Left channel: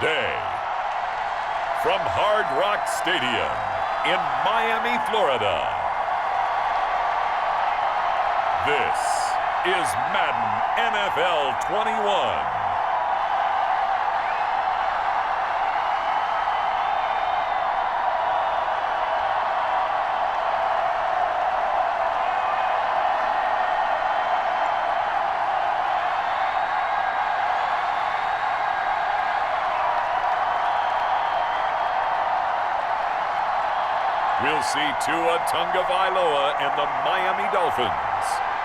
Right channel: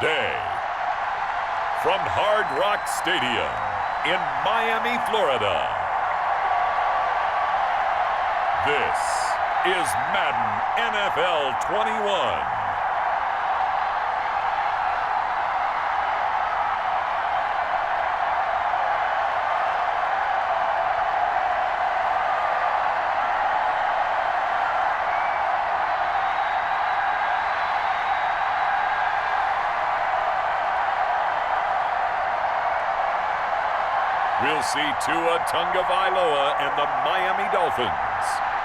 Today, from Hard Rock Stadium in Miami, Florida, this is Madden NFL 21. We'll see Tua Tagovailoa and the Miami Dolphins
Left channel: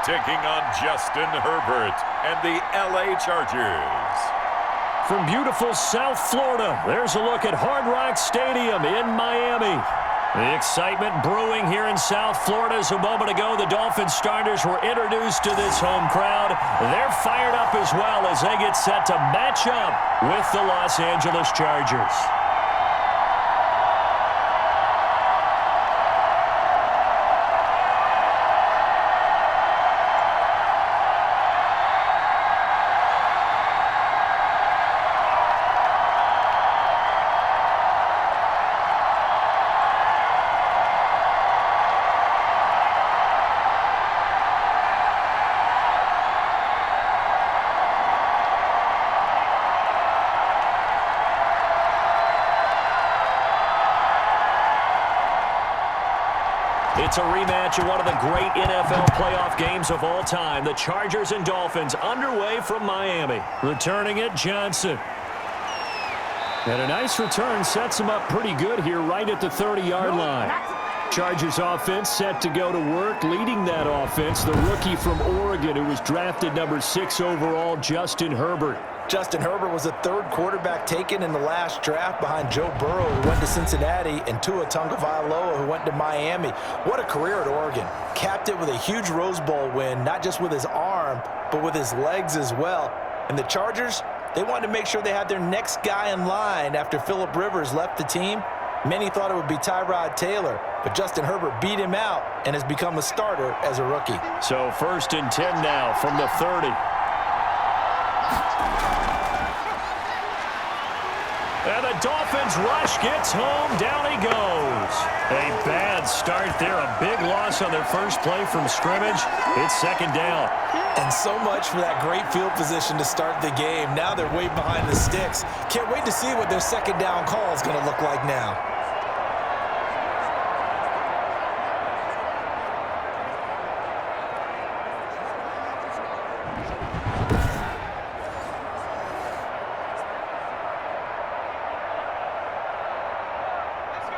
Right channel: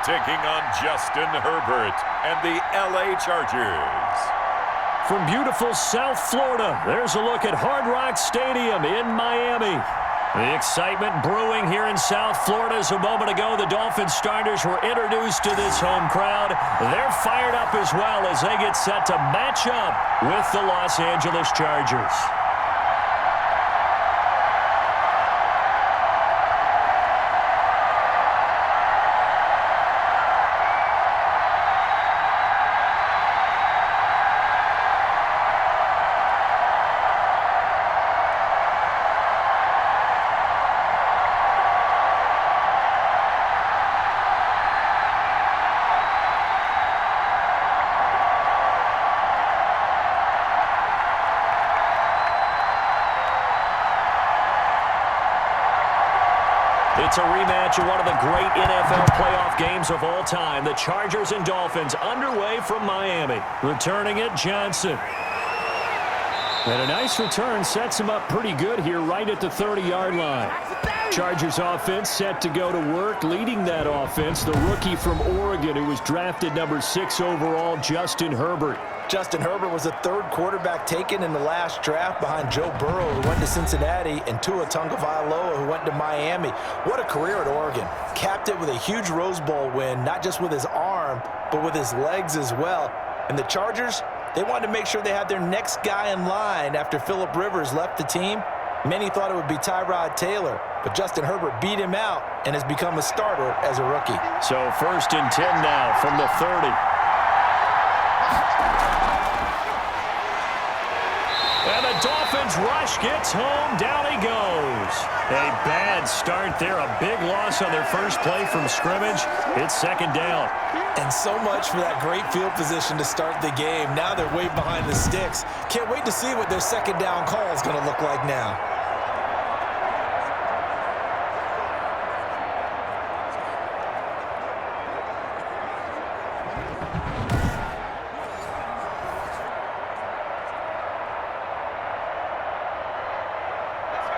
taking on Justin Herbert and the LA Chargers. From beautiful South Florida, there's a look at Hard Rock Stadium in Miami. The excitement brewing here in South Florida as a moment ago. The Dolphins starters were introduced to this home crowd. They're fired up as well as they get set to match up with the Los Angeles Chargers. It's a rematch of one of the great NFL playoff games of all time. The Chargers and Dolphins underway from Miami. Returning it, Johnson. And a nice return sets him up pretty good here right at the 30-yard line. Chargers offense set to go to work. Leading that offense, the rookie from Oregon who was drafted number 6 overall, Justin Herbert. Justin Herbert was the third quarterback taken in the last draft behind Joe Burrow, who went to Cincinnati, and Tua Tagovailoa, who went to Miami. What a career at Oregon. Capped it with a huge Rose Bowl win, not just with his arm, but with his legs as well. And the Chargers, they wanted to make sure they had their next guy in line after Phillip Rivers left the team. Many thought it would be Tyrod Taylor, but Justin Herbert beat him out and has become a starter as a rookie. So 1st and 10 now from the 30. And the Dolphins rush gets home. Down he goes. A bad start there. A big loss on their first play from scrimmage. It's 2nd down. And so much for that great field position to start the game. Now they're way behind the sticks. Can't wait to see what their 2nd down call is going to look like now.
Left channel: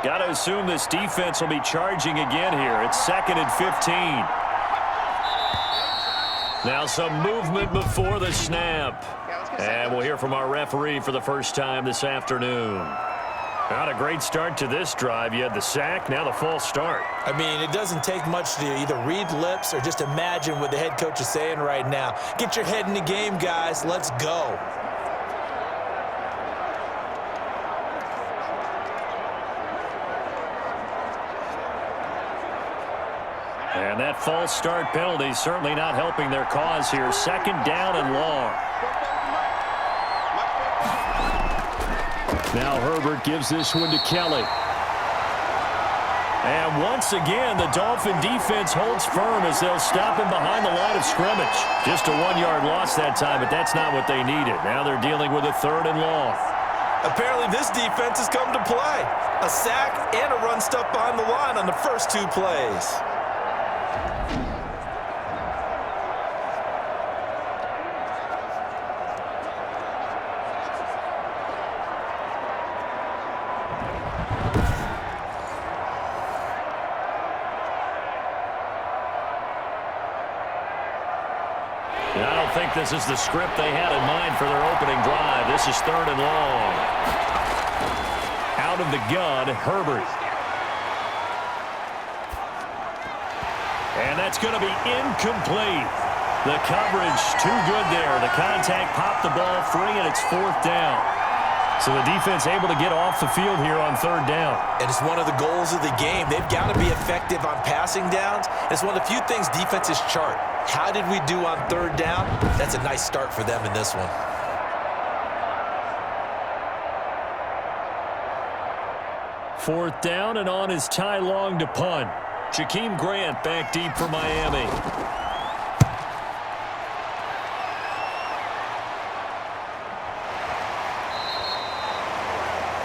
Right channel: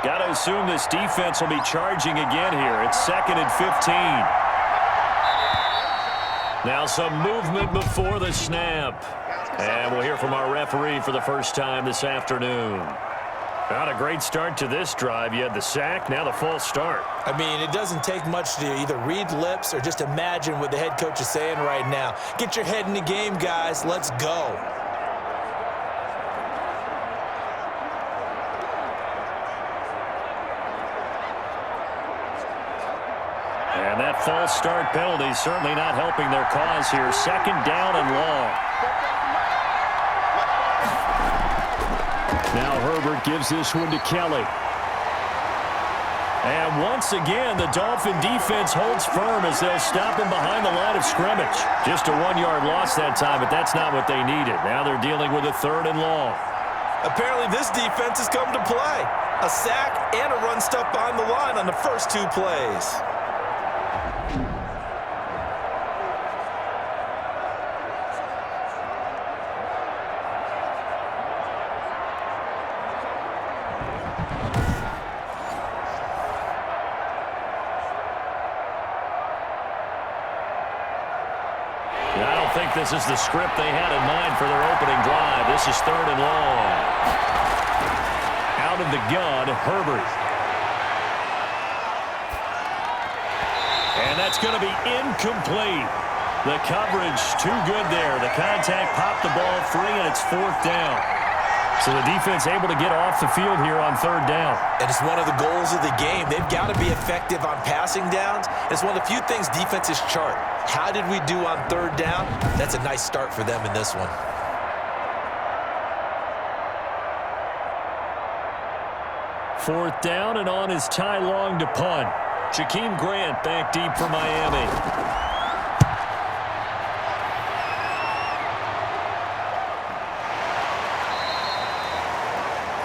Got to assume this defense will be charging again here. It's 2nd and 15. Now some movement before the snap. And we'll hear from our referee for the first time this afternoon. Not a great start to this drive. You had the sack, now the false start. I mean, it doesn't take much to either read lips or just imagine what the head coach is saying right now. Get your head in the game, guys. Let's go. And that false start penalty certainly not helping their cause here. 2nd down and long. Now Herbert gives this one to Kelly. And once again, the Dolphin defense holds firm as they'll stop him behind the line of scrimmage. Just a 1-yard loss that time, but that's not what they needed. Now they're dealing with a 3rd and long. Apparently this defense has come to play. A sack and a run stuff behind the line on the first 2 plays. I don't think this is the script they had in mind for their opening drive. This is 3rd and long. Out of the gun, Herbert. And that's going to be incomplete. The coverage too good there. The contact popped the ball free, and it's 4th down. So the defense able to get off the field here on 3rd down. And it's one of the goals of the game. They've got to be effective on passing downs. It's one of the few things defenses chart. How did we do on 3rd down? That's a nice start for them in this one. 4th down and on is Ty Long to punt. Jakeem Grant back deep for Miami.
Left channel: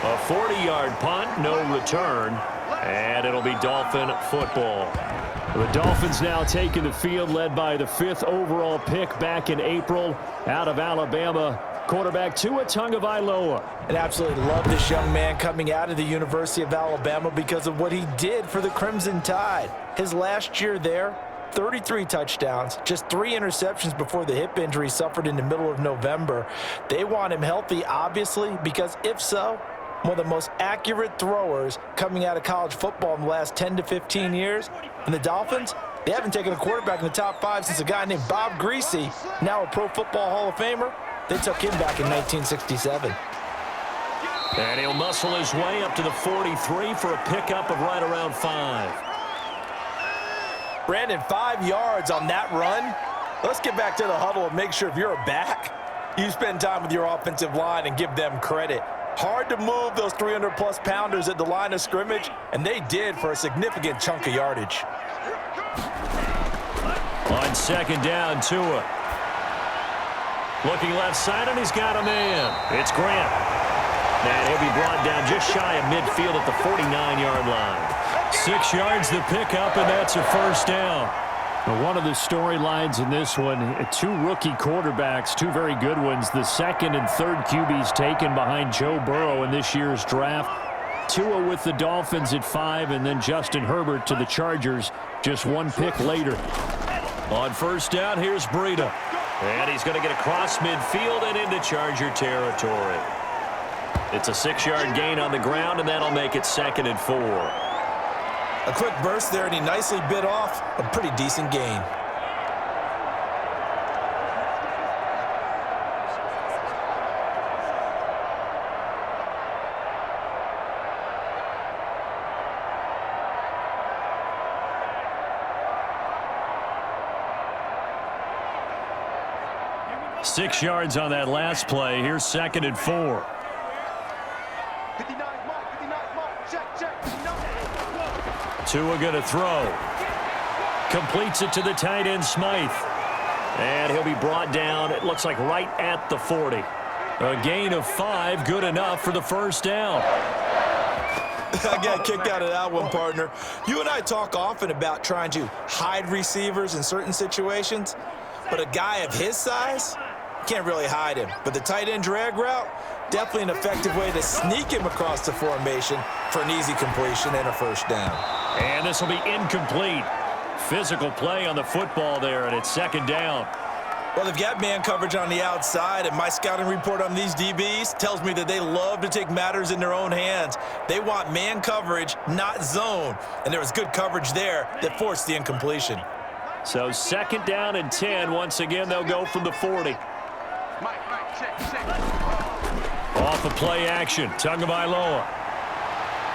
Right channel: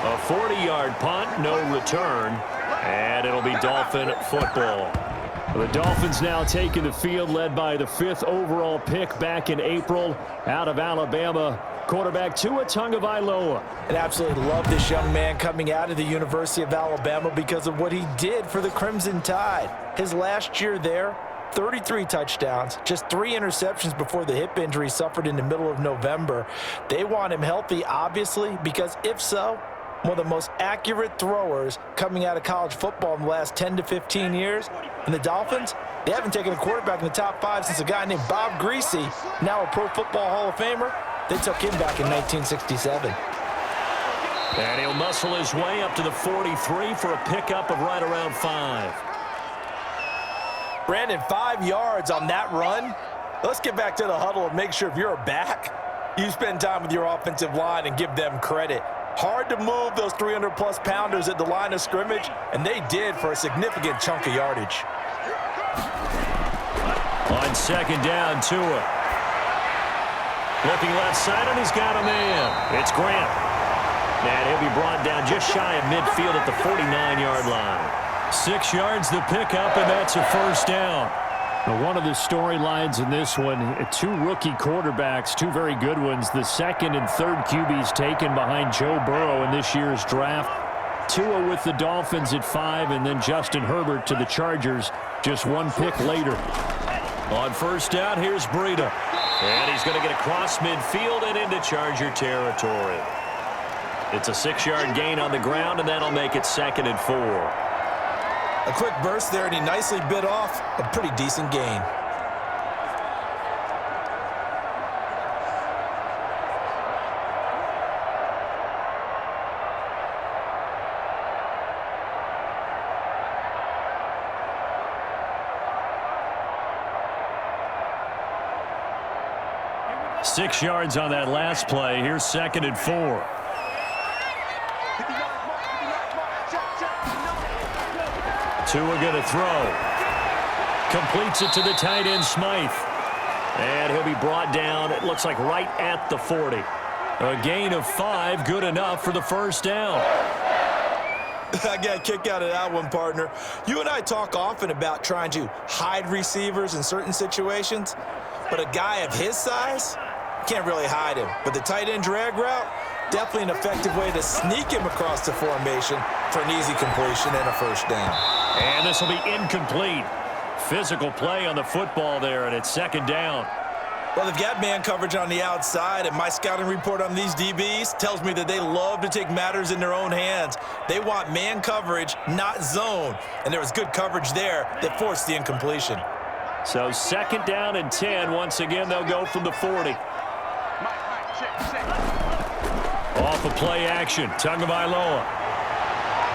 A 40-yard punt, no return, and it'll be Dolphin football. The Dolphins now taking the field, led by the 5th overall pick back in April out of Alabama, quarterback Tua Tagovailoa. And absolutely love this young man coming out of the University of Alabama because of what he did for the Crimson Tide. His last year there, 33 touchdowns, just 3 interceptions before the hip injury suffered in the middle of November. They want him healthy, obviously, because if so, one of the most accurate throwers coming out of college football in the last 10 to 15 years. And the Dolphins, they haven't taken a quarterback in the top 5 since a guy named Bob Greasy, now a Pro Football Hall of Famer. They took him back in 1967. And he'll muscle his way up to the 43 for a pickup of right around 5. Brandon, 5 yards on that run. Let's get back to the huddle and make sure if you're a back, you spend time with your offensive line and give them credit. Hard to move those 300-plus pounders at the line of scrimmage, and they did for a significant chunk of yardage. On 2nd down, Tua. Looking left side, and he's got a man. It's Grant. And he'll be brought down just shy of midfield at the 49-yard line. 6 yards the pickup, and that's a 1st down. Now, one of the storylines in this one, 2 rookie quarterbacks, 2 very good ones. The 2nd and 3rd QBs taken behind Joe Burrow in this year's draft. Tua with the Dolphins at 5, and then Justin Herbert to the Chargers just 1 pick later. On 1st down, here's Breida. And he's going to get across midfield and into Charger territory. It's a 6-yard gain on the ground, and that'll make it 2nd and 4. A quick burst there, and he nicely bit off a pretty decent gain. Six yards on that last play. Here's 2nd and 4. Tua going to throw. Completes it to the tight end, Smythe. And he'll be brought down, it looks like right at the 40. A gain of 5, good enough for the 1st down. I got kicked out of that one, partner. You and I talk often about trying to hide receivers in certain situations, but a guy of his size, can't really hide him. But the tight end drag route, definitely an effective way to sneak him across the formation for an easy completion and a 1st down. And this will be incomplete. Physical play on the football there, and it's 2nd down. Well, they've got man coverage on the outside, and my scouting report on these DBs tells me that they love to take matters in their own hands. They want man coverage, not zone. And there was good coverage there that forced the incompletion. So 2nd down and 10. Once again, they'll go from the 40. Off of play action, Tagovailoa.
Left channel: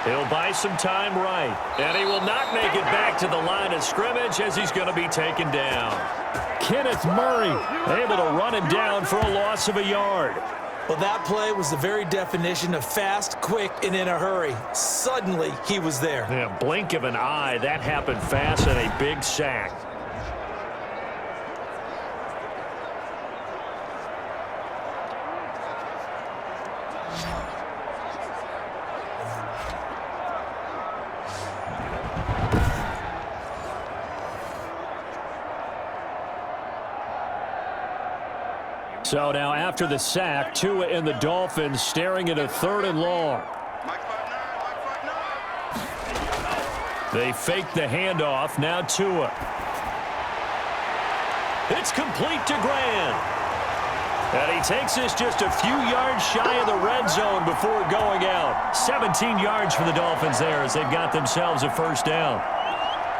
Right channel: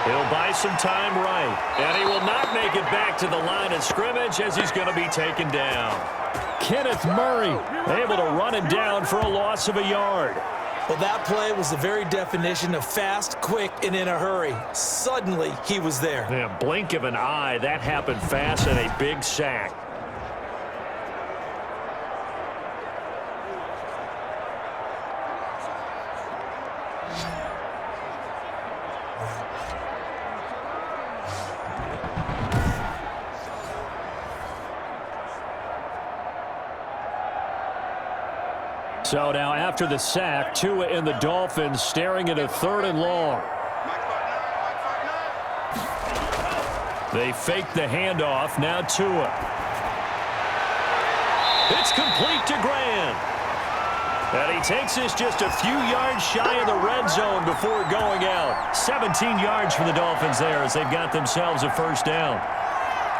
He'll buy some time right. And he will not make it back to the line of scrimmage as he's going to be taken down. Kenneth Murray able to run him down for a loss of a yard. Well, that play was the very definition of fast, quick, and in a hurry. Suddenly, he was there. Yeah, blink of an eye. That happened fast and a big sack. So now after the sack, Tua and the Dolphins staring at a 3rd and long. They fake the handoff. Now Tua. It's complete to Grant. And he takes this just a few yards shy of the red zone before going out. 17 yards for the Dolphins there as they've got themselves a 1st down.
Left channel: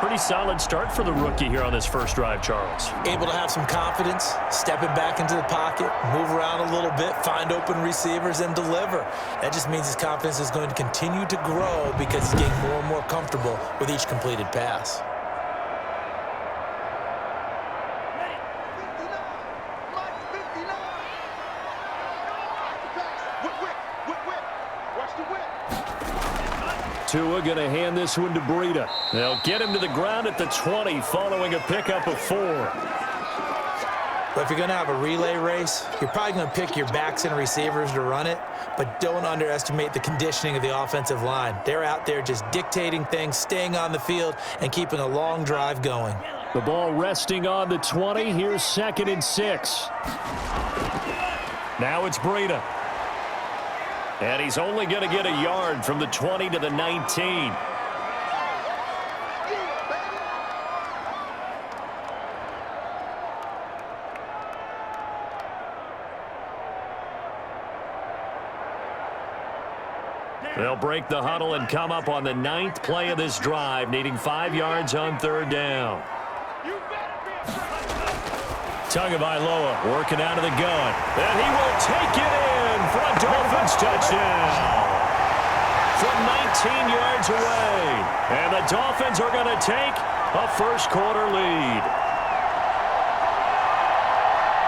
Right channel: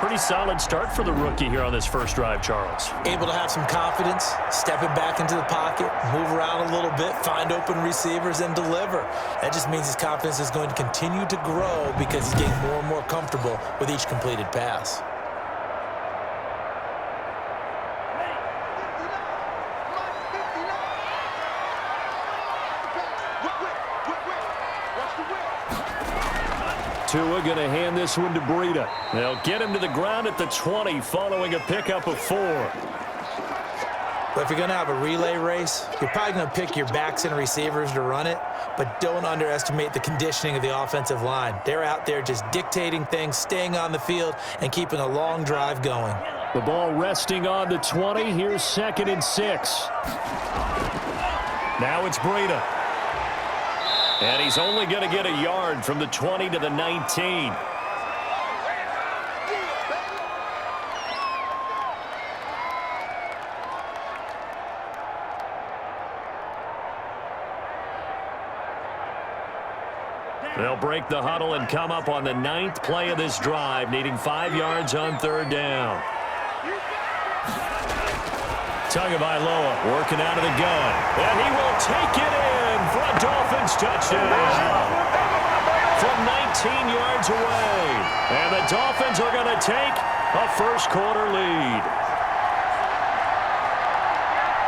Pretty solid start for the rookie here on this first drive, Charles. Able to have some confidence, stepping back into the pocket, move around a little bit, find open receivers, and deliver. That just means his confidence is going to continue to grow because he's getting more and more comfortable with each completed pass. Tua going to hand this one to Breida. They'll get him to the ground at the 20 following a pickup of 4. But if you're going to have a relay race, you're probably going to pick your backs and receivers to run it, but don't underestimate the conditioning of the offensive line. They're out there just dictating things, staying on the field, and keeping a long drive going. The ball resting on the 20. Here's 2nd and 6. Now it's Breida. And he's only going to get a yard from the 20 to the 19. They'll break the huddle and come up on the 9th play of this drive, needing 5 yards on 3rd down. Tagovailoa working out of the gun, and he will take it in for a Dolphins touchdown from 19 yards away. And the Dolphins are going to take a first-quarter lead.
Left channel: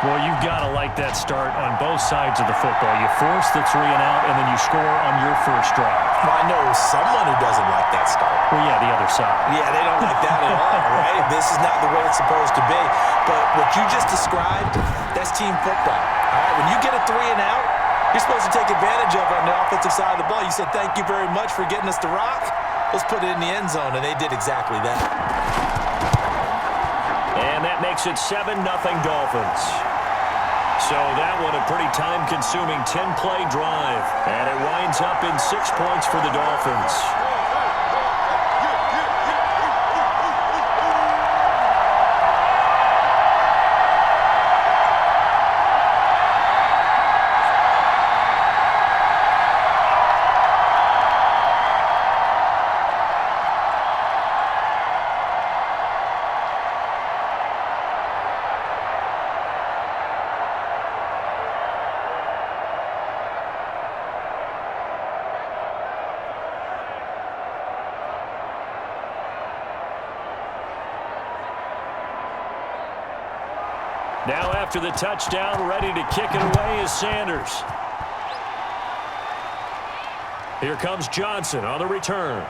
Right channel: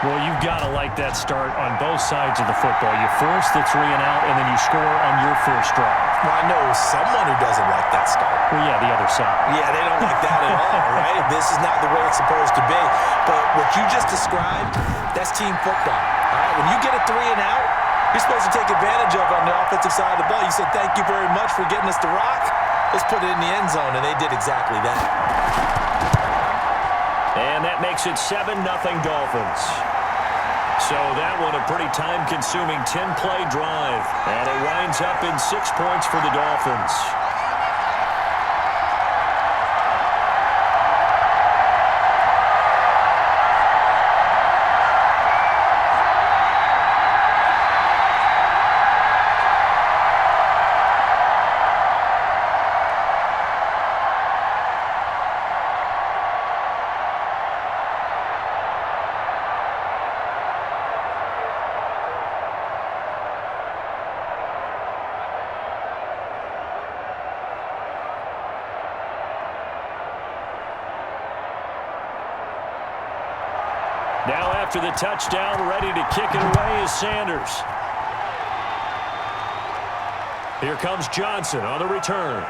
Well, you've got to like that start on both sides of the football. You force the 3 and out, and then you score on your first drive. Well, I know someone who doesn't like that start. Well, yeah, the other side. Yeah, they don't like that at all, right? This is not the way it's supposed to be. But what you just described, that's team football, all right? When you get a 3 and out, you're supposed to take advantage of it on the offensive side of the ball. You said, thank you very much for getting us the rock. Let's put it in the end zone, and they did exactly that. And that makes it 7-0 Dolphins. So that one a pretty time-consuming 10-play drive. And it winds up in 6 points for the Dolphins. Now after the touchdown, ready to kick it away is Sanders. Here comes Johnson on the return.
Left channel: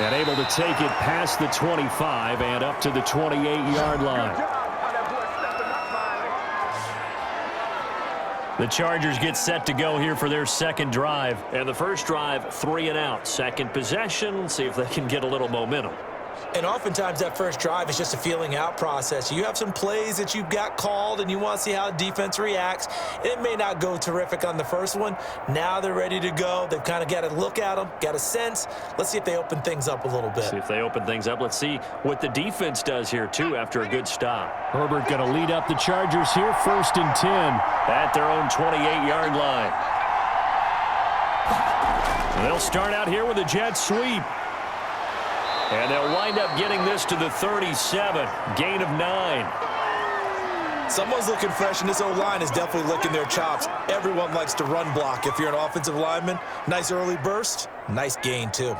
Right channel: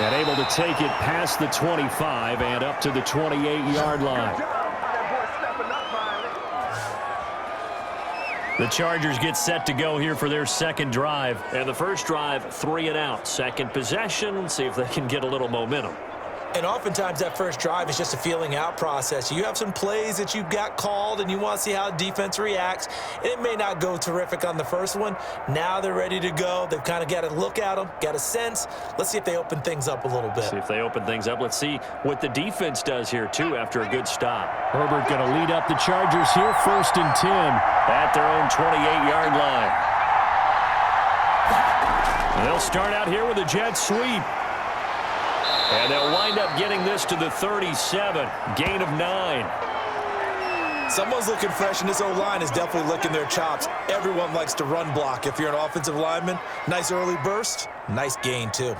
And able to take it past the 25 and up to the 28-yard line. The Chargers get set to go here for their second drive. And the first drive, 3 and out. Second possession, see if they can get a little momentum. And oftentimes that first drive is just a feeling out process. You have some plays that you've got called and you want to see how the defense reacts. It may not go terrific on the first one. Now they're ready to go. They've kind of got to look at them, got a sense. Let's see if they open things up a little bit. See if they open things up. Let's see what the defense does here, too, after a good stop. Herbert going to lead up the Chargers here, 1st and 10. At their own 28-yard line. They'll start out here with a jet sweep. And they'll wind up getting this to the 37. Gain of 9. Someone's looking fresh, and this O-line is definitely licking their chops. Everyone likes to run block if you're an offensive lineman. Nice early burst. Nice gain, too.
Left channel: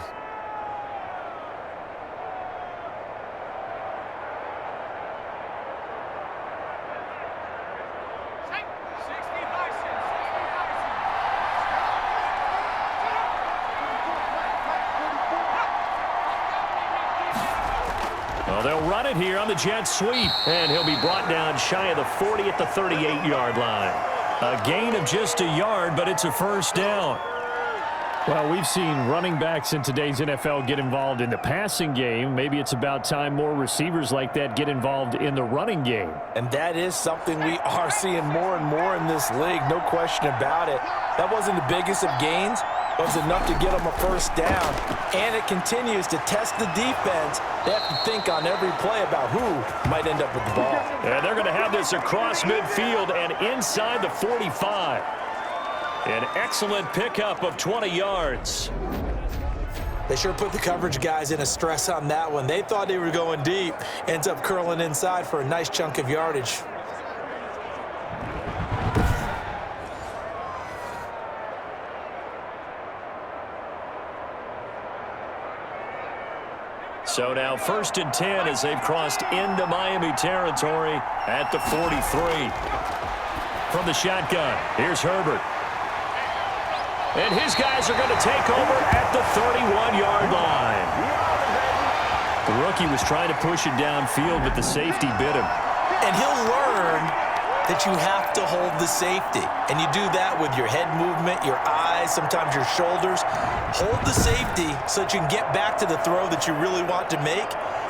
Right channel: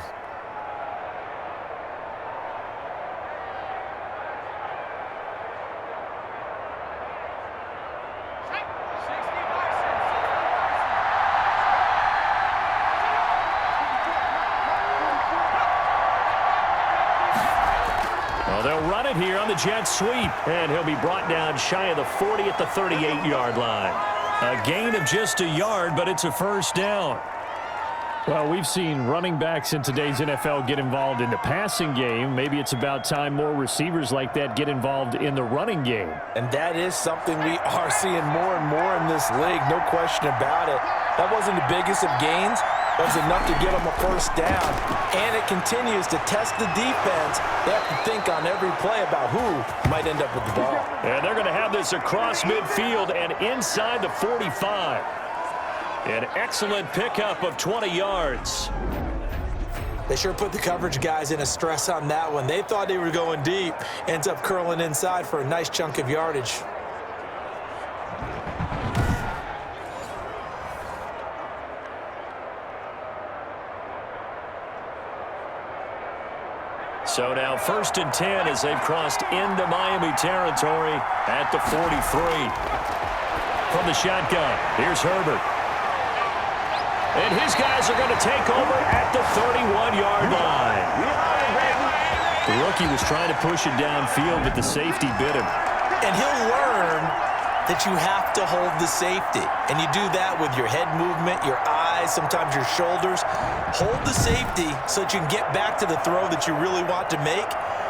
Well, they'll run it here on the jet sweep. And he'll be brought down shy of the 40 at the 38-yard line. A gain of just a yard, but it's a first down. Well, we've seen running backs in today's NFL get involved in the passing game. Maybe it's about time more receivers like that get involved in the running game. And that is something we are seeing more and more in this league, no question about it. That wasn't the biggest of gains, but it was enough to get them a first down. And it continues to test the defense. They have to think on every play about who might end up with the ball. And they're going to have this across midfield and inside the 45. An excellent pickup of 20 yards. They sure put the coverage guys in a stress on that one. They thought they were going deep. Ends up curling inside for a nice chunk of yardage. So now 1st and 10 as they've crossed into Miami territory at the 43. From the shotgun, here's Herbert. And his guys are going to take over at the 31-yard line. The rookie was trying to push it downfield, but the safety bit him. And he'll learn that you have to hold the safety. And you do that with your head movement, your eyes, sometimes your shoulders. Hold the safety so that you can get back to the throw that you really want to make.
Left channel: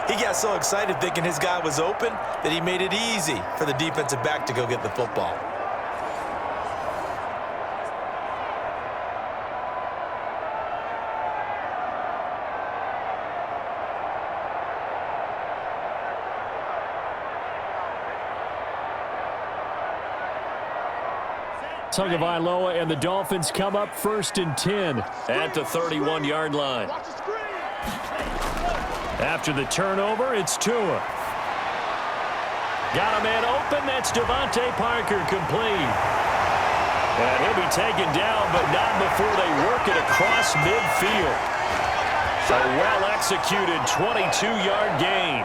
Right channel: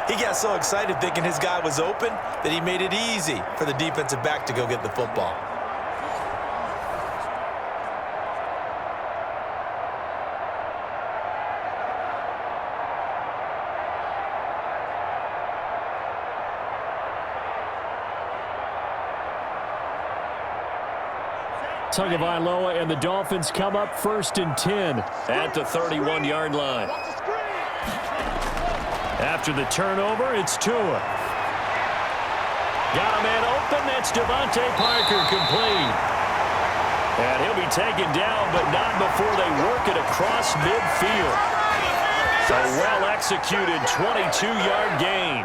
He got so excited thinking his guy was open that he made it easy for the defensive back to go get the football. Tagovailoa and the Dolphins come up 1st and 10 at the 31-yard line. After the turnover, it's Tua. Got a man open. That's Devontae Parker, complete. And he'll be taken down, but not before they work it across midfield. A well-executed 22-yard gain.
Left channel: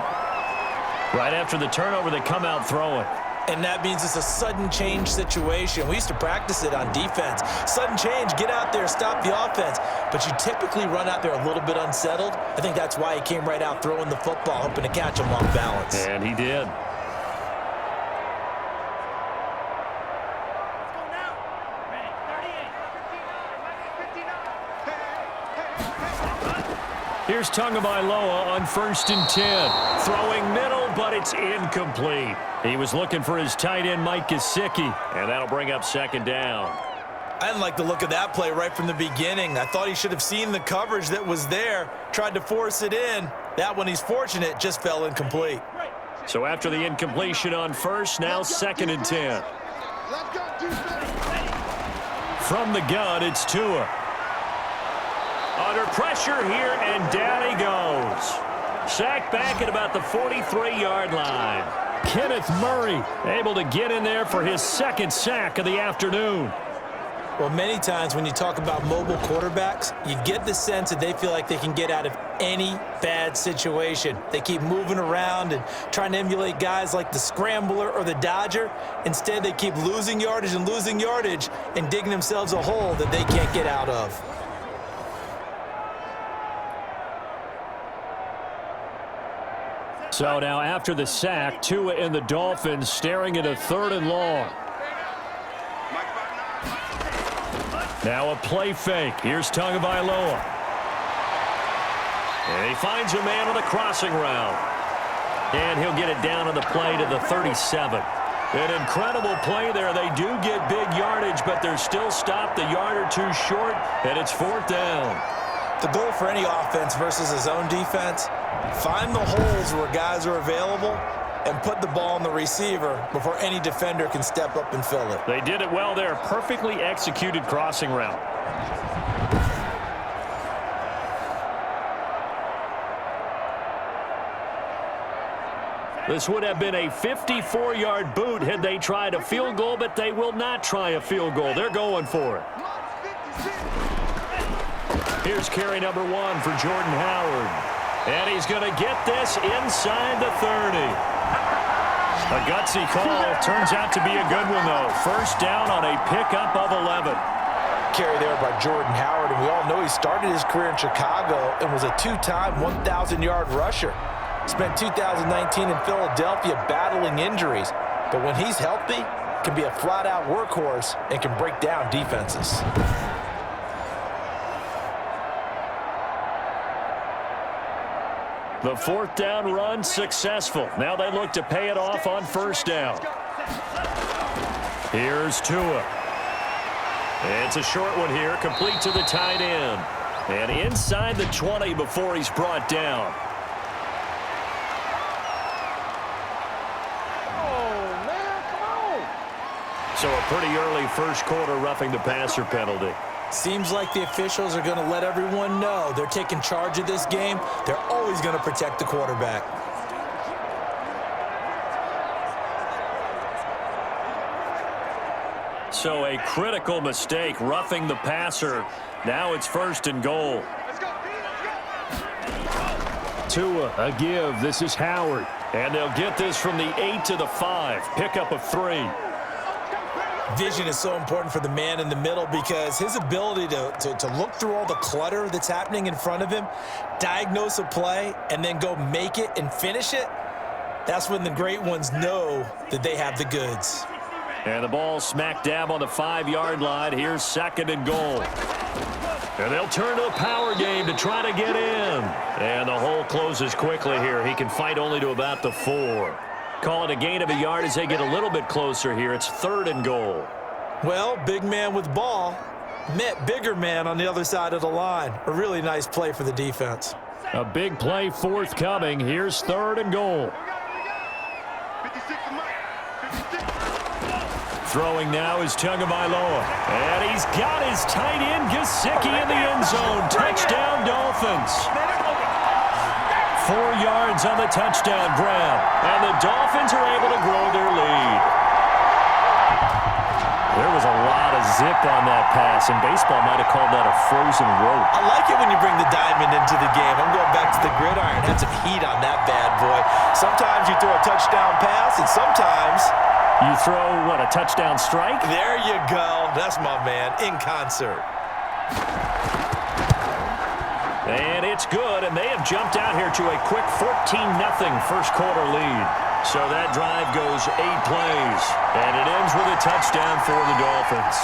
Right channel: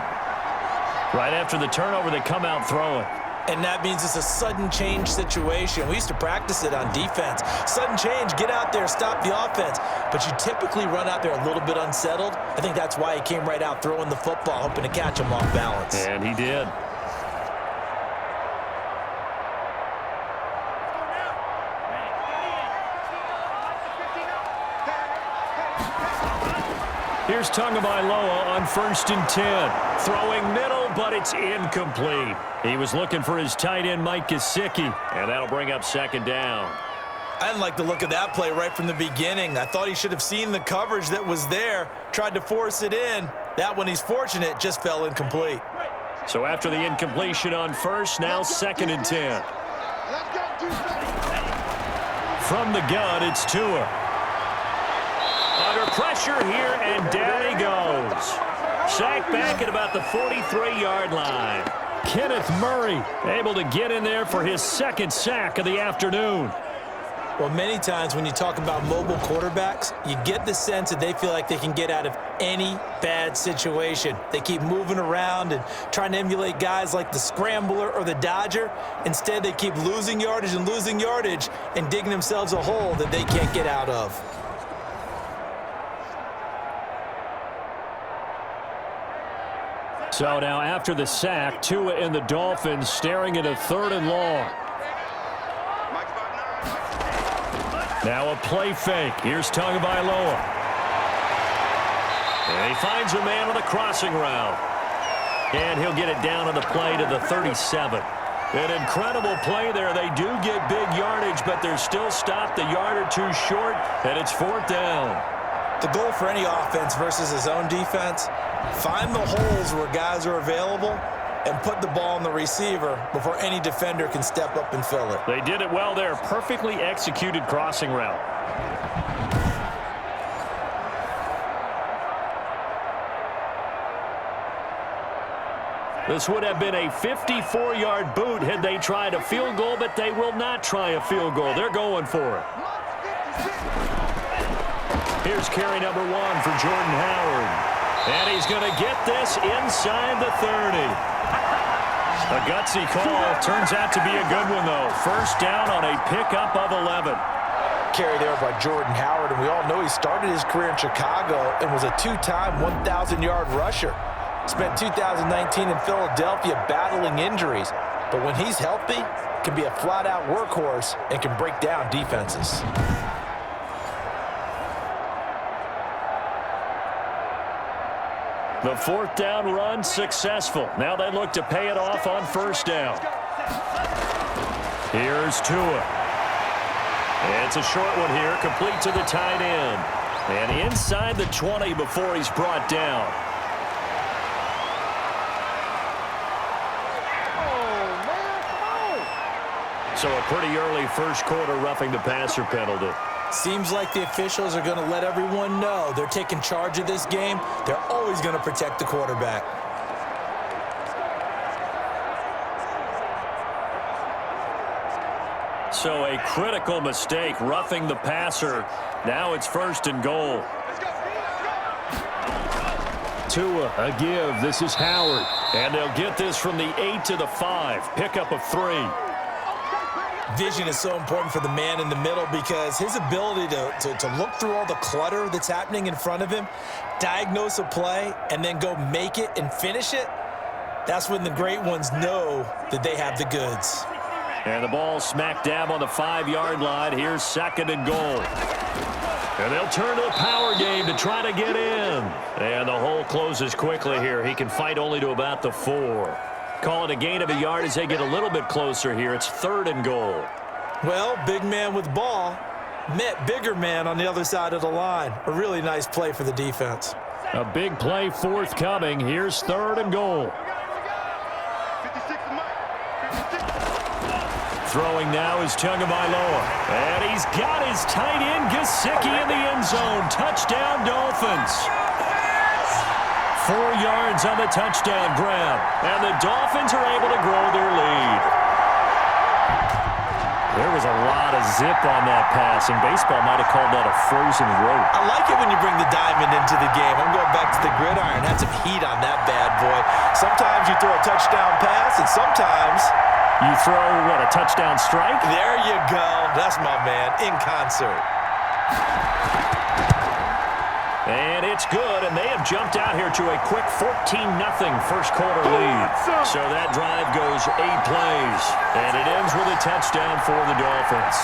Right after the turnover, they come out throwing. And that means it's a sudden change situation. We used to practice it on defense. Sudden change, get out there, stop the offense. But you typically run out there a little bit unsettled. I think that's why he came right out throwing the football, hoping to catch him off balance. And he did. Here's Tagovailoa on 1st and 10. Throwing middle, but it's incomplete. He was looking for his tight end, Mike Gesicki. And that'll bring up 2nd down. I didn't like the look of that play right from the beginning. I thought he should have seen the coverage that was there, tried to force it in. That one, he's fortunate, just fell incomplete. So after the incompletion on 1st, now 2nd and 10. From the gun, it's Tua. Under pressure here, and down he goes. Sacked back at about the 43-yard line. Kenneth Murray able to get in there for his 2nd sack of the afternoon. Well, many times when you talk about mobile quarterbacks, you get the sense that they feel like they can get out of any bad situation. They keep moving around and trying to emulate guys like the Scrambler or the Dodger. Instead, they keep losing yardage and digging themselves a hole that they can't get out of. So now after the sack, Tua and the Dolphins staring at a 3rd and long. Now a play fake. Here's Tagovailoa. And he finds a man on the crossing route. And he'll get it down on the play to the 37. An incredible play there. They do get big yardage, but they're still stopped a yard or two short, and it's 4th down. The goal for any offense versus his own defense, find the holes where guys are available and put the ball on the receiver before any defender can step up and fill it. They did it well there. Perfectly executed crossing route. This would have been a 54-yard boot had they tried a field goal, but they will not try a field goal. They're going for it. Here's carry number 1 for Jordan Howard. And he's going to get this inside the 30. A gutsy call. Turns out to be a good one, though. 1st down on a pickup of 11. Carry there by Jordan Howard, and we all know he started his career in Chicago and was a 2-time 1,000-yard rusher. Spent 2019 in Philadelphia battling injuries, but when he's healthy, can be a flat-out workhorse and can break down defenses. The 4th down run successful. Now they look to pay it off on 1st down. Here's Tua. It's a short one here, complete to the tight end. And inside the 20 before he's brought down. Oh, man, come on. So a pretty early 1st quarter roughing the passer penalty. Seems like the officials are going to let everyone know they're taking charge of this game. They're always going to protect the quarterback. So a critical mistake, roughing the passer. Now it's 1st and goal. Tua, a give. This is Howard. And they'll get this from the 8 to the 5. Pickup of 3. Vision is so important for the man in the middle because his ability to look through all the clutter that's happening in front of him, diagnose a play, and then go make it and finish it, that's when the great ones know that they have the goods. And the ball smack dab on the 5-yard line. Here's 2nd and goal. And they'll turn to the power game to try to get in. And the hole closes quickly here. He can fight only to about the 4. Call it a gain of a yard as they get a little bit closer here. It's 3rd and goal. Well, big man with ball met bigger man on the other side of the line. A really nice play for the defense. A big play forthcoming. Here's 3rd and goal. Throwing now is Tagovailoa. And he's got his tight end Gesicki in the end zone. Touchdown, Dolphins. 4 yards on the touchdown grab. And the Dolphins are able to grow their lead. There was a lot of zip on that pass, and baseball might have called that a frozen rope. I like it when you bring the diamond into the game. I'm going back to the gridiron. Had some heat on that bad boy. Sometimes you throw a touchdown pass, and sometimes you throw, what, a touchdown strike? There you go. That's my man, in concert. And it's good, and they have jumped out here to a quick 14-0 first quarter lead. So that drive goes 8 plays, and it ends with a touchdown for the Dolphins.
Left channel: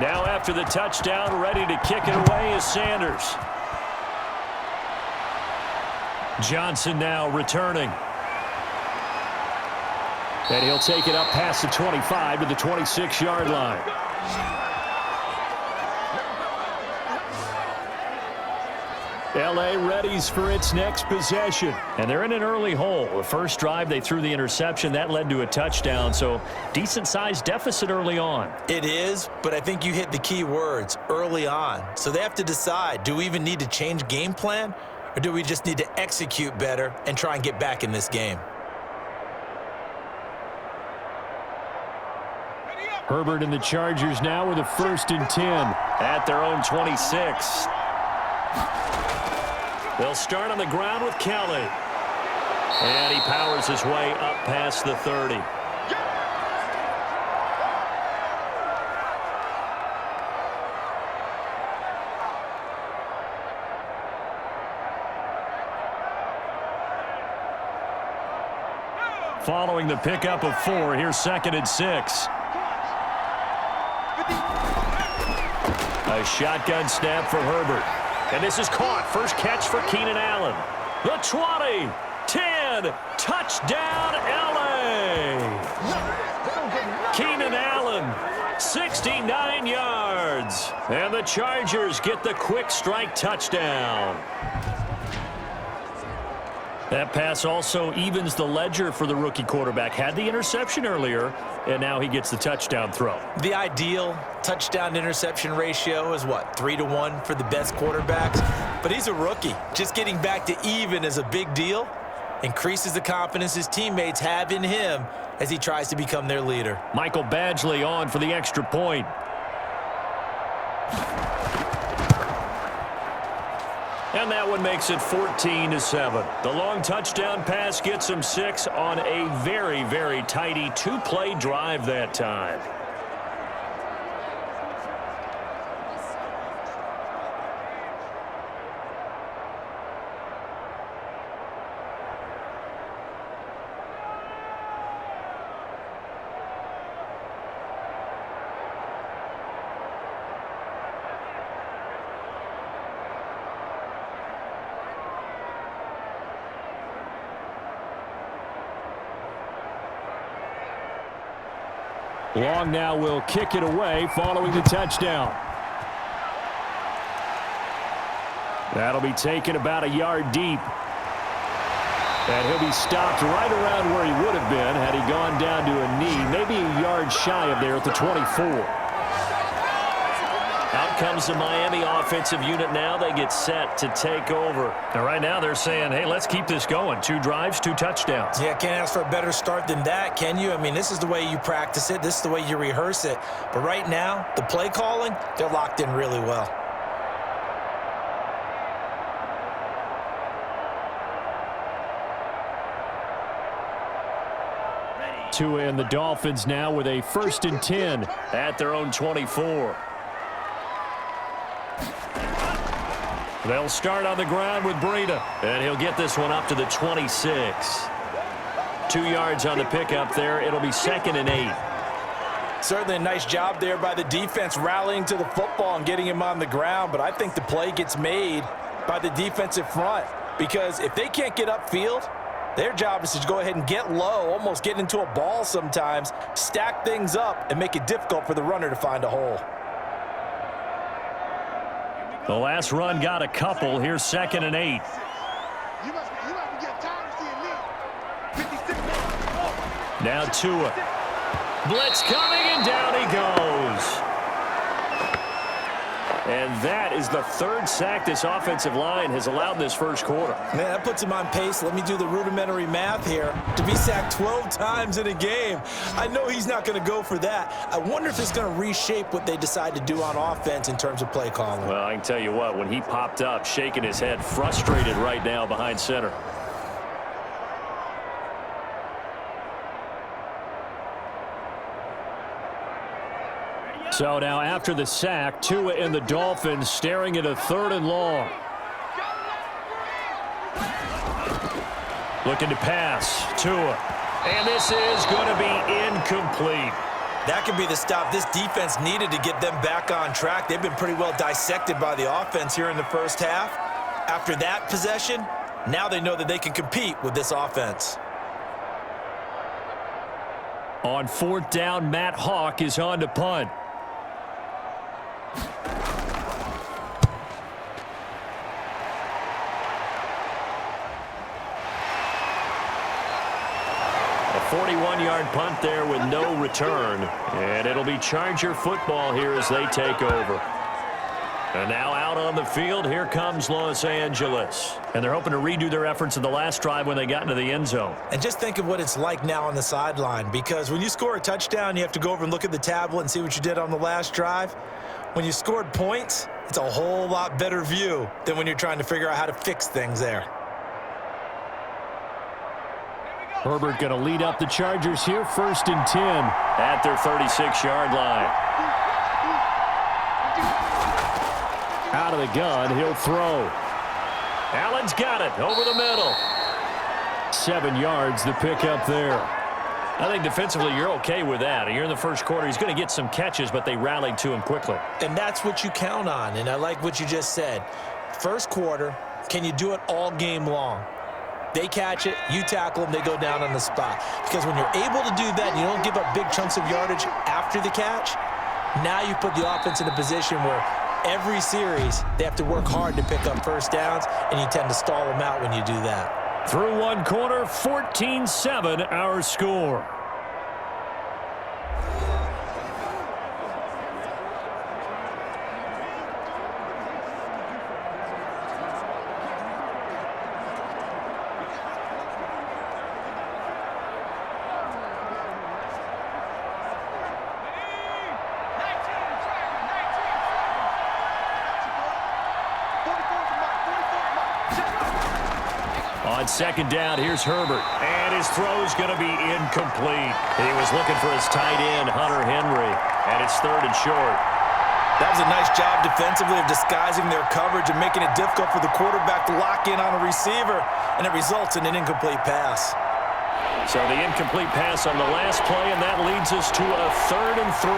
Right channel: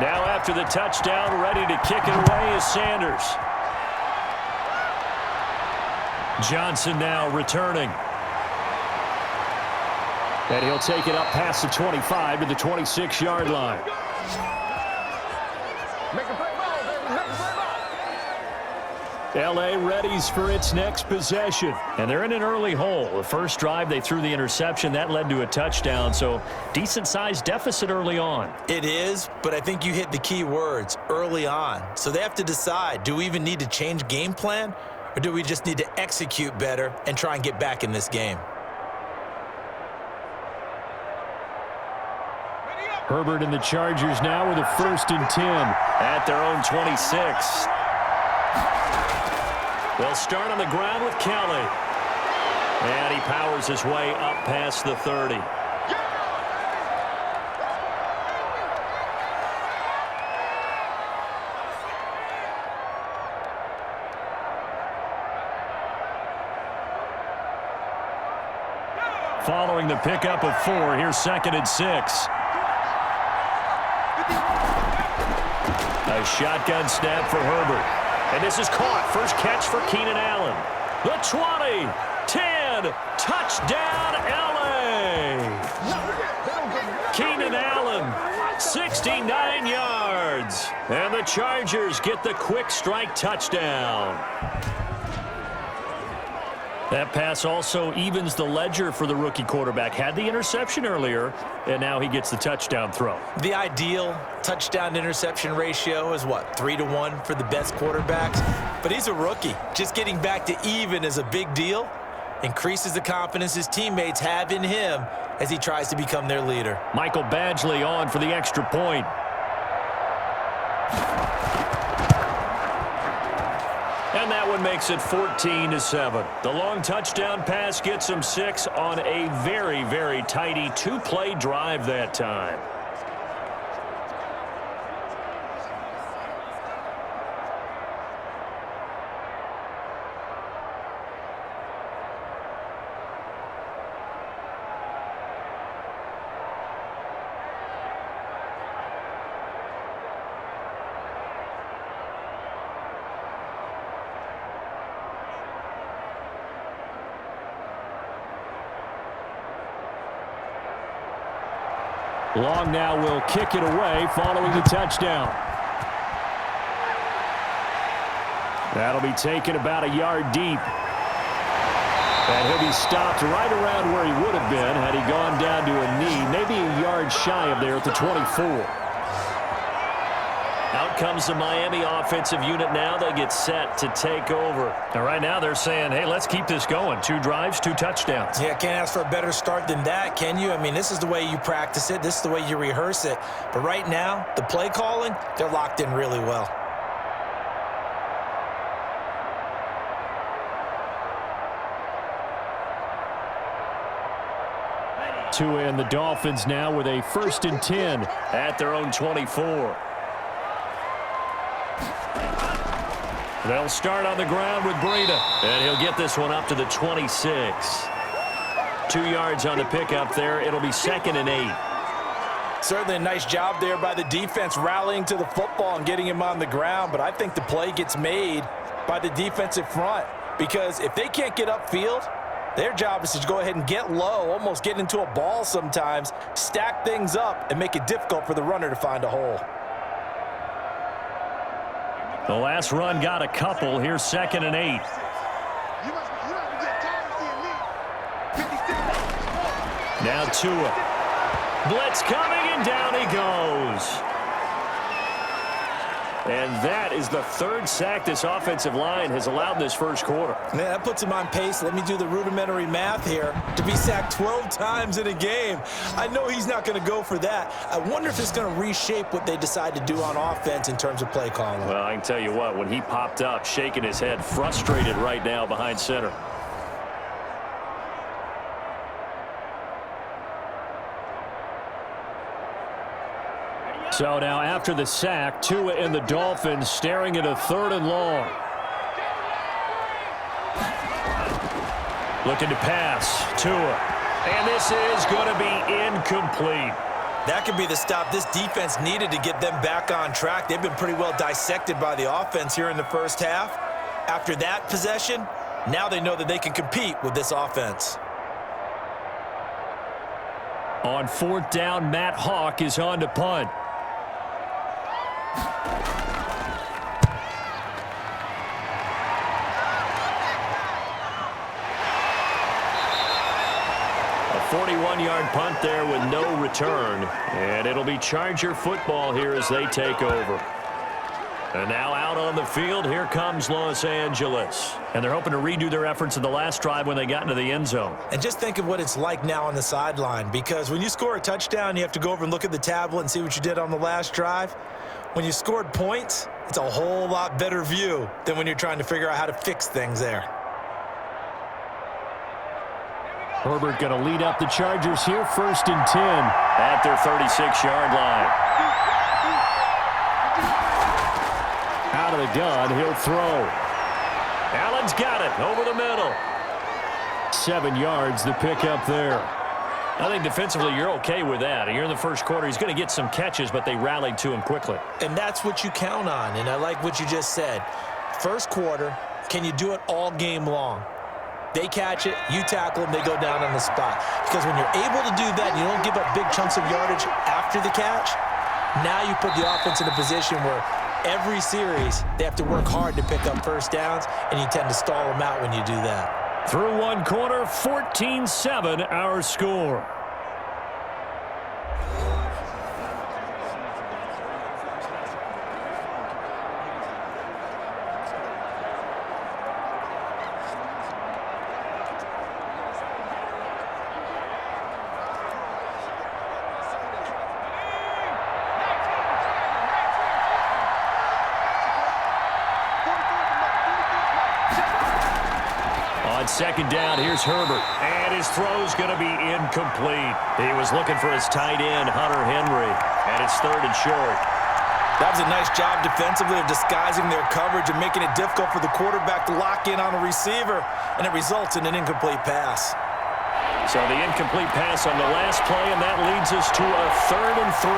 Now after the touchdown, ready to kick it away is Sanders. Johnson now returning. And he'll take it up past the 25 to the 26-yard line. L.A. readies for its next possession. And they're in an early hole. The first drive, they threw the interception. That led to a touchdown, so decent-sized deficit early on. It is, but I think you hit the key words, early on. So they have to decide, do we even need to change game plan, or do we just need to execute better and try and get back in this game? Herbert and the Chargers now with a 1st and 10. At their own 26. They'll start on the ground with Kelly. And he powers his way up past the 30. Following the pickup of 4, here's 2nd and 6. A shotgun snap for Herbert. And this is caught. First catch for Keenan Allen. The 20, 10, touchdown L.A. Keenan Allen, 69 yards. And the Chargers get the quick strike touchdown. That pass also evens the ledger for the rookie quarterback. Had the interception earlier, and now he gets the touchdown throw. The ideal touchdown-interception ratio is, what, 3-to-1 for the best quarterbacks? But he's a rookie. Just getting back to even is a big deal. Increases the confidence his teammates have in him as he tries to become their leader. Michael Badgley on for the extra point. And that one makes it 14-7. The long touchdown pass gets them 6 on a very, very tidy 2-play drive that time. Long now will kick it away following the touchdown. That'll be taken about a yard deep. And he'll be stopped right around where he would have been had he gone down to a knee, maybe a yard shy of there at the 24. Out comes the Miami offensive unit now. They get set to take over. And right now they're saying, hey, let's keep this going. 2 drives, 2 touchdowns. Yeah, can't ask for a better start than that, can you? I mean, this is the way you practice it. This is the way you rehearse it. But right now, the play calling, they're locked in really well. Tua and the Dolphins now with a 1st and 10 at their own 24. They'll start on the ground with Breida. And he'll get this one up to the 26. 2 yards on the pickup there. It'll be 2nd and 8. Certainly a nice job there by the defense rallying to the football and getting him on the ground. But I think the play gets made by the defensive front, because if they can't get upfield, their job is to go ahead and get low, almost get into a ball sometimes, stack things up, and make it difficult for the runner to find a hole. The last run got a couple. Here's 2nd and 8. Now Tua. Blitz coming, and down he goes. And that is the 3rd sack this offensive line has allowed in this first quarter. Man, that puts him on pace. Let me do the rudimentary math here. To be sacked 12 times in a game, I know he's not going to go for that. I wonder if it's going to reshape what they decide to do on offense in terms of play calling. Well, I can tell you what, when he popped up, shaking his head, frustrated right now behind center. So now after the sack, Tua and the Dolphins staring at a 3rd and long. Looking to pass. Tua. And this is going to be incomplete. That could be the stop this defense needed to get them back on track. They've been pretty well dissected by the offense here in the first half. After that possession, now they know that they can compete with this offense. On 4th down, Matt Hawk is on to punt. A 41-yard punt there with no return. And it'll be Charger football here as they take over. And now out on the field, here comes Los Angeles. And they're hoping to redo their efforts in the last drive when they got into the end zone. And just think of what it's like now on the sideline, because when you score a touchdown, you have to go over and look at the tablet and see what you did on the last drive. When you scored points, it's a whole lot better view than when you're trying to figure out how to fix things there. Herbert going to lead up the Chargers here, 1st and 10. At their 36-yard line. Out of the gun, he'll throw. Allen's got it over the middle. 7 yards, the pickup there. I think defensively you're okay with that. You're in the first quarter. He's going to get some catches, but they rallied to him quickly. And that's what you count on, and I like what you just said. First quarter, can you do it all game long? They catch it, you tackle them, they go down on the spot. Because when you're able to do that and you don't give up big chunks of yardage after the catch, now you put the offense in a position where every series they have to work hard to pick up first downs, and you tend to stall them out when you do that. Through one quarter, 14-7 our score. On 2nd down, here's Herbert. And his throw's going to be incomplete. He was looking for his tight end, Hunter Henry. And it's 3rd and short. That was a nice job defensively of disguising their coverage and making it difficult for the quarterback to lock in on a receiver. And it results in an incomplete pass. So the incomplete pass on the last play, and that leads us to a 3rd and 3.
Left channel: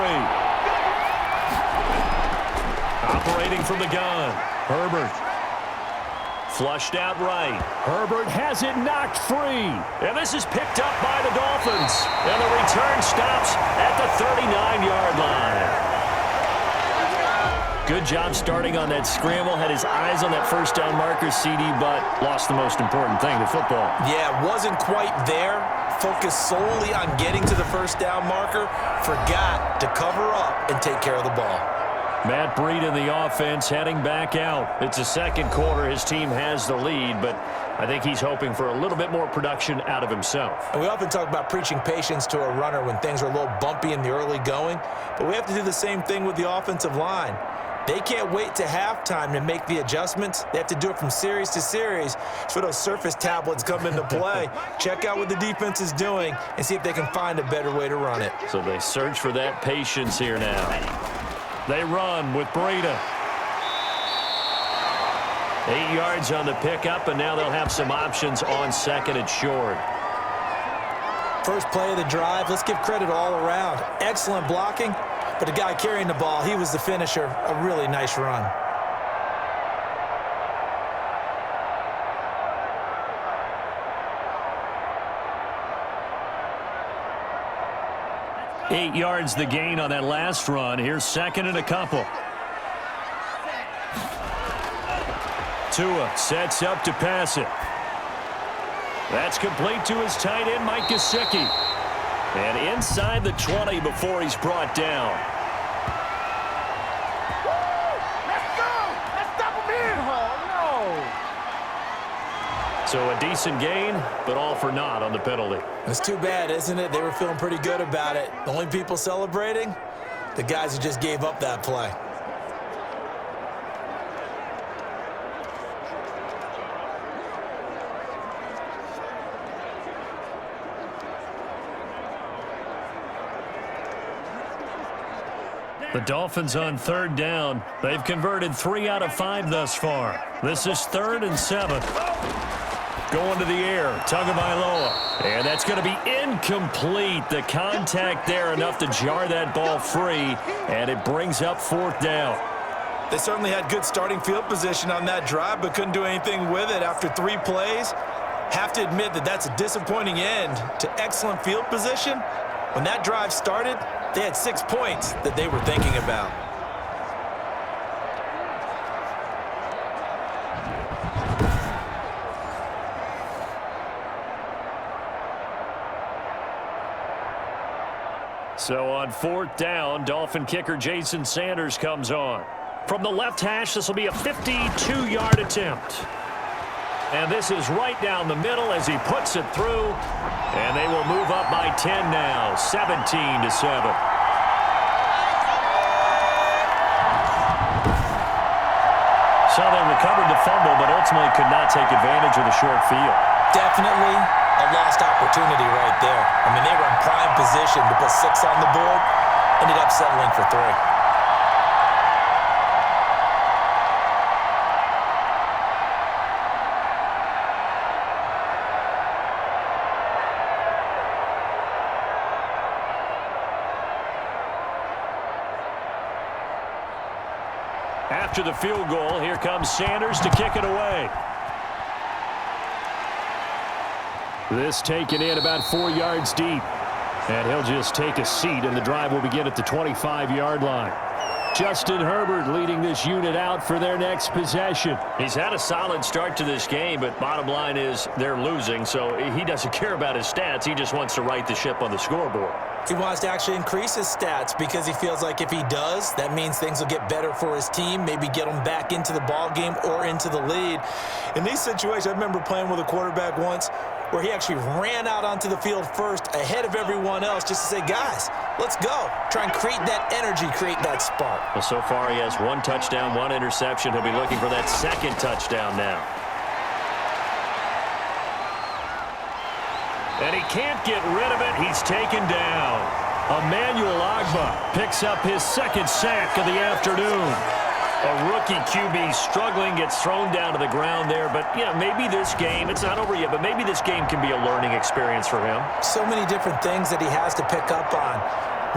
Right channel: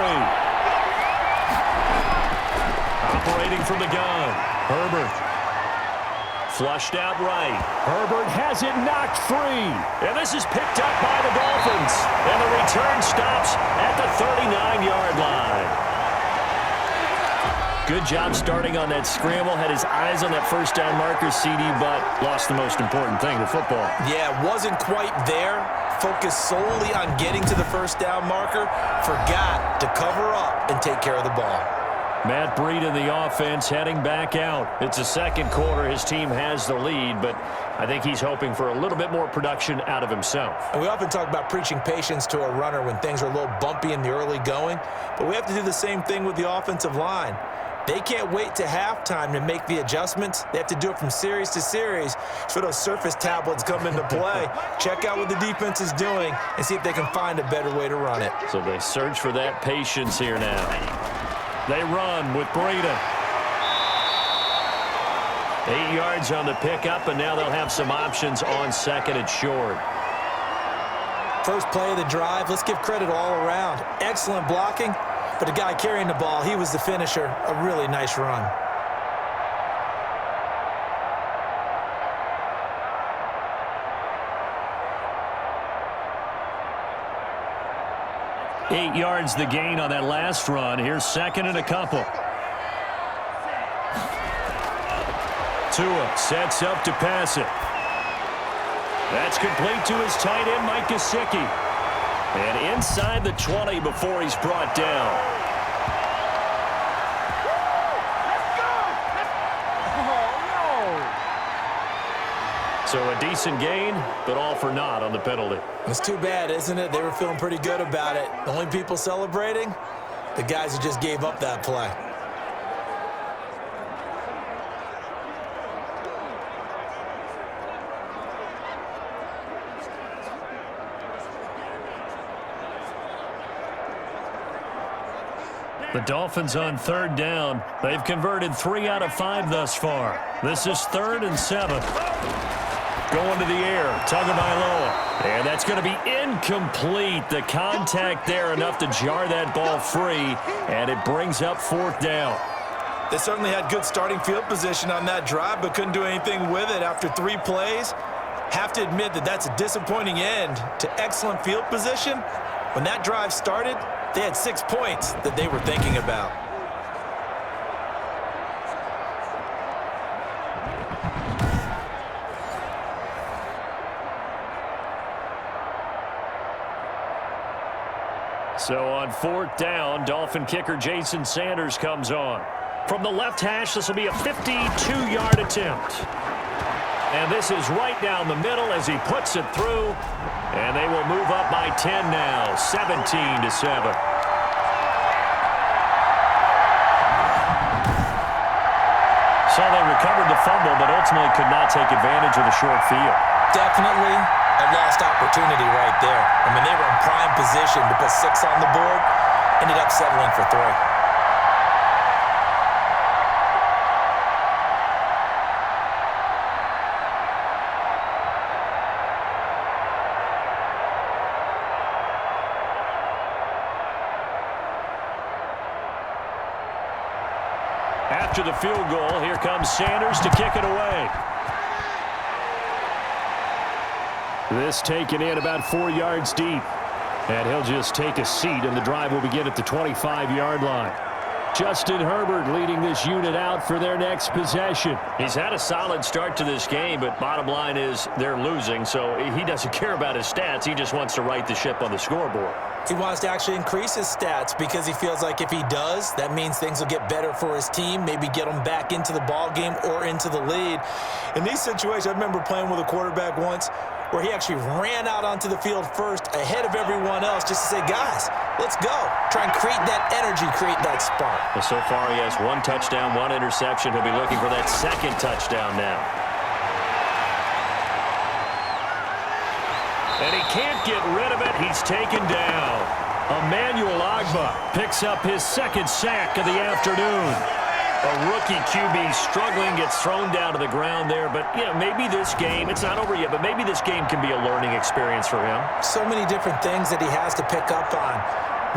Operating from the gun, Herbert. Flushed out right. Herbert has it knocked free. And this is picked up by the Dolphins. And the return stops at the 39-yard line. Good job starting on that scramble. Had his eyes on that first down marker, CD, but lost the most important thing, the football. Yeah, wasn't quite there. Focused solely on getting to the first down marker. Forgot to cover up and take care of the ball. Matt Breed in the offense heading back out. It's the second quarter. His team has the lead, but I think he's hoping for a little bit more production out of himself. And we often talk about preaching patience to a runner when things are a little bumpy in the early going, but we have to do the same thing with the offensive line. They can't wait to halftime to make the adjustments. They have to do it from series to series so those surface tablets come into play. Check out what the defense is doing and see if they can find a better way to run it. So they search for that patience here now. They run with Breida. 8 yards on the pickup, and now they'll have some options on second and short. First play of the drive, let's give credit all around. Excellent blocking, but the guy carrying the ball, he was the finisher. A really nice run. Eight yards the gain on that last run. Here's second and a couple. Tua sets up to pass it. That's complete to his tight end, Mike Gesicki. And inside the 20 before he's brought down. Let's go! Let's stop him here! Oh, no! So a decent gain, but all for naught on the penalty. It's too bad, isn't it? They were feeling pretty good about it. The only people celebrating, the guys who just gave up that play. The Dolphins on third down. They've converted 3 out of 5 thus far. This is 3rd and 7. Going to the air, Tagovailoa. And that's going to be incomplete. The contact there enough to jar that ball free, and it brings up 4th down. They certainly had good starting field position on that drive, but couldn't do anything with it after 3 plays. Have to admit that that's a disappointing end to excellent field position. When that drive started, they had 6 points that they were thinking about. So on 4th down, Dolphin kicker Jason Sanders comes on. From the left hash, this will be a 52-yard attempt. And this is right down the middle as he puts it through. And they will move up by 10 now, 17-7. So they recovered the fumble, but ultimately could not take advantage of the short field. Definitely a lost opportunity right there. I mean, they were in prime position to put 6 on the board, ended up settling for 3. After the field goal, here comes Sanders to kick it away. This taken in about 4 yards deep. And he'll just take a seat, and the drive will begin at the 25-yard line. Justin Herbert leading this unit out for their next possession. He's had a solid start to this game, but bottom line is they're losing, so he doesn't care about his stats. He just wants to right the ship on the scoreboard. He wants to actually increase his stats because he feels like if he does, that means things will get better for his team, maybe get them back into the ball game or into the lead. In these situations, I remember playing with a quarterback once where he actually ran out onto the field first ahead of everyone else just to say, guys, let's go. Try and create that energy, create that spark. Well, so far he has 1 touchdown, 1 interception. He'll be looking for that 2nd touchdown now. And he can't get rid of it. He's taken down. Emmanuel Ogbah picks up his 2nd sack of the afternoon. A rookie QB struggling, gets thrown down to the ground there. But, you know, maybe this game, it's not over yet, but maybe this game can be a learning experience for him. So many different things that he has to pick up on.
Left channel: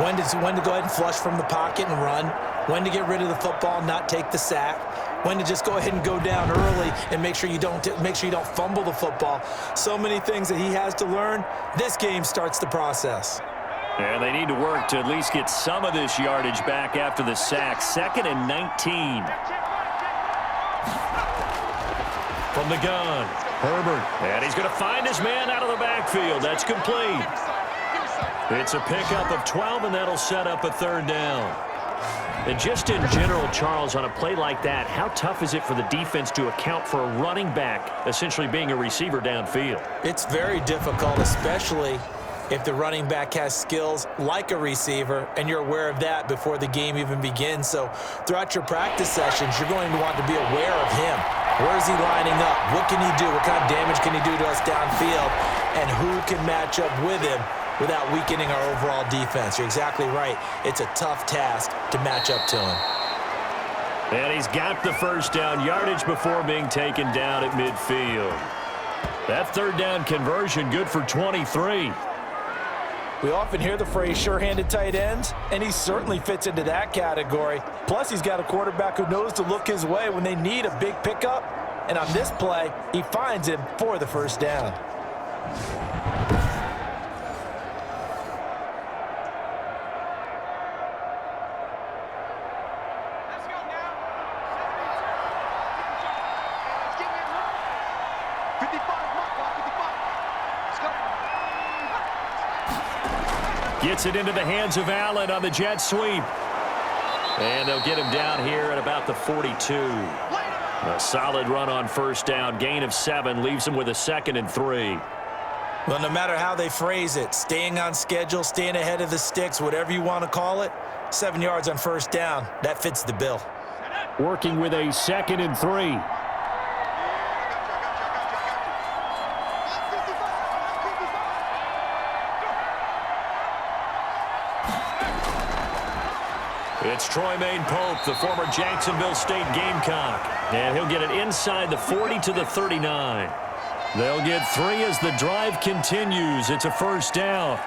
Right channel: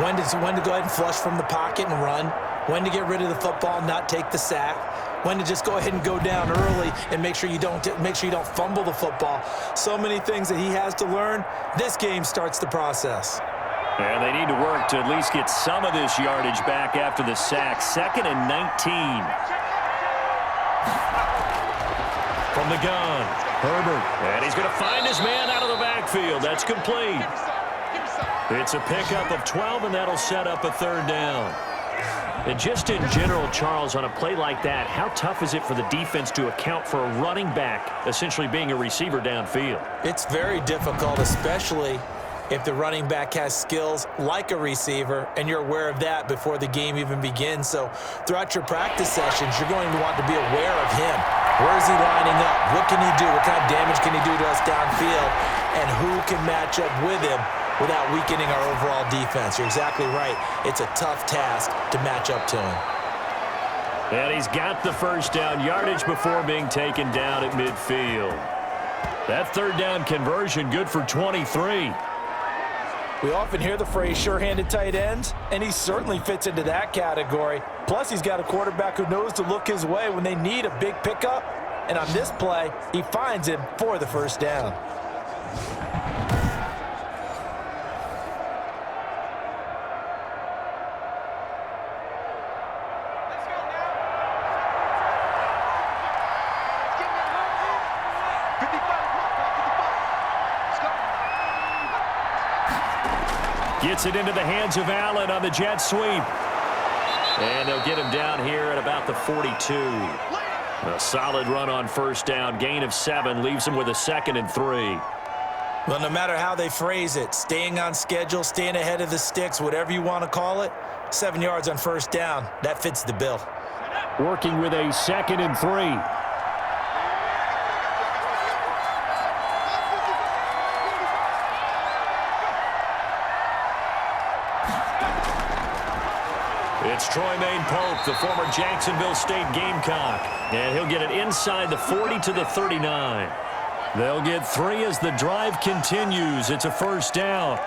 When to go ahead and flush from the pocket and run. When to get rid of the football, not take the sack. When to just go ahead and go down early and make sure you don't fumble the football. So many things that he has to learn. This game starts the process. And they need to work to at least get some of this yardage back after the sack. 2nd and 19. From the gun, Herbert. And he's going to find his man out of the backfield. That's complete. It's a pickup of 12, and that'll set up a 3rd down. And just in general, Charles, on a play like that, how tough is it for the defense to account for a running back essentially being a receiver downfield? It's very difficult, especially if the running back has skills like a receiver, and you're aware of that before the game even begins. So throughout your practice sessions, you're going to want to be aware of him. Where is he lining up? What can he do? What kind of damage can he do to us downfield? And who can match up with him without weakening our overall defense? You're exactly right. It's a tough task to match up to him. And he's got the 1st down yardage before being taken down at midfield. That 3rd down conversion good for 23. We often hear the phrase sure-handed tight ends, and he certainly fits into that category. Plus, he's got a quarterback who knows to look his way when they need a big pickup. And on this play, he finds him for the 1st down. Let's go now. 72. Let's get in home. 55, mark off 55. Let's go. Gets it into the hands of Allen on the jet sweep. And they'll get him down here at about the 42. A solid run on 1st down. Gain of 7 leaves him with a 2nd and 3. Well, no matter how they phrase it, staying on schedule, staying ahead of the sticks, whatever you want to call it, 7 yards on 1st down, that fits the bill. Working with a 2nd and 3. It's Troymaine Pope, the former Jacksonville State Gamecock. And he'll get it inside the 40 to the 39. They'll get 3 as the drive continues. It's a 1st down.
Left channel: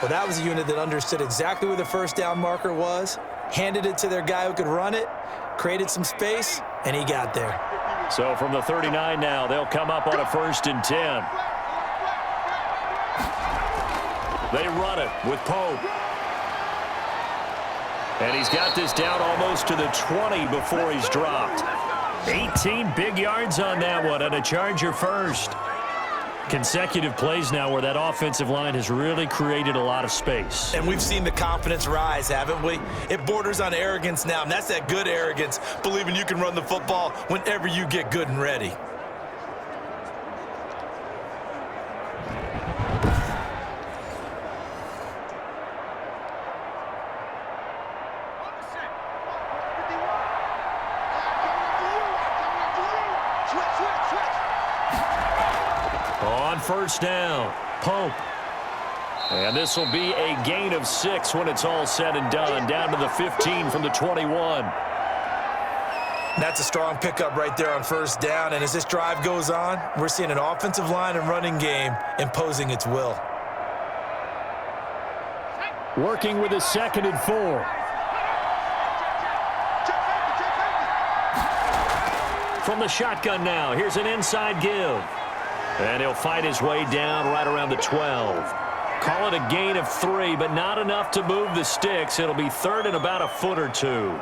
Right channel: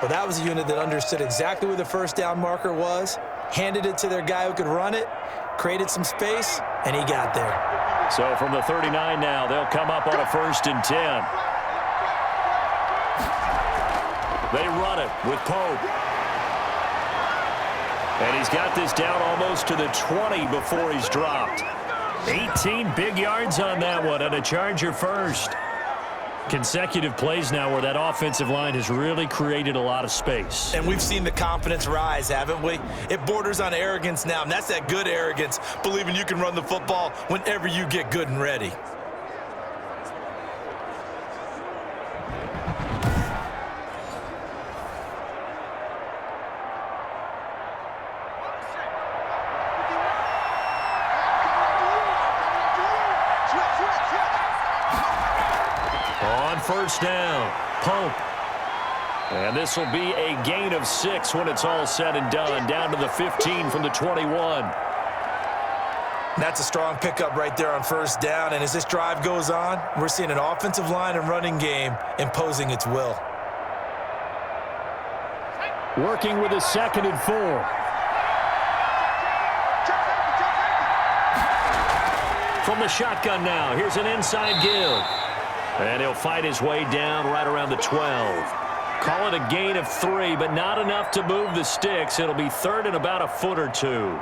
Well, that was a unit that understood exactly where the 1st down marker was, handed it to their guy who could run it, created some space, and he got there. So from the 39 now, they'll come up on a 1st and 10. They run it with Pope. And he's got this down almost to the 20 before he's dropped. 18 big yards on that one, and a Charger 1st. Consecutive plays now where that offensive line has really created a lot of space. And we've seen the confidence rise, haven't we? It borders on arrogance now, and that's that good arrogance, believing you can run the football whenever you get good and ready. On 1st down, Pope. And this will be a gain of 6 when it's all said and done, down to the 15 from the 21. That's a strong pickup right there on 1st down, and as this drive goes on, we're seeing an offensive line and running game imposing its will. Working with a 2nd and 4. From the shotgun now, here's an inside give. And he'll fight his way down right around the 12. Call it a gain of 3, but not enough to move the sticks. It'll be 3rd and about a foot or 2.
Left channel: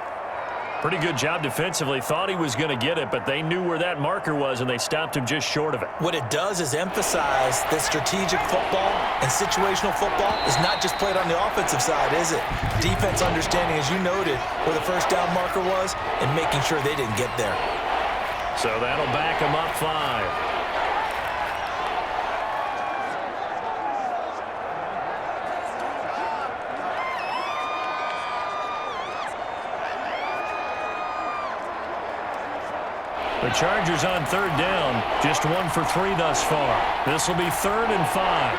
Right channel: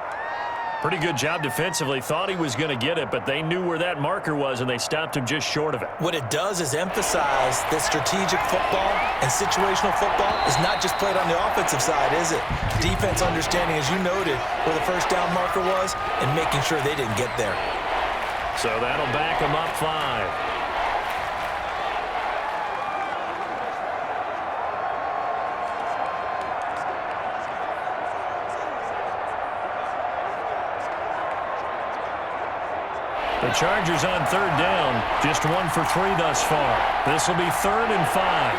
Pretty good job defensively. Thought he was going to get it, but they knew where that marker was, and they stopped him just short of it. What it does is emphasize that strategic football and situational football is not just played on the offensive side, is it? Defense understanding, as you noted, where the 1st down marker was and making sure they didn't get there. So that'll back him up 5. The Chargers on 3rd down, just 1 for 3 thus far. This will be 3rd and 5.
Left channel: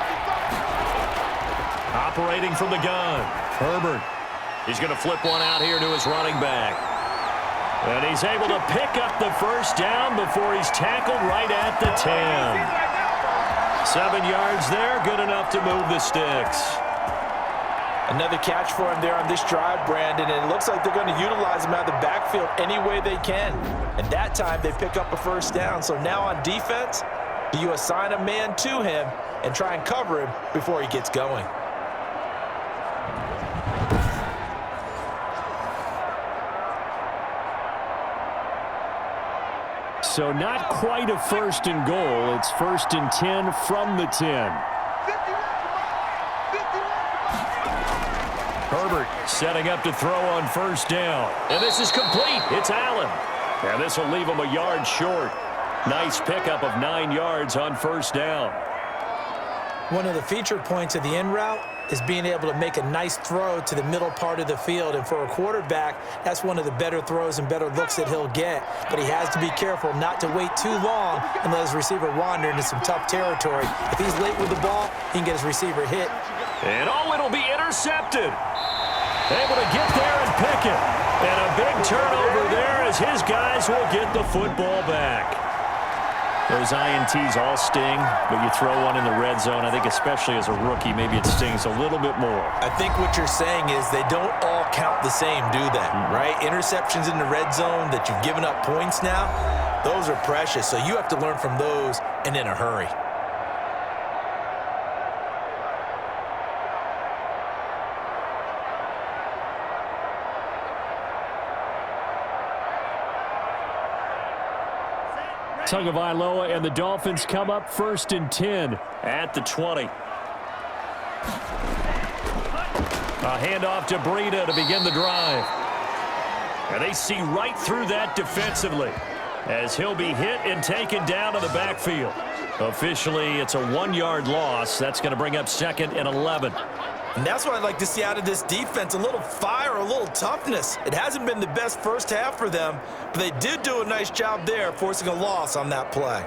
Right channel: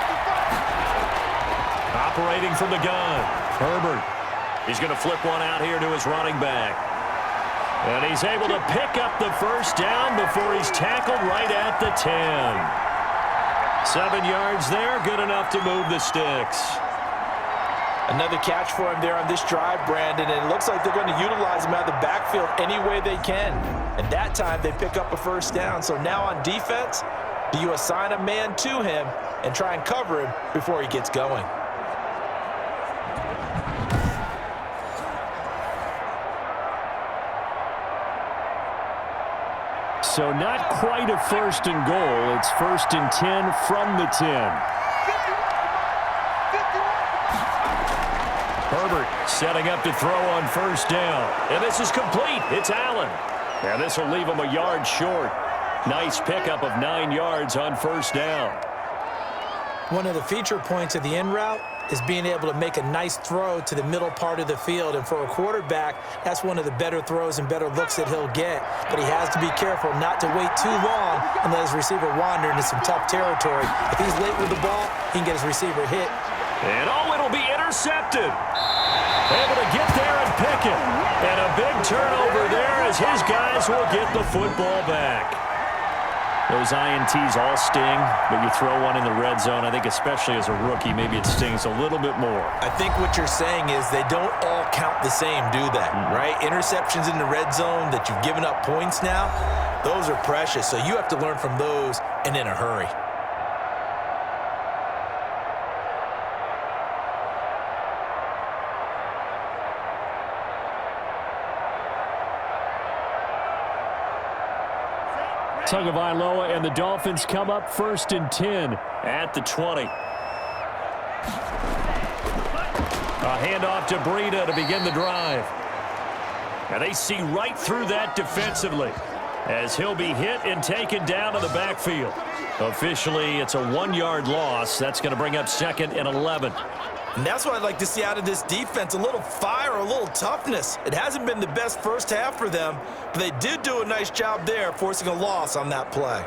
Operating from the gun, Herbert. He's going to flip one out here to his running back. And he's able to pick up the 1st down before he's tackled right at the 10. 7 yards there, good enough to move the sticks. Another catch for him there on this drive, Brandon, and it looks like they're going to utilize him out of the backfield any way they can. And that time they pick up a 1st down. So now on defense, do you assign a man to him and try and cover him before he gets going? So not quite a first and goal. It's 1st and 10 from the 10. Herbert setting up to throw on 1st down. And this is complete. It's Allen. And this will leave him a yard short. Nice pickup of 9 yards on 1st down. One of the feature points of the in route is being able to make a nice throw to the middle part of the field. And for a quarterback, that's one of the better throws and better looks that he'll get. But he has to be careful not to wait too long and let his receiver wander into some tough territory. If he's late with the ball, he can get his receiver hit. And it'll be intercepted. Able to get there and pick it. And a big turnover there as his guys will get the football back. Those INTs all sting, but you throw one in the red zone, I think especially as a rookie, maybe it stings a little bit more. I think what you're saying is they don't all count the same, do they? Right? Interceptions in the red zone that you've given up points now, those are precious. So you have to learn from those and in a hurry. Tagovailoa and the Dolphins come up 1st and 10 at the 20. A handoff to Breida to begin the drive. And they see right through that defensively as he'll be hit and taken down to the backfield. Officially, it's a 1-yard loss. That's going to bring up 2nd and 11. And that's what I'd like to see out of this defense, a little fire, a little toughness. It hasn't been the best first half for them, but they did do a nice job there, forcing a loss on that play.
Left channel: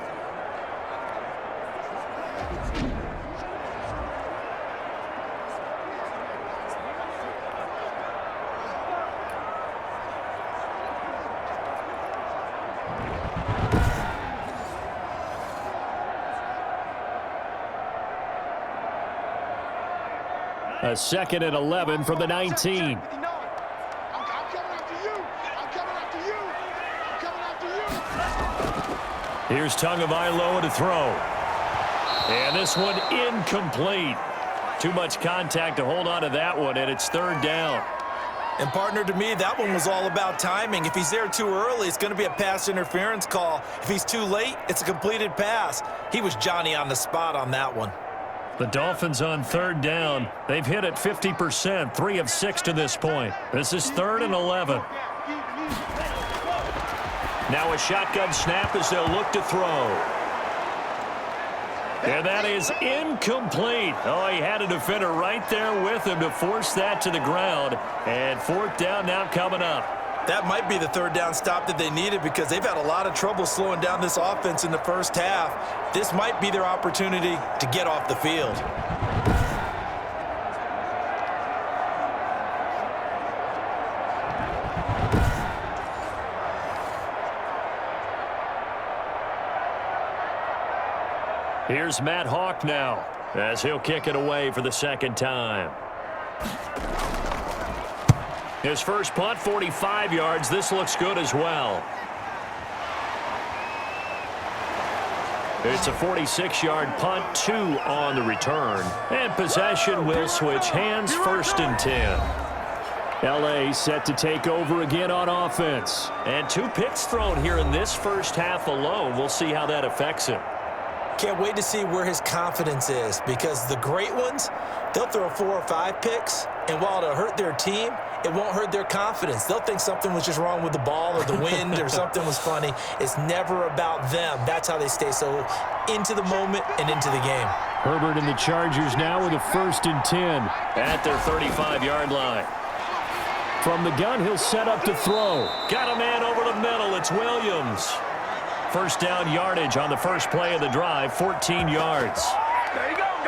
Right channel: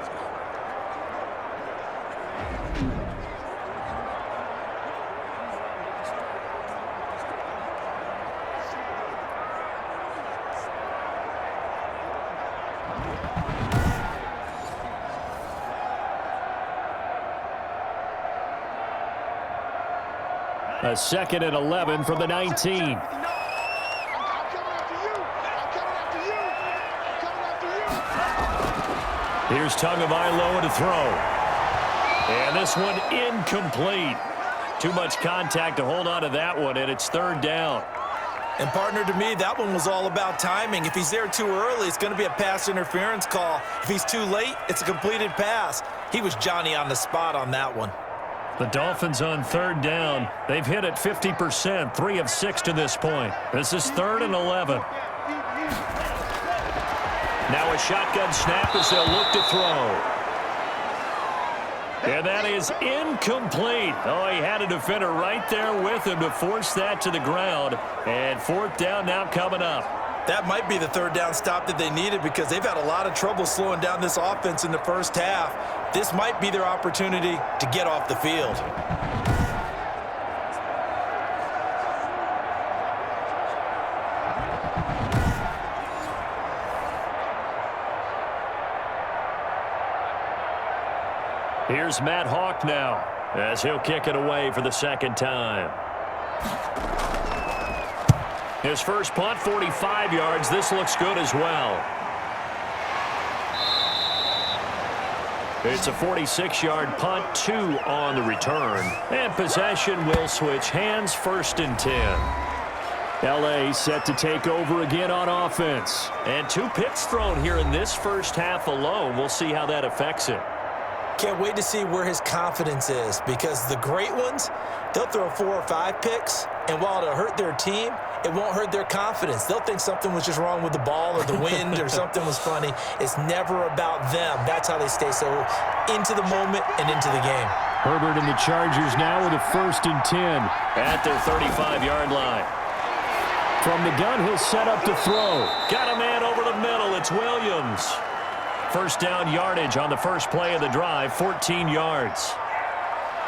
A 2nd and 11 from the 19. Here's Tagovailoa to throw. And this one incomplete. Too much contact to hold on to that one, and it's 3rd down. And, partner, to me, that one was all about timing. If he's there too early, it's going to be a pass interference call. If he's too late, it's a completed pass. He was Johnny on the spot on that one. The Dolphins on 3rd down. They've hit it 50%, 3 of 6 to this point. This is 3rd and 11. Now a shotgun snap as they'll look to throw. And that is incomplete. Oh, he had a defender right there with him to force that to the ground. And 4th down now coming up. That might be the 3rd down stop that they needed because they've had a lot of trouble slowing down this offense in the first half. This might be their opportunity to get off the field. Here's Matt Hawk now as he'll kick it away for the 2nd time. His first punt, 45 yards. This looks good as well. It's a 46-yard punt, 2 on the return. And possession will switch hands, 1st and 10. L.A. set to take over again on offense. And 2 picks thrown here in this first half alone. We'll see how that affects him. Can't wait to see where his confidence is because the great ones, they'll throw 4 or 5 picks, and while it'll hurt their team, it won't hurt their confidence. They'll think something was just wrong with the ball or the wind or something was funny. It's never about them. That's how they stay so into the moment and into the game. Herbert and the Chargers now with a 1st and 10. At their 35-yard line. From the gun, he'll set up to throw. Got a man over the middle. It's Williams. 1st down yardage on the first play of the drive, 14 yards.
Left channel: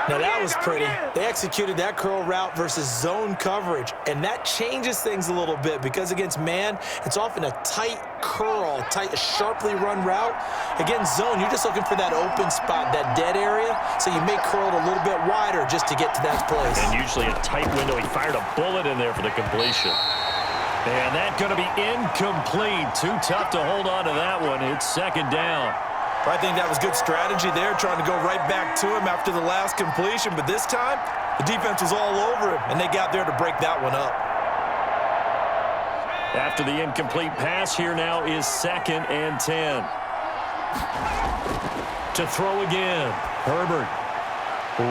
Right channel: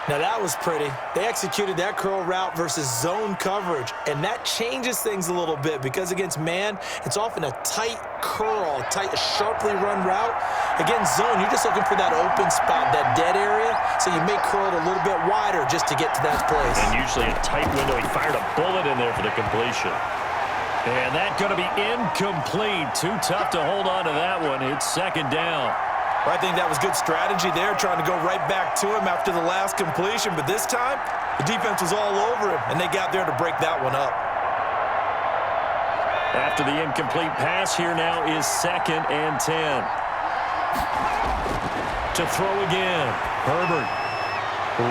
Now that was pretty. They executed that curl route versus zone coverage, and that changes things a little bit because against man, it's often a tight curl, tight, sharply run route. Against zone, you're just looking for that open spot, that dead area, so you may curl it a little bit wider just to get to that place. And usually a tight window. He fired a bullet in there for the completion. And that's going to be incomplete. Too tough to hold on to that one. It's 2nd down. I think that was good strategy there, trying to go right back to him after the last completion. But this time, the defense was all over him, and they got there to break that one up. After the incomplete pass, here now is 2nd and 10. To throw again. Herbert.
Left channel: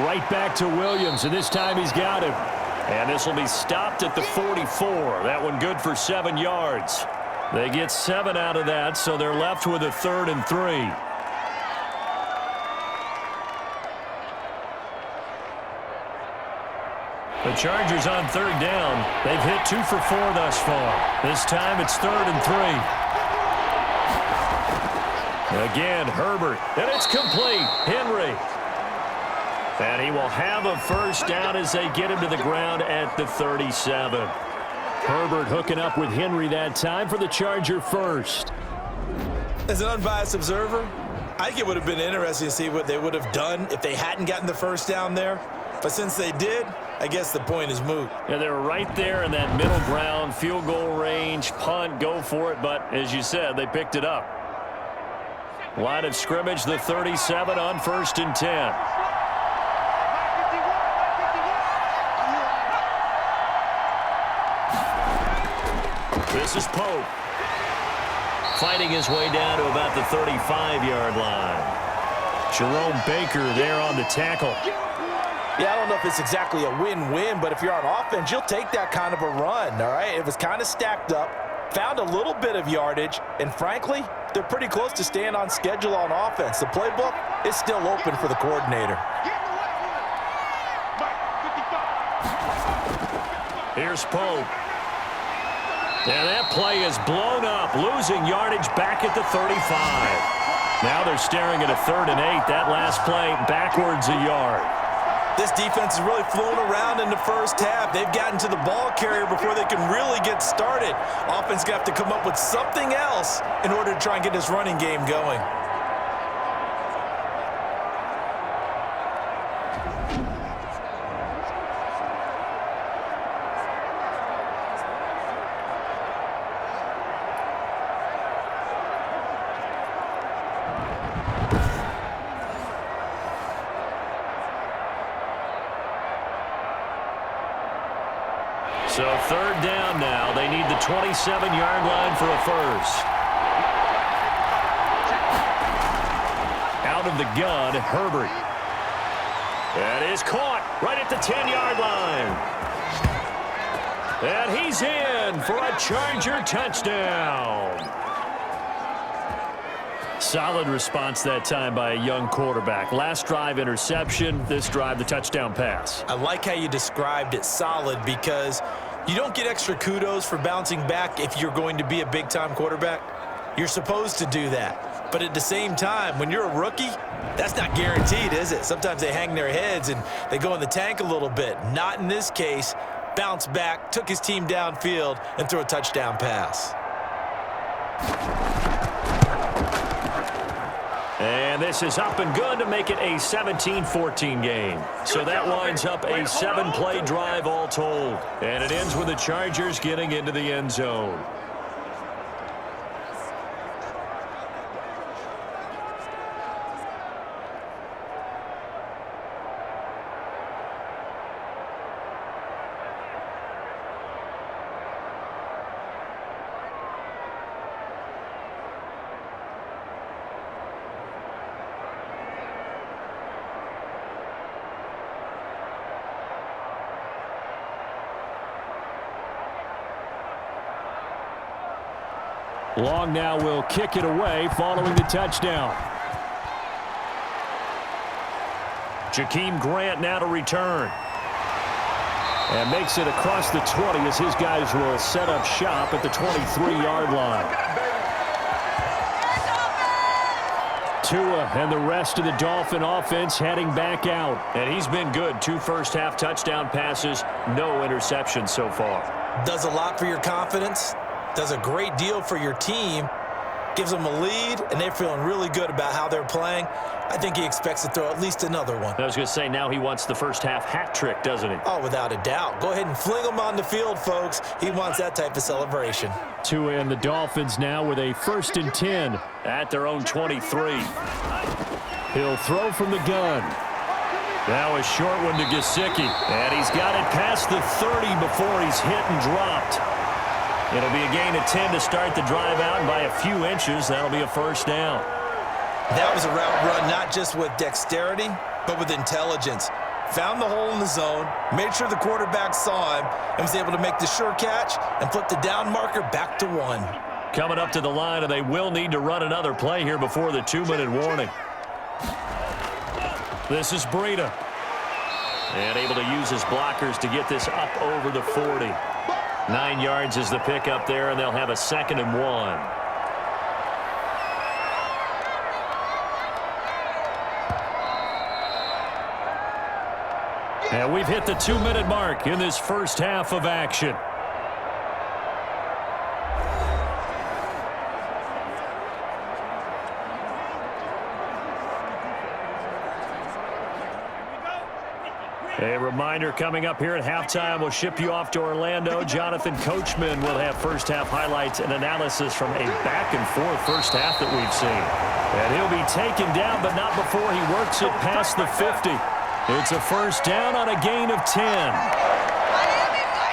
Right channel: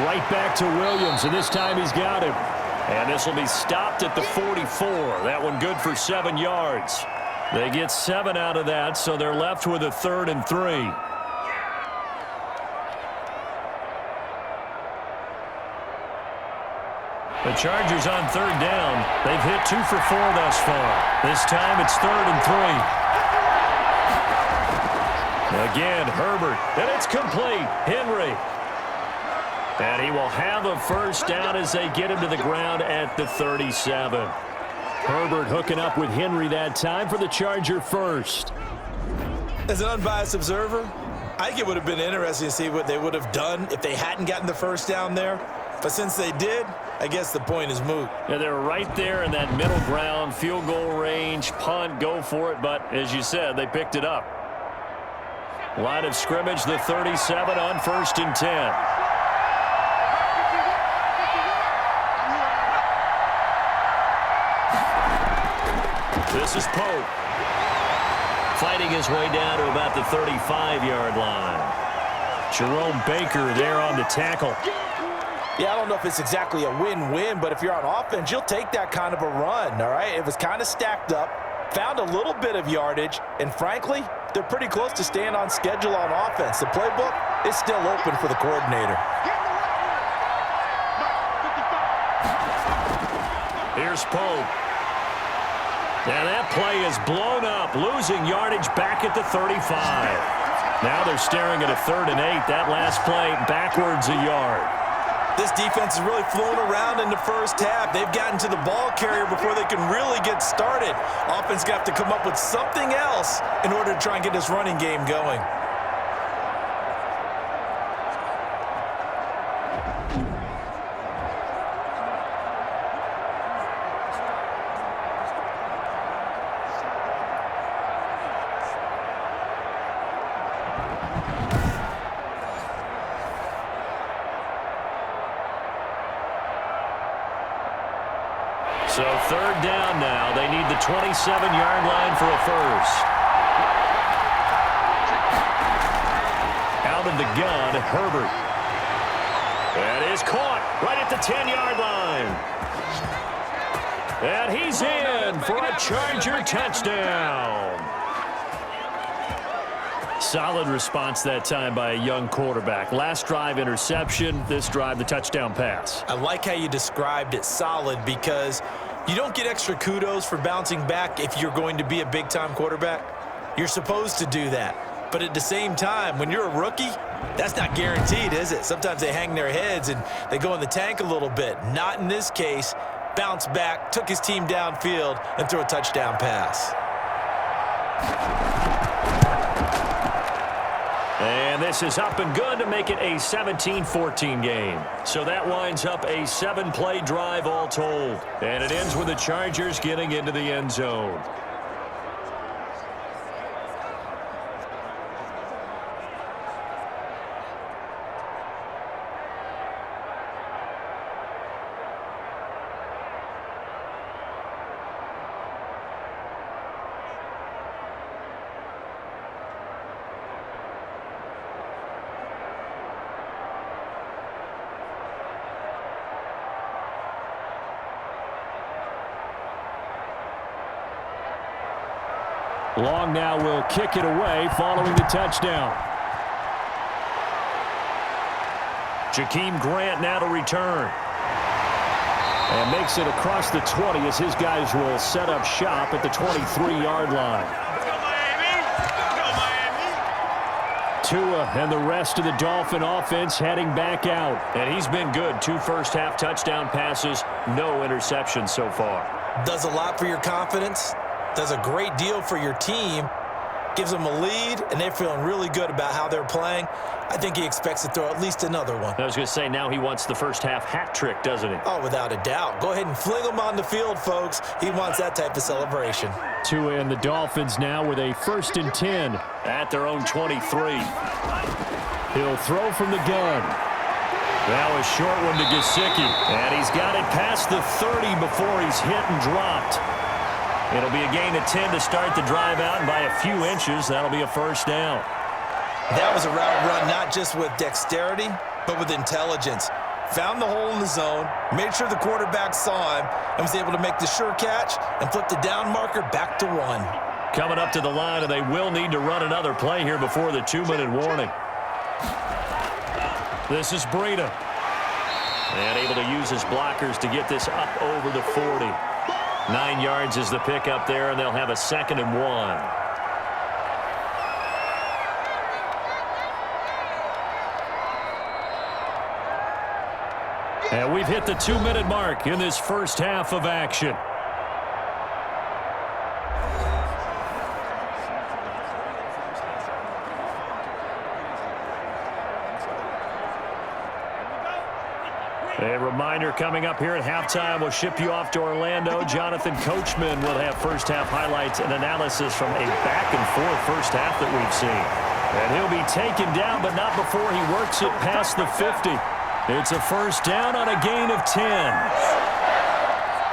Right back to Williams, and this time he's got him. And this will be stopped at the 44. That one good for 7 yards. They get 7 out of that, so they're left with a 3rd and 3. The Chargers on 3rd down. They've hit 2 for 4 thus far. This time it's 3rd and 3. Again, Herbert, and it's complete. Henry. And he will have a first down as they get him to the ground at the 37. Herbert hooking up with Henry that time for the Charger first. As an unbiased observer, I think it would have been interesting to see what they would have done if they hadn't gotten the first down there. But since they did, I guess the point is moot. Yeah, they were right there in that middle ground, field goal range, punt, go for it. But as you said, they picked it up. Line of scrimmage, the 37 on 1st and 10. This is Pope. Fighting his way down to about the 35-yard line. Jerome Baker there on the tackle. Yeah, I don't know if it's exactly a win-win, but if you're on offense, you'll take that kind of a run, all right? It was kind of stacked up, found a little bit of yardage, and frankly, they're pretty close to staying on schedule on offense. The playbook is still open for the coordinator. Here's Pope. And that play is blown up, losing yardage back at the 35. Now they're staring at a 3rd and 8. That last play backwards a yard. This defense has really flown around in the first half. They've gotten to the ball carrier before they can really get started. Offense going to have to come up with something else in order to try and get this running game going. So 3rd down now. They need the 27-yard line for a first. Out of the gun, Herbert. That is caught right at the 10-yard line. And he's in for a Charger touchdown. Solid response that time by a young quarterback. Last drive, interception. This drive, the touchdown pass. I like how you described it solid because you don't get extra kudos for bouncing back if you're going to be a big-time quarterback. You're supposed to do that. But at the same time, when you're a rookie, that's not guaranteed, is it? Sometimes they hang their heads and they go in the tank a little bit. Not in this case. Bounced back, took his team downfield, and threw a touchdown pass. And this is up and good to make it a 17-14 game. So that winds up a 7-play drive all told. And it ends with the Chargers getting into the end zone. Long now will kick it away following the touchdown. Jakeem Grant now to return. And makes it across the 20 as his guys will set up shop at the 23-yard line. Tua and the rest of the Dolphin offense heading back out. And he's been good. 2 first-half touchdown passes, no interceptions so far. Does a lot for your confidence. Does a great deal for your team, gives them a lead, and they're feeling really good about how they're playing. I think he expects to throw at least another one. I was going to say, now he wants the first half hat trick, doesn't he? Oh, without a doubt. Go ahead and fling him on the field, folks. He wants that type of celebration. Tua and the Dolphins now with a 1st and 10 at their own 23. He'll throw from the gun. Now a short one to Gesicki. And he's got it past the 30 before he's hit and dropped. It'll be a gain of 10 to start the drive out, and by a few inches, that'll be a first down. That was a route run not just with dexterity, but with intelligence. Found the hole in the zone, made sure the quarterback saw him, and was able to make the sure catch and flip the down marker back to 1. Coming up to the line, and they will need to run another play here before the 2-minute warning. This is Breida. And able to use his blockers to get this up over the 40. 9 yards is the pickup there, and they'll have a 2nd and 1. And we've hit the 2-minute mark in this first half of action. A reminder coming up here at halftime. We'll ship you off to Orlando. Jonathan Coachman will have first-half highlights and analysis from a back-and-forth first half that we've seen. And he'll be taken down, but not before he works it past the 50. It's a first down on a gain of 10.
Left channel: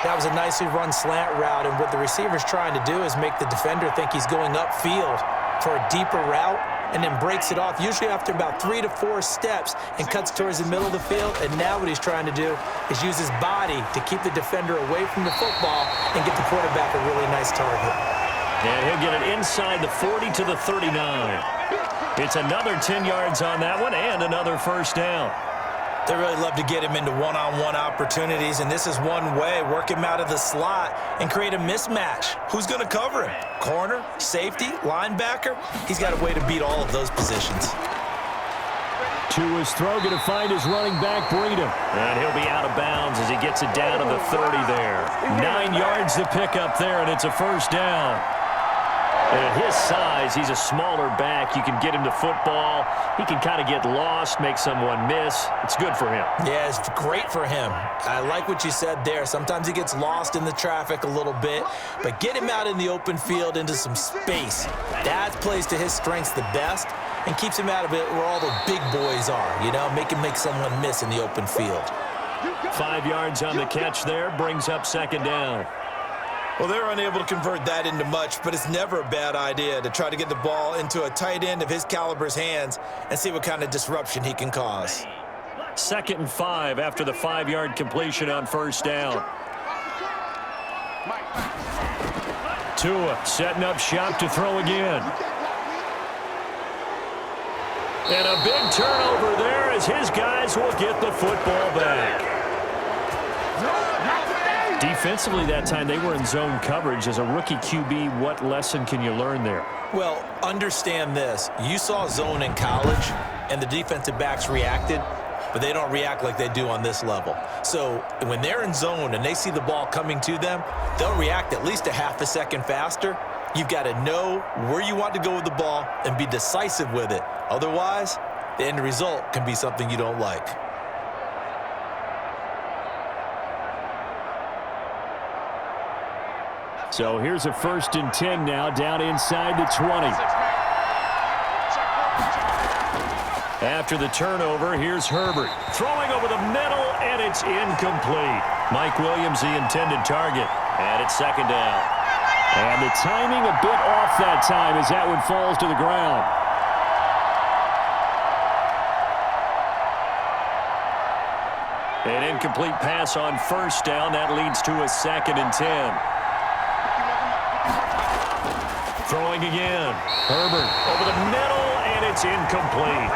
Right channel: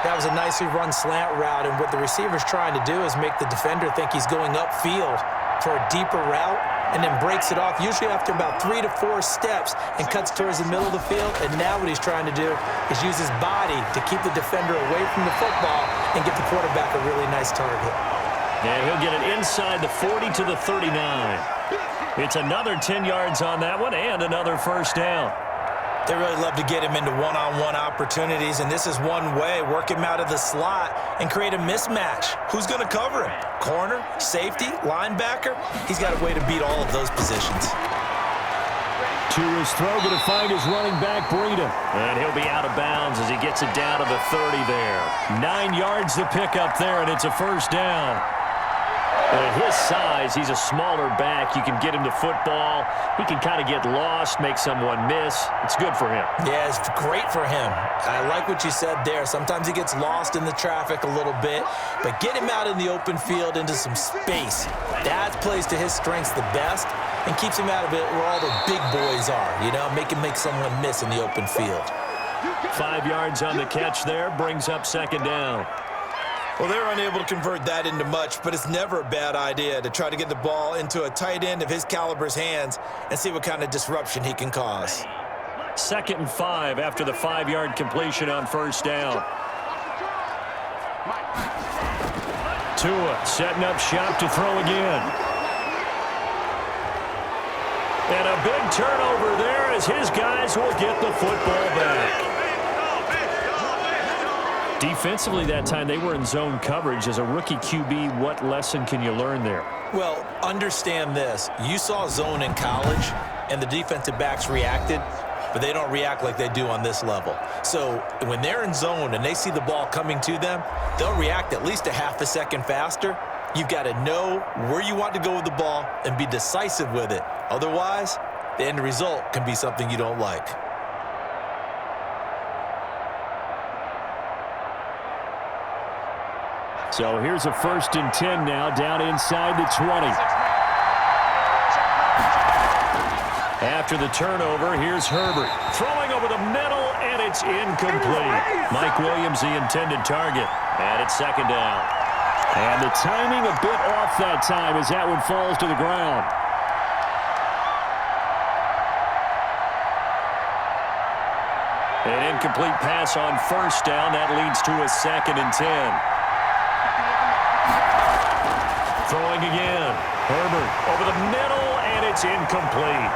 That was a nicely run slant route, and what the receiver's trying to do is make the defender think he's going upfield for a deeper route, and then breaks it off, usually after about 3 to 4 steps, and cuts towards the middle of the field. And now what he's trying to do is use his body to keep the defender away from the football and get the quarterback a really nice target. And he'll get it inside the 40 to the 39. It's another 10 yards on that one and another first down. They really love to get him into one-on-one opportunities, and this is one way. Work him out of the slot and create a mismatch. Who's going to cover him? Corner, safety, linebacker? He's got a way to beat all of those positions. To his throw, going to find his running back, Breida. And he'll be out of bounds as he gets it down to the 30 there. 9 yards to pick up there, and it's a first down. And at his size, he's a smaller back. You can get him to football. He can kind of get lost, make someone miss. It's good for him. Yeah, it's great for him. I like what you said there. Sometimes he gets lost in the traffic a little bit, but get him out in the open field into some space. That plays to his strengths the best and keeps him out of it where all the big boys are, you know, make him make someone miss in the open field. 5 yards on the catch there, brings up second down. Well, they're unable to convert that into much, but it's never a bad idea to try to get the ball into a tight end of his caliber's hands and see what kind of disruption he can cause. 2nd and 5 after the 5-yard completion on first down. Tua setting up shop to throw again. And a big turnover there as his guys will get the football back. Defensively that time, they were in zone coverage. As a rookie QB, what lesson can you learn there? Well, understand this. You saw zone in college, and the defensive backs reacted, but they don't react like they do on this level. So when they're in zone and they see the ball coming to them, they'll react at least a half a second faster. You've got to know where you want to go with the ball and be decisive with it. Otherwise, the end result can be something you don't like. So here's a 1st and 10 now, down inside the 20. After the turnover, here's Herbert. Throwing over the middle, and it's incomplete. Mike Williams, the intended target. And it's second down. And the timing a bit off that time as that one falls to the ground. An incomplete pass on first down. That leads to a 2nd and 10. Throwing again. Herbert over the middle, and it's incomplete.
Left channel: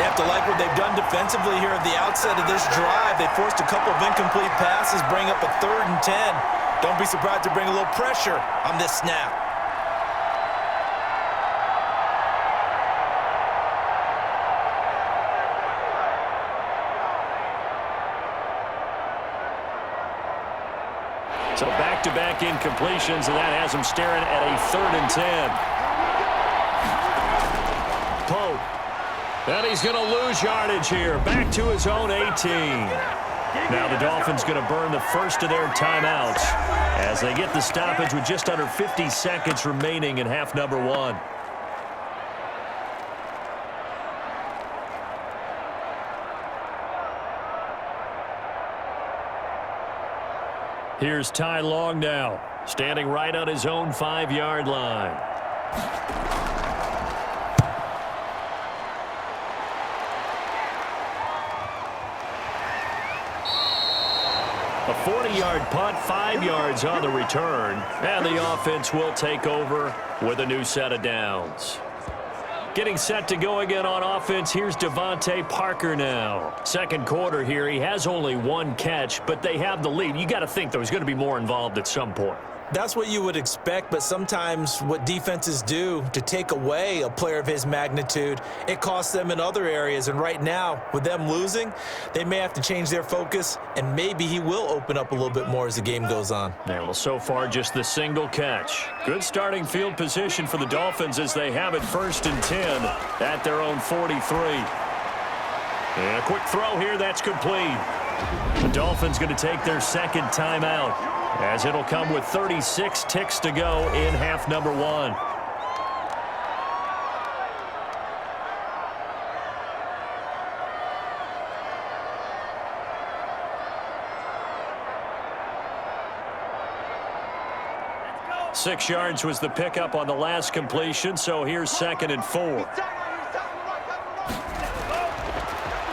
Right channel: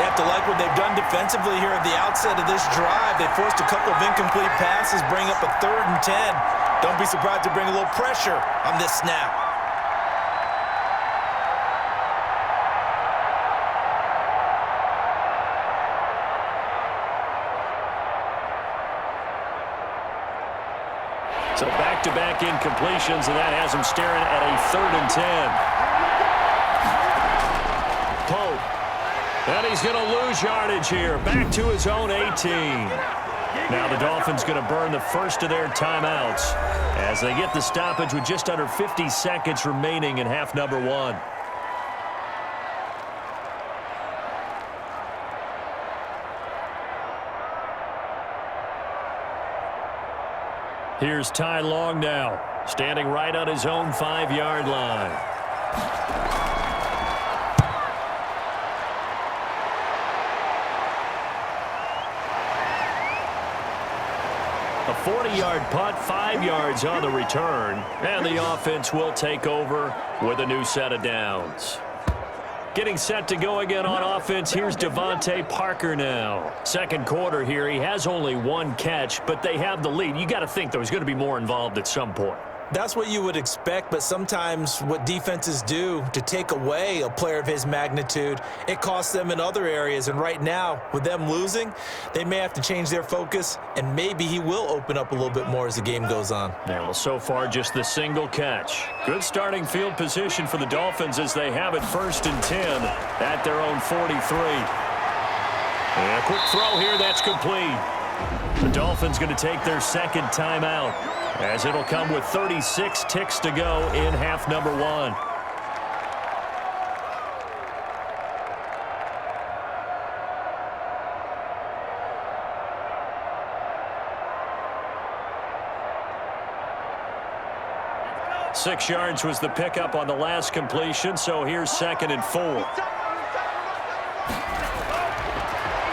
They have to like what they've done defensively here at the outset of this drive. They forced a couple of incomplete passes, bring up a 3rd and 10. Don't be surprised to bring a little pressure on this snap. So back-to-back incompletions, and that has him staring at a 3rd and 10. Pope. And he's going to lose yardage here. Back to his own 18. Now the Dolphins going to burn the first of their timeouts as they get the stoppage with just under 50 seconds remaining in half number 1. Here's Ty Long now, standing right on his own 5-yard line. A 40-yard punt, 5 yards on the return, and the offense will take over with a new set of downs. Getting set to go again on offense, here's Devontae Parker now. Second quarter here, he has only 1 catch, but they have the lead. You got to think there's going to be more involved at some point. That's what you would expect, but sometimes what defenses do to take away a player of his magnitude, it costs them in other areas. And right now, with them losing, they may have to change their focus, and maybe he will open up a little bit more as the game goes on. Yeah, well, so far, just the single catch. Good starting field position for the Dolphins as they have it 1st and 10 at their own 43. And a quick throw here, that's complete. The Dolphins going to take their second timeout, as it'll come with 36 ticks to go in half number 1. Six yards was the pickup on the last completion, so here's 2nd and 4.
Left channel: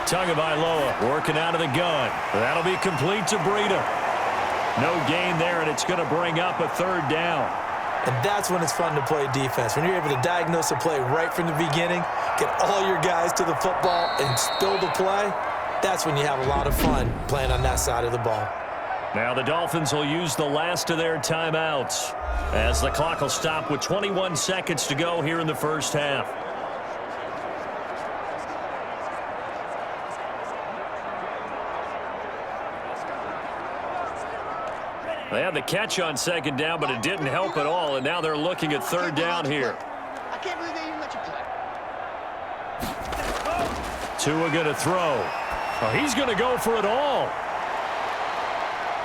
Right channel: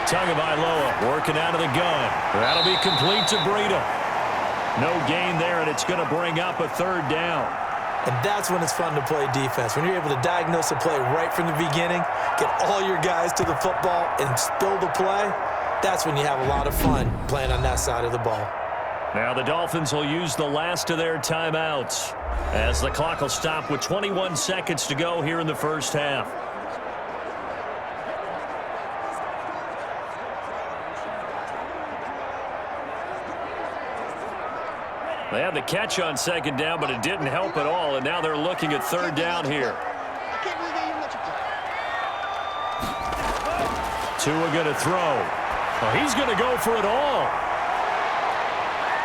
Tagovailoa working out of the gun. That'll be complete to Breida. No gain there, and it's going to bring up a 3rd down. And that's when it's fun to play defense. When you're able to diagnose a play right from the beginning, get all your guys to the football, and spill the play, that's when you have a lot of fun playing on that side of the ball. Now the Dolphins will use the last of their timeouts, as the clock will stop with 21 seconds to go here in the first half. They had the catch on 2nd down, but it didn't help at all, and now they're looking at 3rd down here. I can't believe they even let you play. Tua going to throw. Oh, he's going to go for it all.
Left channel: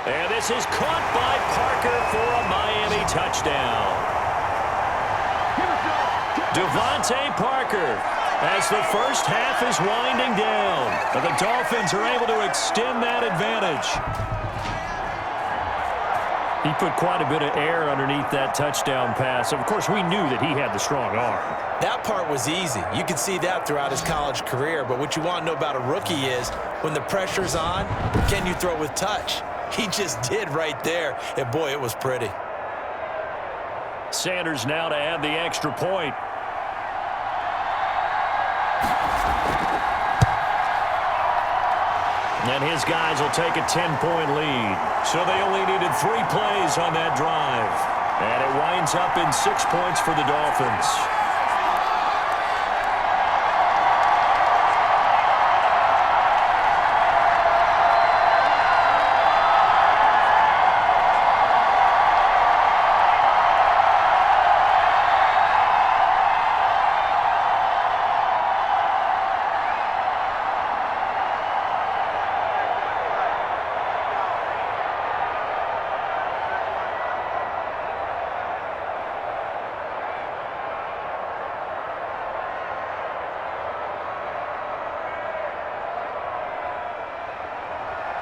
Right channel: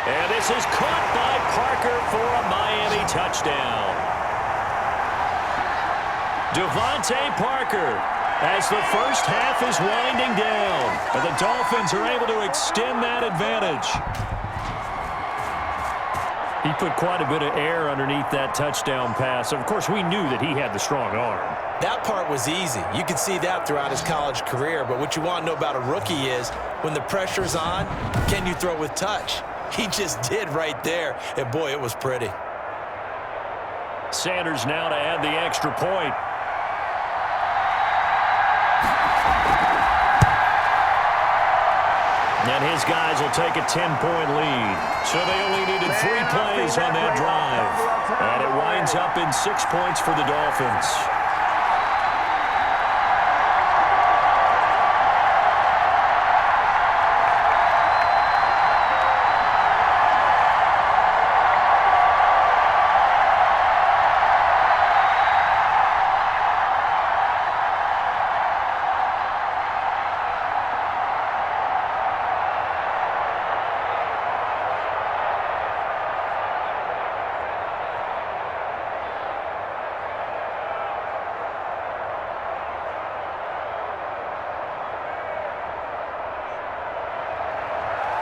And this is caught by Parker for a Miami touchdown. Devontae Parker, as the first half is winding down, and the Dolphins are able to extend that advantage. He put quite a bit of air underneath that touchdown pass. Of course, we knew that he had the strong arm. That part was easy. You could see that throughout his college career. But what you want to know about a rookie is when the pressure's on, can you throw with touch? He just did right there. And, boy, it was pretty. Sanders now to add the extra point. And his guys will take a 10-point lead. So they only needed 3 plays on that drive. And it winds up in 6 points for the Dolphins.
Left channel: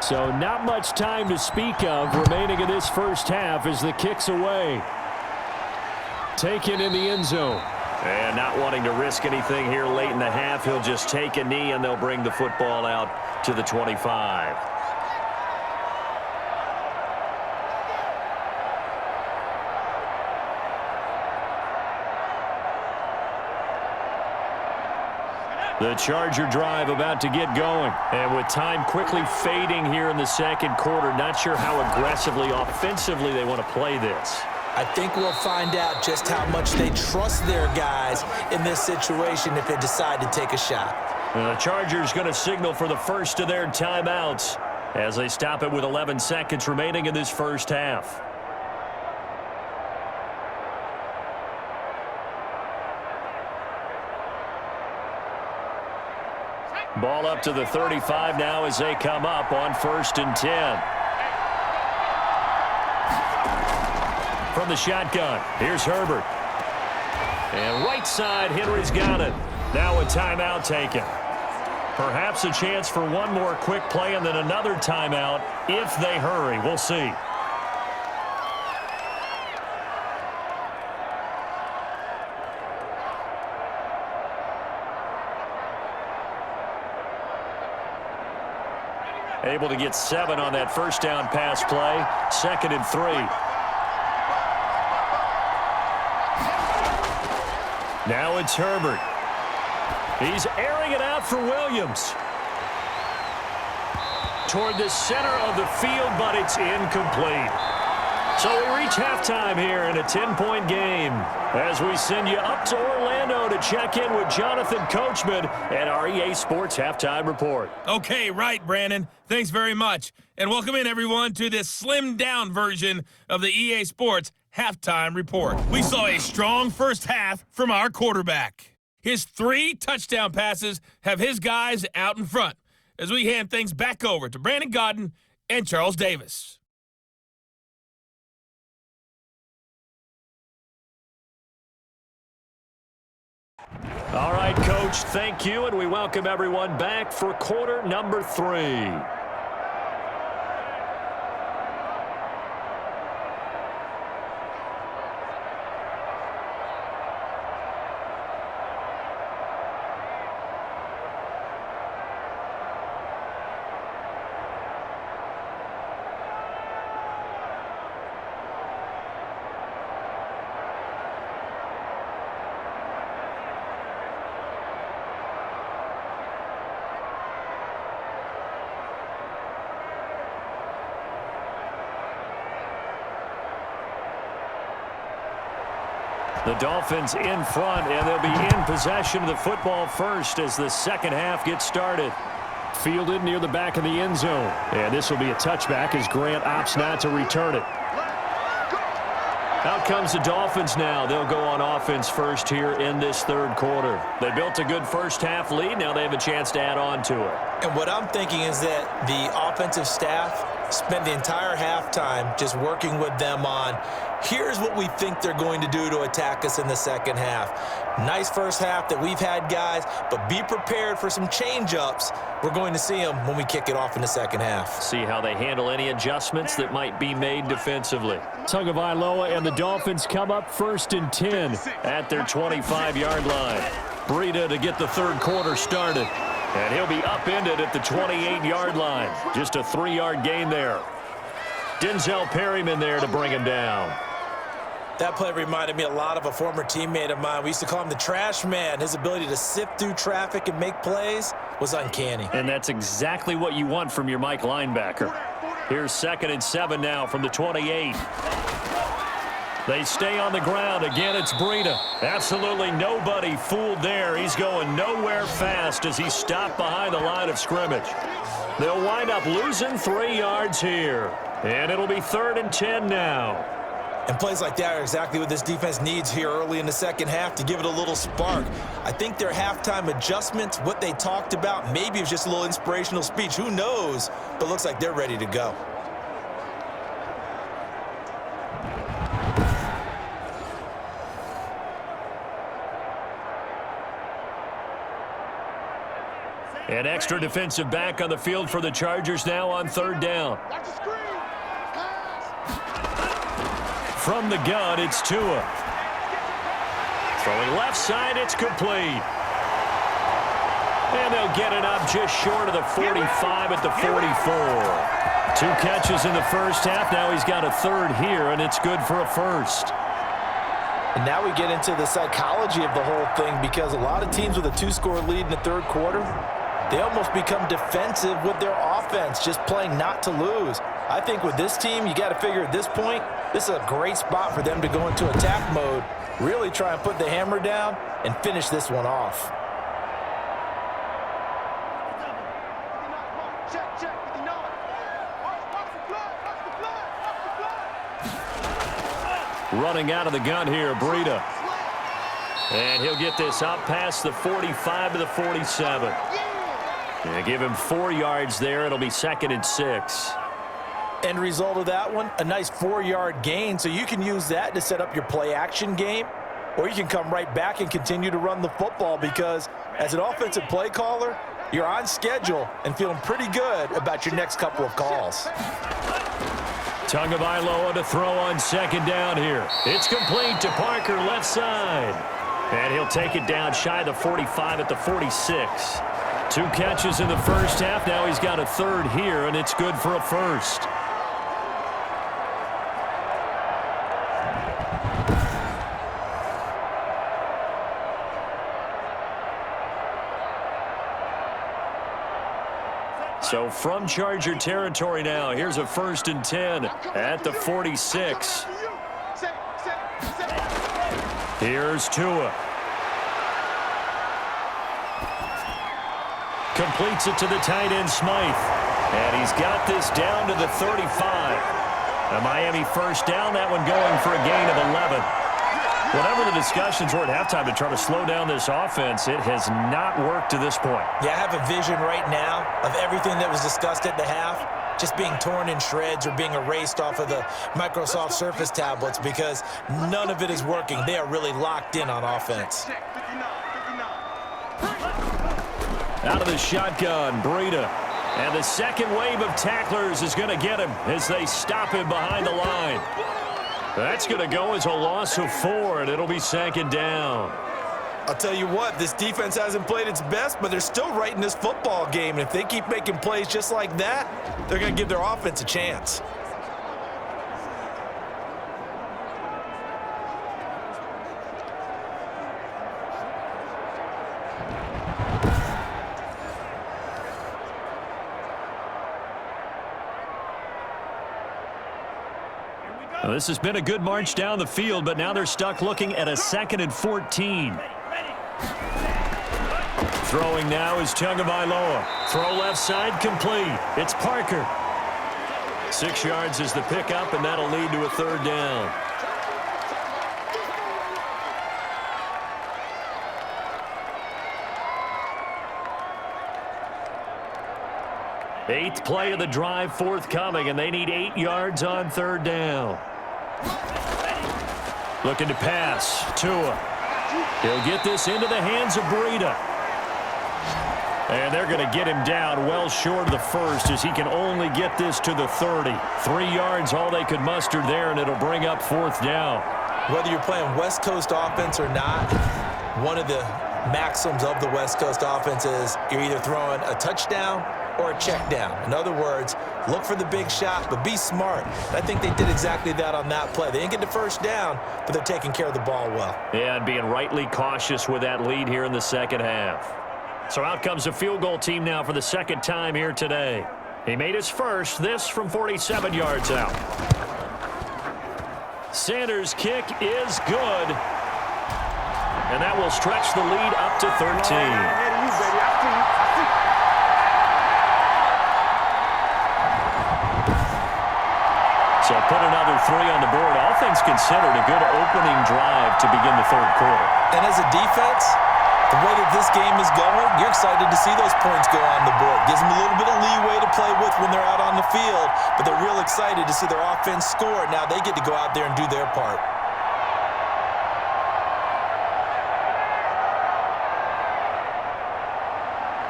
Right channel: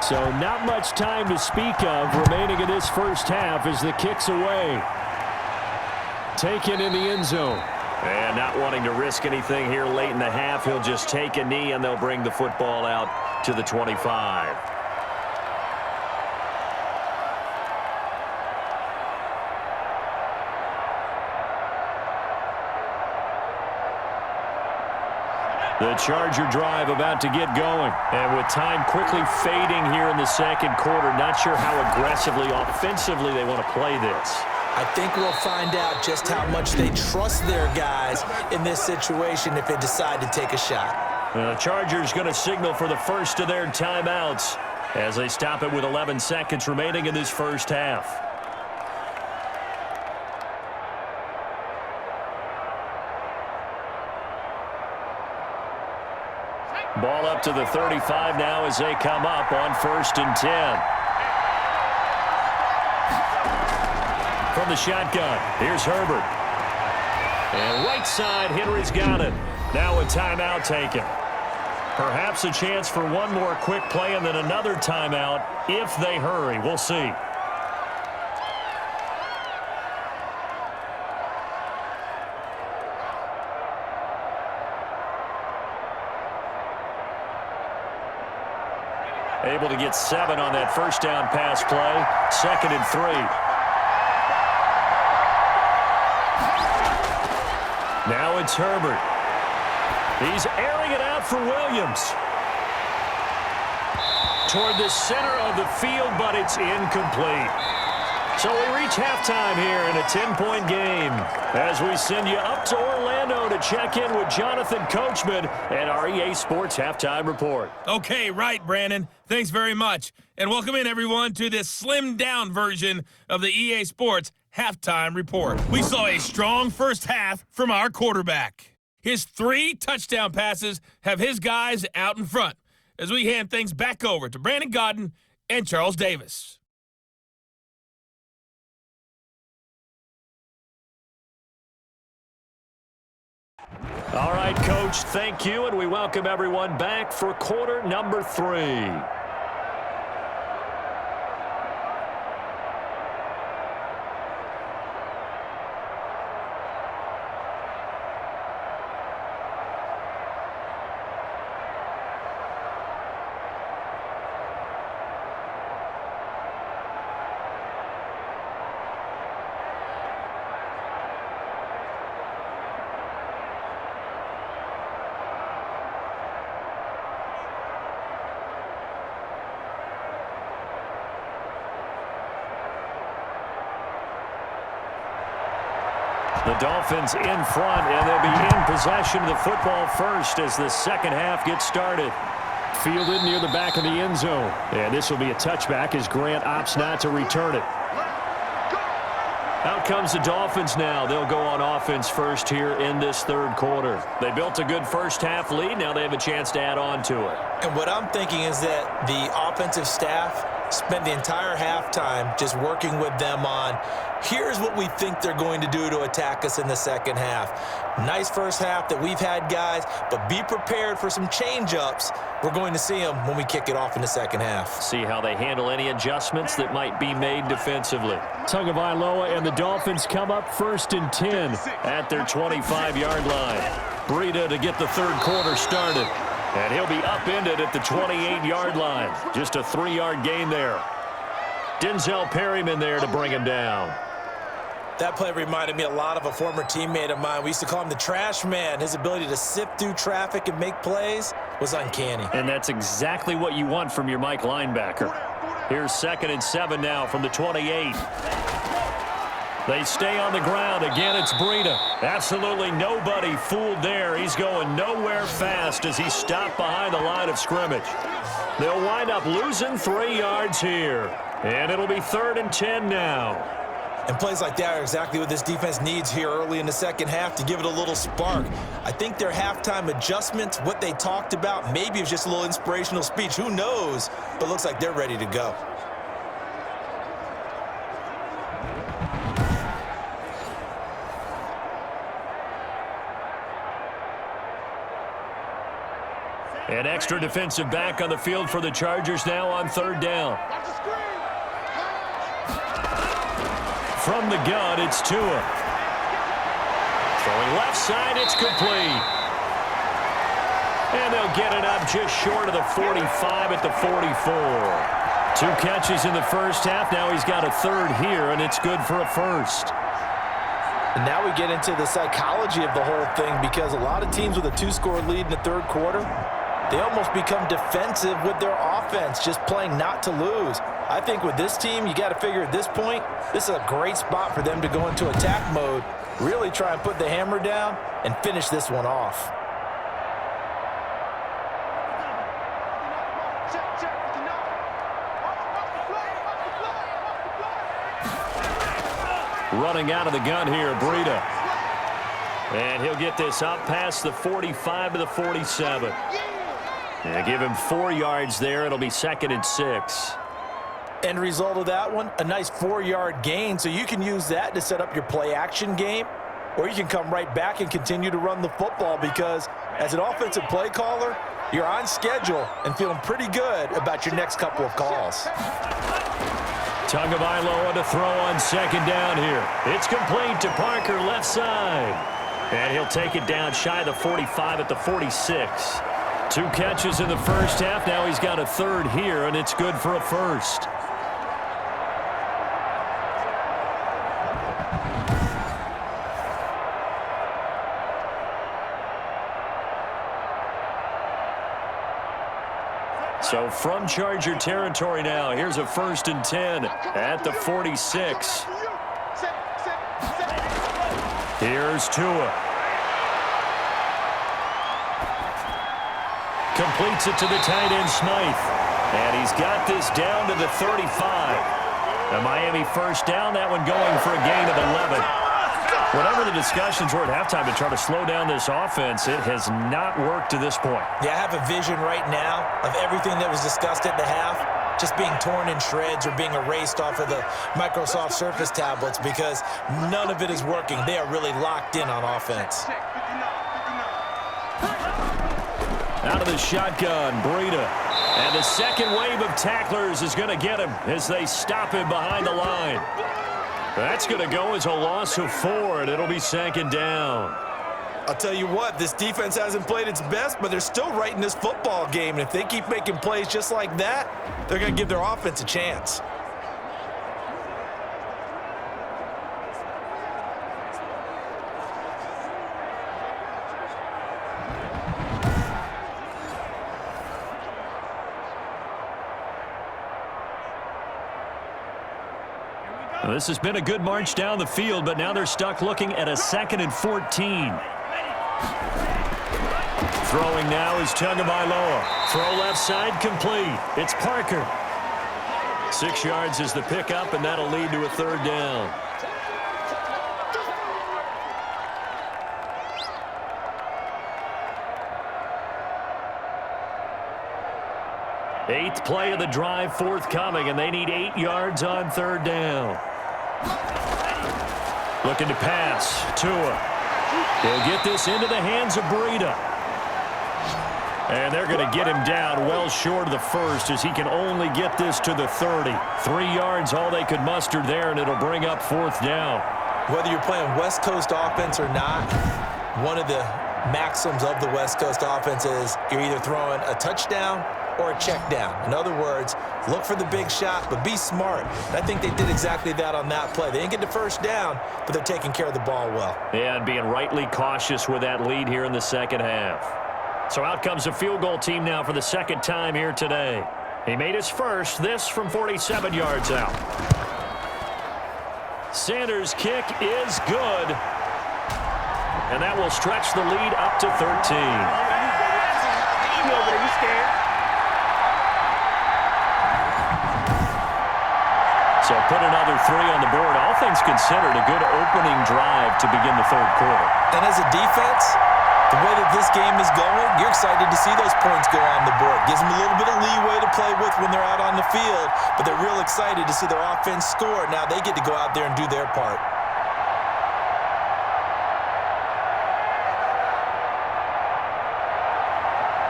So not much time to speak of remaining in this first half as the kick's away. Taken in the end zone. And not wanting to risk anything here late in the half, he'll just take a knee and they'll bring the football out to the 25. The Charger drive about to get going. And with time quickly fading here in the second quarter, not sure how aggressively, offensively they want to play this. I think we'll find out just how much they trust their guys in this situation if they decide to take a shot. The Chargers going to signal for the first of their timeouts as they stop it with 11 seconds remaining in this first half. Ball up to the 35 now as they come up on 1st and 10. From the shotgun, here's Herbert. And right side, Henry's got it. Now a timeout taken. Perhaps a chance for one more quick play and then another timeout if they hurry. We'll see. Able to get 7 on that first down pass play. 2nd and 3. Now it's Herbert. He's airing it out for Williams. Toward the center of the field, but it's incomplete. So we reach halftime here in a 10-point game as we send you up to Orlando to check in with Jonathan Coachman and our EA Sports Halftime Report. Okay, right, Brandon. Thanks very much. And welcome in, everyone, to this slimmed-down version of the EA Sports Halftime Report. We saw a strong first half from our quarterback. His 3 touchdown passes have his guys out in front as we hand things back over to Brandon Godden and Charles Davis. All right, Coach, thank you, and we welcome everyone back for quarter number 3. The Dolphins in front, and they'll be in possession of the football first as the second half gets started. Fielded near the back of the end zone. And this will be a touchback as Grant opts not to return it. Out comes the Dolphins now. They'll go on offense first here in this third quarter. They built a good first half lead. Now they have a chance to add on to it. And what I'm thinking is that the offensive staff spent the entire halftime just working with them on, here's what we think they're going to do to attack us in the second half. Nice first half that we've had, guys, but be prepared for some change-ups. We're going to see them when we kick it off in the second half. See how they handle any adjustments that might be made defensively. Tagovailoa and the Dolphins come up 1st and 10 at their 25-yard line. Breida to get the third quarter started. And he'll be upended at the 28-yard line. Just a 3-yard gain there. Denzel Perryman there to bring him down. That play reminded me a lot of a former teammate of mine. We used to call him the trash man. His ability to sift through traffic and make plays was uncanny. And that's exactly what you want from your Mike linebacker. Here's 2nd and 7 now from the 28. They stay on the ground. Again, it's Breida. Absolutely nobody fooled there. He's going nowhere fast as he stopped behind the line of scrimmage. They'll wind up losing 3 yards here. And it'll be 3rd and 10 now. And plays like that are exactly what this defense needs here early in the second half to give it a little spark. I think their halftime adjustments, what they talked about, maybe it was just a little inspirational speech. Who knows? But looks like they're ready to go. An extra defensive back on the field for the Chargers now on 3rd down. From the gun, it's Tua. Throwing left side, it's complete. And they'll get it up just short of the 45 at the 44. 2 catches in the first half. Now he's got a 3rd here, and it's good for a 1st. And now we get into the psychology of the whole thing, because a lot of teams with a 2-score lead in the third quarter, they almost become defensive with their offense, just playing not to lose. I think with this team, you got to figure at this point, this is a great spot for them to go into attack mode, really try and put the hammer down and finish this one off. Running out of the gun here, Breida. And he'll get this up past the 45 to the 47. Yeah, give him 4 yards there. It'll be 2nd and 6. End result of that one, a nice 4-yard gain, so you can use that to set up your play-action game, or you can come right back and continue to run the football, because as an offensive play caller, you're on schedule and feeling pretty good about your next couple of calls. Tagovailoa to throw on 2nd down here. It's complete to Parker left side. And he'll take it down shy of the 45 at the 46. 2 catches in the first half. Now he's got a third here, and it's good for a first. So from Charger territory now, here's a 1st and 10 at the 46. Here's Tua. Completes it to the tight end, Smythe. And he's got this down to the 35. A Miami first down, that one going for a gain of 11. Whatever the discussions were at halftime to try to slow down this offense, it has not worked to this point. Yeah, I have a vision right now of everything that was discussed at the half just being torn in shreds or being erased off of the Microsoft Surface tablets because none of it is working. They are really locked in on offense. Out of the shotgun, Breida. And the second wave of tacklers is going to get him as they stop him behind the line. That's going to go as a loss of 4, and it'll be 2nd down. I'll tell you what, this defense hasn't played its best, but they're still right in this football game. And if they keep making plays just like that, they're going to give their offense a chance. Well, this has been a good march down the field, but now they're stuck looking at a 2nd and 14. Throwing now is Tagovailoa. Throw left side, complete. It's Parker. 6 yards is the pickup, and that'll lead to a 3rd down. Eighth play of the drive forthcoming, and they need 8 yards on 3rd down. Looking to pass. Tua. He'll get this into the hands of Breida. And they're going to get him down well short of the first as he can only get this to the 30. 3 yards all they could muster there, and it'll bring up 4th down. Whether you're playing West Coast offense or not, one of the maxims of the West Coast offense is you're either throwing a touchdown or a check down. In other words, look for the big shot, but be smart. And I think they did exactly that on that play. They didn't get the first down, but they're taking care of the ball well. Yeah, and being rightly cautious with that lead here in the 2nd half. So out comes the field goal team now for the 2nd time here today. He made his first, this from 47 yards out. Sanders' kick is good. And that will stretch the lead up to 13. So put another 3 on the board. All things considered, a good opening drive to begin the 3rd quarter. And as a defense, the way that this game is going, you're excited to see those points go on the board. Gives them a little bit of leeway to play with when they're out on the field, but they're real excited to see their offense score. Now they get to go out there and do their part.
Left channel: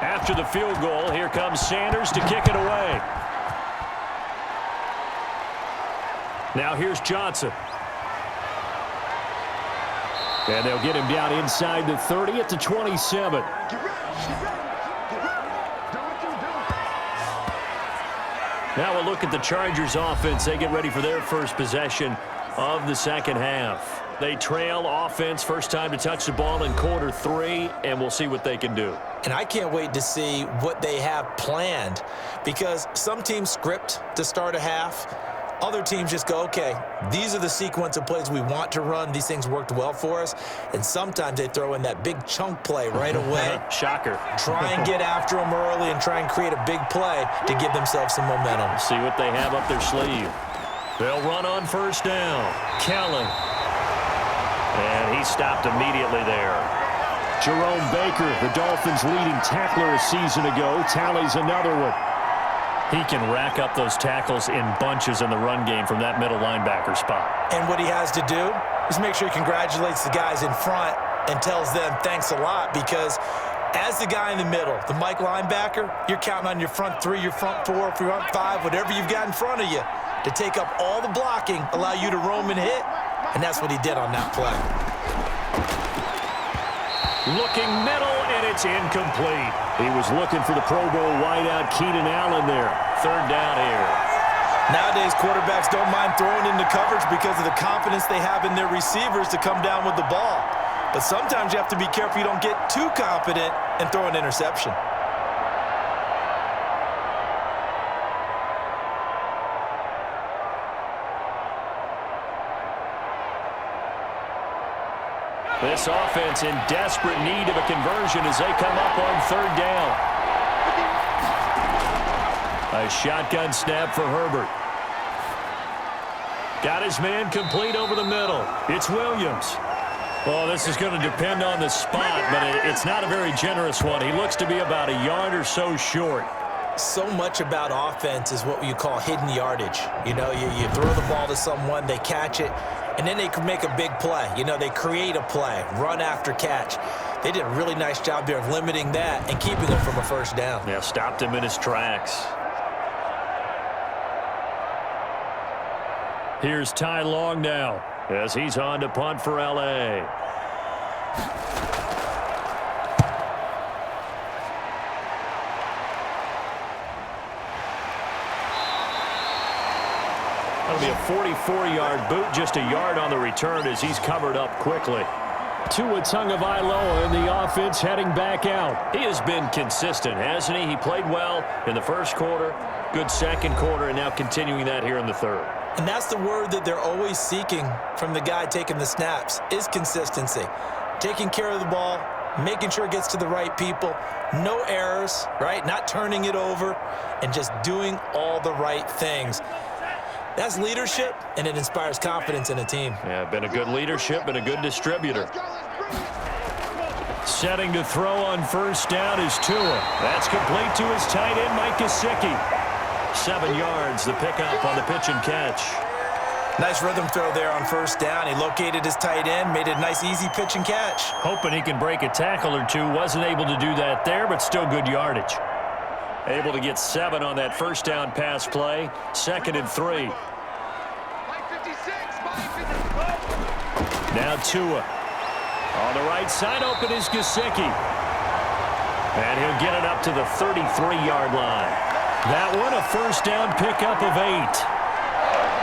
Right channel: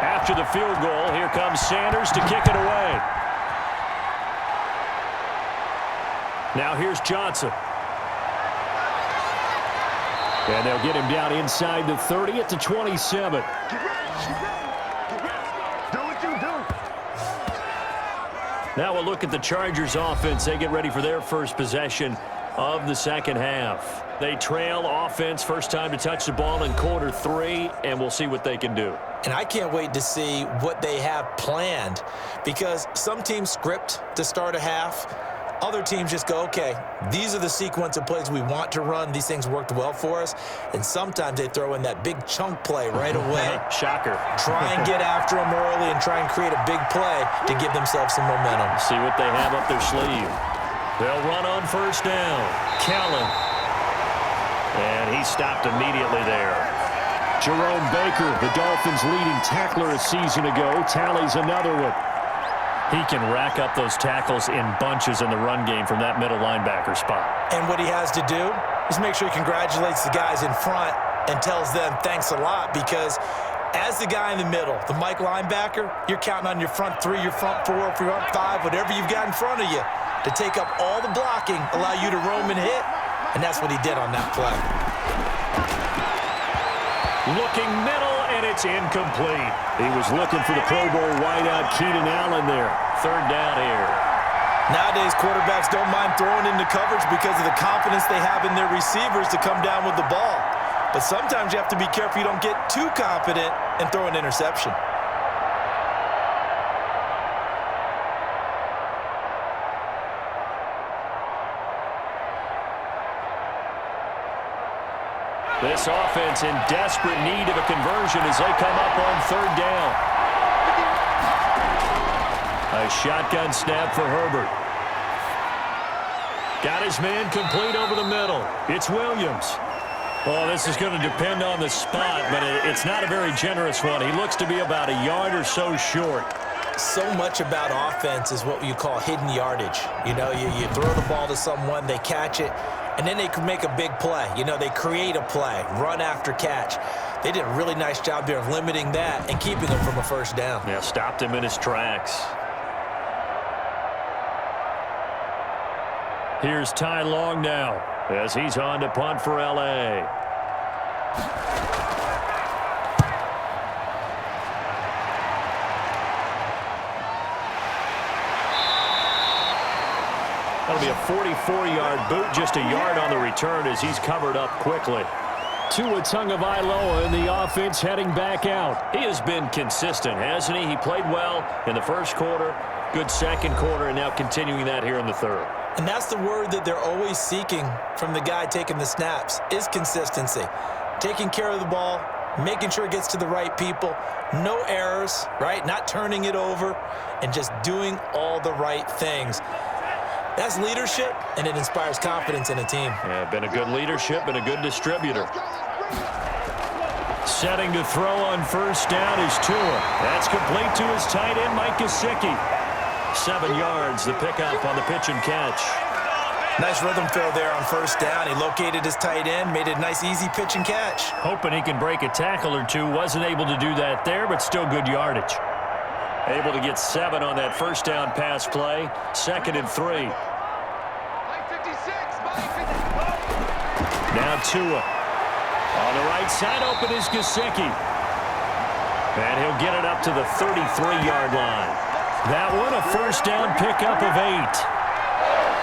After the field goal, here comes Sanders to kick it away. Now here's Johnson. And they'll get him down inside the 30 at the 27. Get ready. Do what you do. Now we'll look at the Chargers offense. They get ready for their first possession of the 2nd half. They trail offense, first time to touch the ball in quarter 3, and we'll see what they can do. And I can't wait to see what they have planned because some teams script to start a half. Other teams just go, okay, these are the sequence of plays we want to run. These things worked well for us. And sometimes they throw in that big chunk play right away. Shocker. Try and get after them early and try and create a big play to give themselves some momentum. See what they have up their sleeve. They'll run on first down. Kellen. And he stopped immediately there. Jerome Baker, the Dolphins' leading tackler a season ago, tallies another one. He can rack up those tackles in bunches in the run game from that middle linebacker spot. And what he has to do is make sure he congratulates the guys in front and tells them thanks a lot because as the guy in the middle, the Mike linebacker, you're counting on your front 3, your front 4, your front 5, whatever you've got in front of you to take up all the blocking, allow you to roam and hit, and that's what he did on that play. Looking middle and it's incomplete. He was looking for the Pro Bowl wideout Keenan Allen there. Third down here. Nowadays, quarterbacks don't mind throwing into coverage because of the confidence they have in their receivers to come down with the ball. But sometimes you have to be careful you don't get too confident and throw an interception. This offense in desperate need of a conversion as they come up on third down. A shotgun snap for Herbert. Got his man complete over the middle. It's Williams. Well, this is going to depend on the spot, but it's not a very generous one. He looks to be about a yard or so short. So much about offense is what you call hidden yardage. You know, you throw the ball to someone, they catch it, and then they can make a big play. You know, they create a play, run after catch. They did a really nice job there of limiting that and keeping him from a first down. Yeah, stopped him in his tracks. Here's Ty Long now as he's on to punt for L.A. That'll be a 44-yard boot, just a yard on the return as he's covered up quickly. Tua Tagovailoa in the offense heading back out. He has been consistent, hasn't he? He played well in the first quarter, good second quarter, and now continuing that here in the third. And that's the word that they're always seeking from the guy taking the snaps, is consistency. Taking care of the ball, making sure it gets to the right people, no errors, right? Not turning it over, and just doing all the right things. That's leadership, and it inspires confidence in a team. Yeah, been a good leadership and a good distributor. Setting to throw on first down is Tua. That's complete to his tight end, Mike Gesicki. 7 yards, the pickup on the pitch and catch. Nice rhythm throw there on first down. He located his tight end, made it a nice, easy pitch and catch. Hoping he can break a tackle or two. Wasn't able to do that there, but still good yardage. Able to get 7 on that first down pass play. 2nd and 3. Now Tua. On the right side, open is Gesicki. And he'll get it up to the 33-yard line. That one, a first down pickup of 8.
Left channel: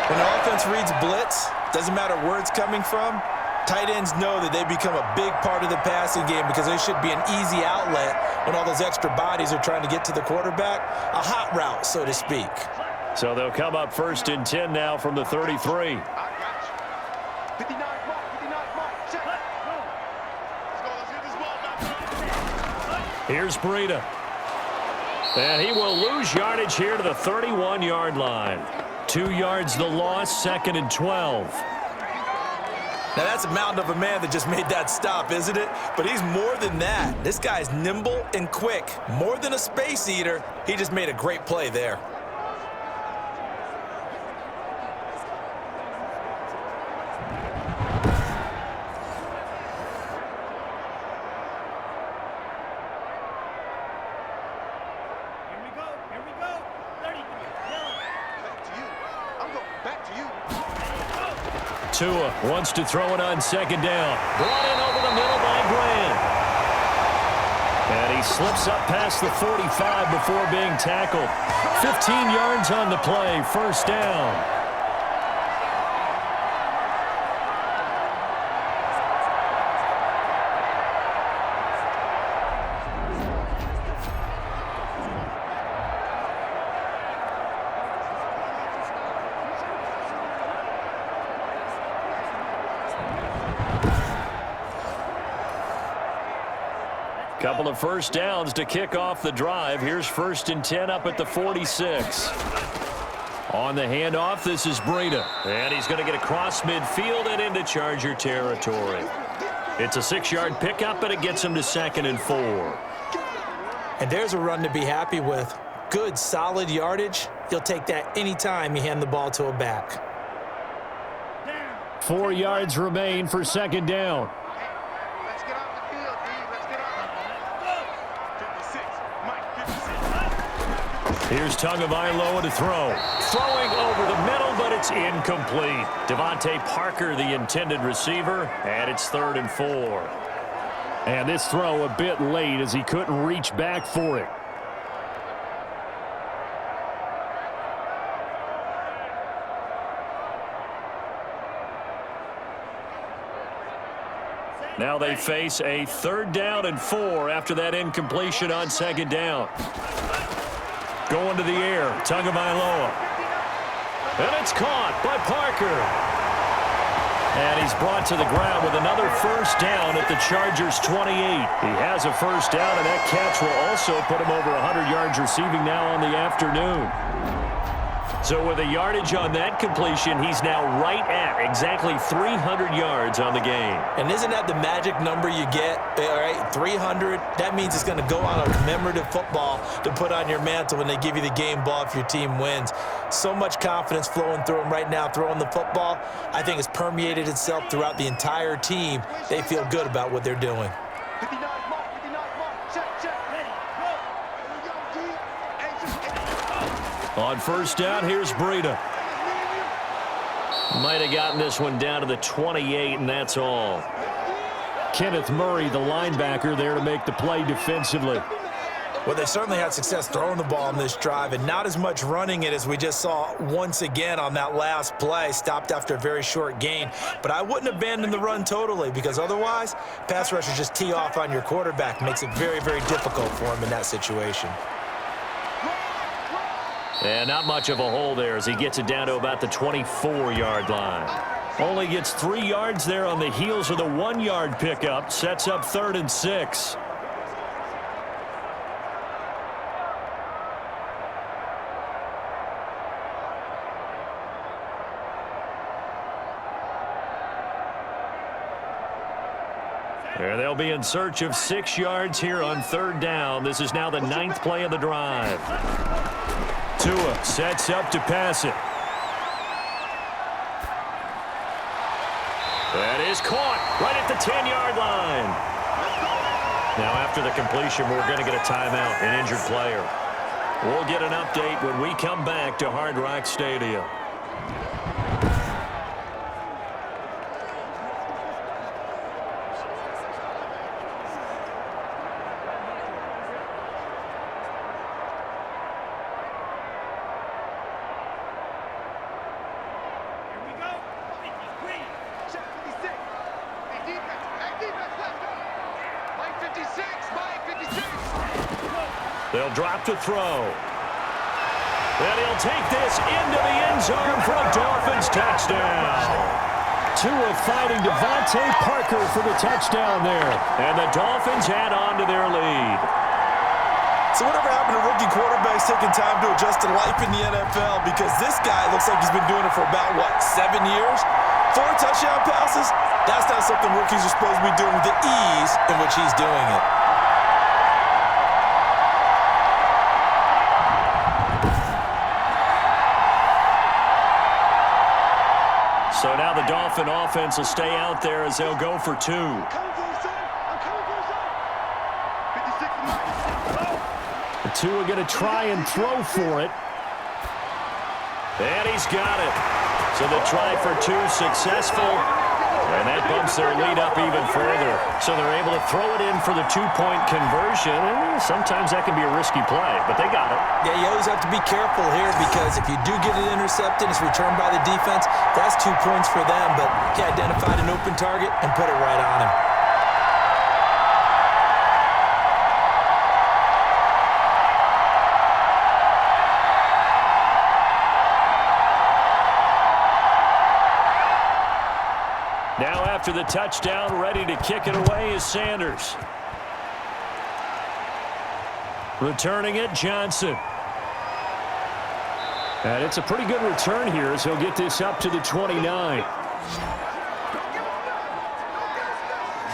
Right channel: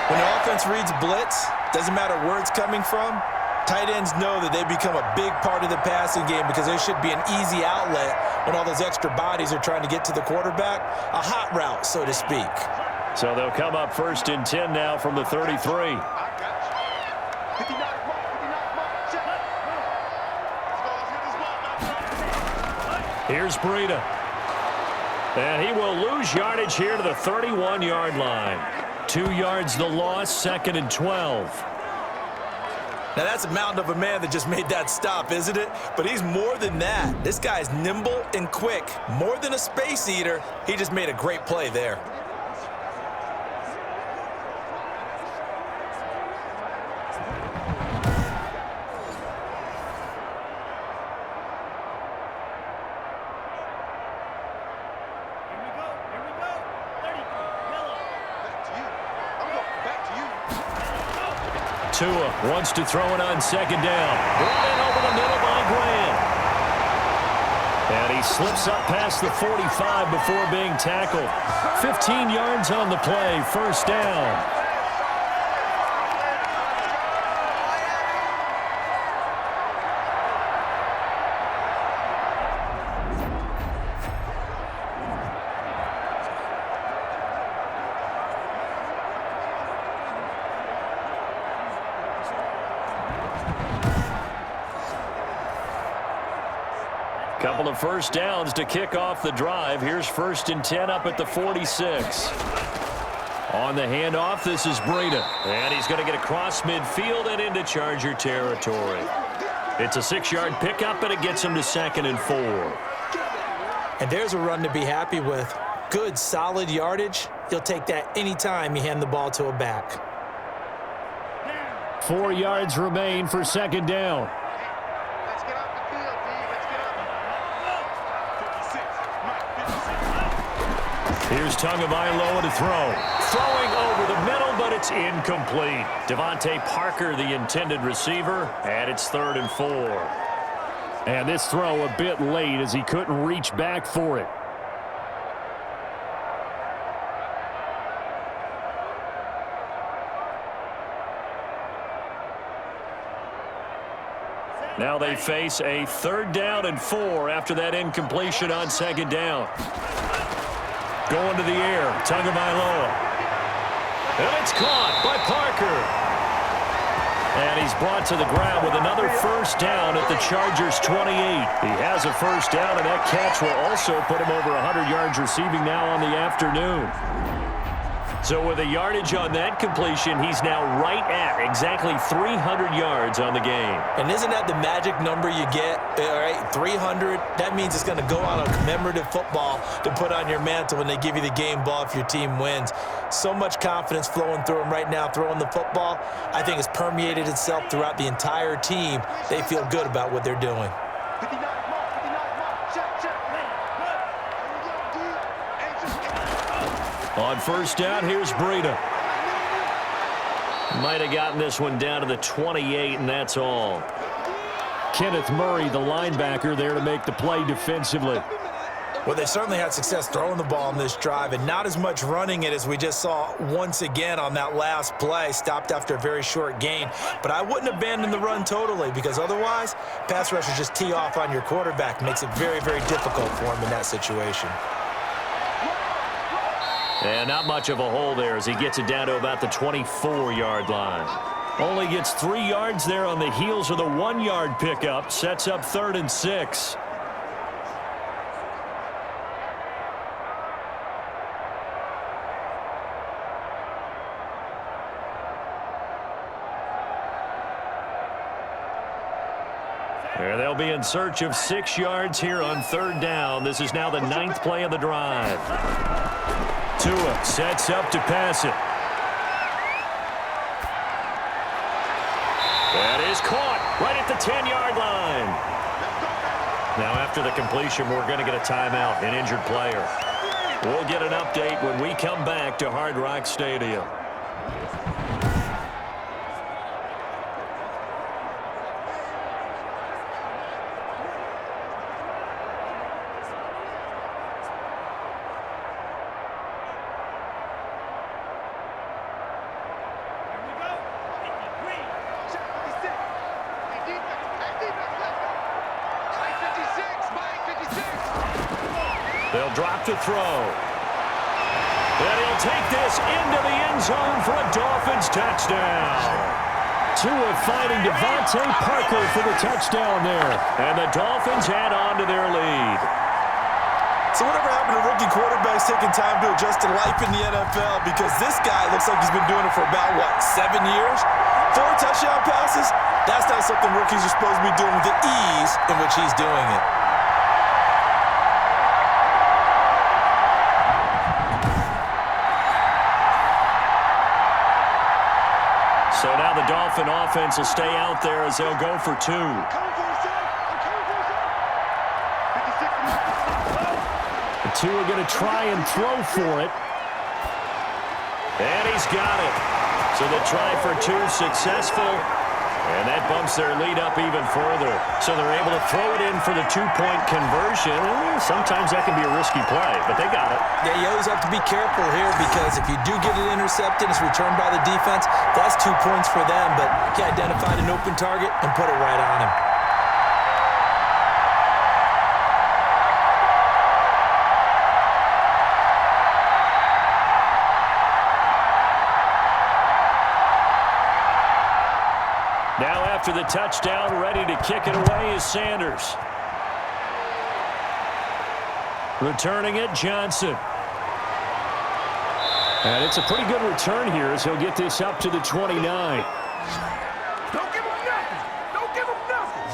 When the offense reads blitz, doesn't matter where it's coming from, tight ends know that they become a big part of the passing game because there should be an easy outlet when all those extra bodies are trying to get to the quarterback. A hot route, so to speak. So they'll come up 1st and 10 now from the 33. Here's Breida. And he will lose yardage here to the 31-yard line. 2 yards the loss, 2nd and 12. Now that's a mountain of a man that just made that stop, isn't it? But he's more than that. This guy's nimble and quick. More than a space eater, he just made a great play there. Tua wants to throw it on 2nd down. Brought in over the middle by Grant. And he slips up past the 45 before being tackled. 15 yards on the play, 1st down. Couple of first downs to kick off the drive. Here's 1st and 10 up at the 46. On the handoff, this is Breida. And he's going to get across midfield and into Charger territory. It's a 6-yard pickup, and it gets him to 2nd and 4. And there's a run to be happy with. Good, solid yardage. You'll take that anytime you hand the ball to a back. 4 yards remain for 2nd down. Here's Tagovailoa to throw. Throwing over the middle, but it's incomplete. Devontae Parker, the intended receiver, and it's 3rd and 4. And this throw a bit late as he couldn't reach back for it. Now they face a 3rd down and 4 after that incompletion on 2nd down. Going to the air, Tagovailoa. And it's caught by Parker. And he's brought to the ground with another 1st down at the Chargers' 28. He has a 1st down, and that catch will also put him over 100 yards receiving now on the afternoon. So with a yardage on that completion, he's now right at exactly 300 yards on the game. And isn't that the magic number you get, all right, 300? That means it's going to go on a commemorative football to put on your mantle when they give you the game ball if your team wins. So much confidence flowing through him right now, throwing the football. I think it's permeated itself throughout the entire team. They feel good about what they're doing. 59 mark, 59 mark, check, ready, go. Here we go, D. On 1st down, here's Breida. Might have gotten this one down to the 28, and that's all. Kenneth Murray, the linebacker, there to make the play defensively. Well, they certainly had success throwing the ball on this drive, and not as much running it as we just saw once again on that last play. Stopped after a very short gain. But I wouldn't abandon the run totally, because otherwise, pass rushers just tee off on your quarterback. Makes it very, very difficult for him in that situation. And not much of a hole there as he gets it down to about the 24-yard line. Only gets 3 yards there on the heels of the 1-yard pickup. Sets up 3rd and 6. There they'll be in search of 6 yards here on 3rd down. This is now the 9th play of the drive. Tua sets up to pass it. That is caught right at the 10-yard line. Now after the completion, we're going to get a timeout, an injured player. We'll get an update when we come back to Hard Rock Stadium. They'll drop to throw. And he'll take this into the end zone for a Dolphins touchdown. Tua finding Devontae Parker for the touchdown there. And the Dolphins add on to their lead. So whatever happened to rookie quarterbacks taking time to adjust to life in the NFL? Because this guy looks like he's been doing it for about, 7 years? 4 touchdown passes? That's not something rookies are supposed to be doing with the ease in which he's doing it. So now the Dolphin offense will stay out there as they'll go for 2. I'm coming for you, son. I'm coming for you, son. 56 and 9. The 2 are going to try and throw for it. And he's got it. So the try for 2 successful. And that bumps their lead up even further. So they're able to throw it in for the 2-point conversion. And sometimes that can be a risky play, but they got it. Yeah, you always have to be careful here because if you do get it intercepted, it's returned by the defense. That's 2 points for them, but he identified an open target and put it right on him. Now after the touchdown, ready to kick it away is Sanders. Returning it, Johnson. And it's a pretty good return here as he'll get this up to the 29. Don't give him nothing. Don't give him nothing.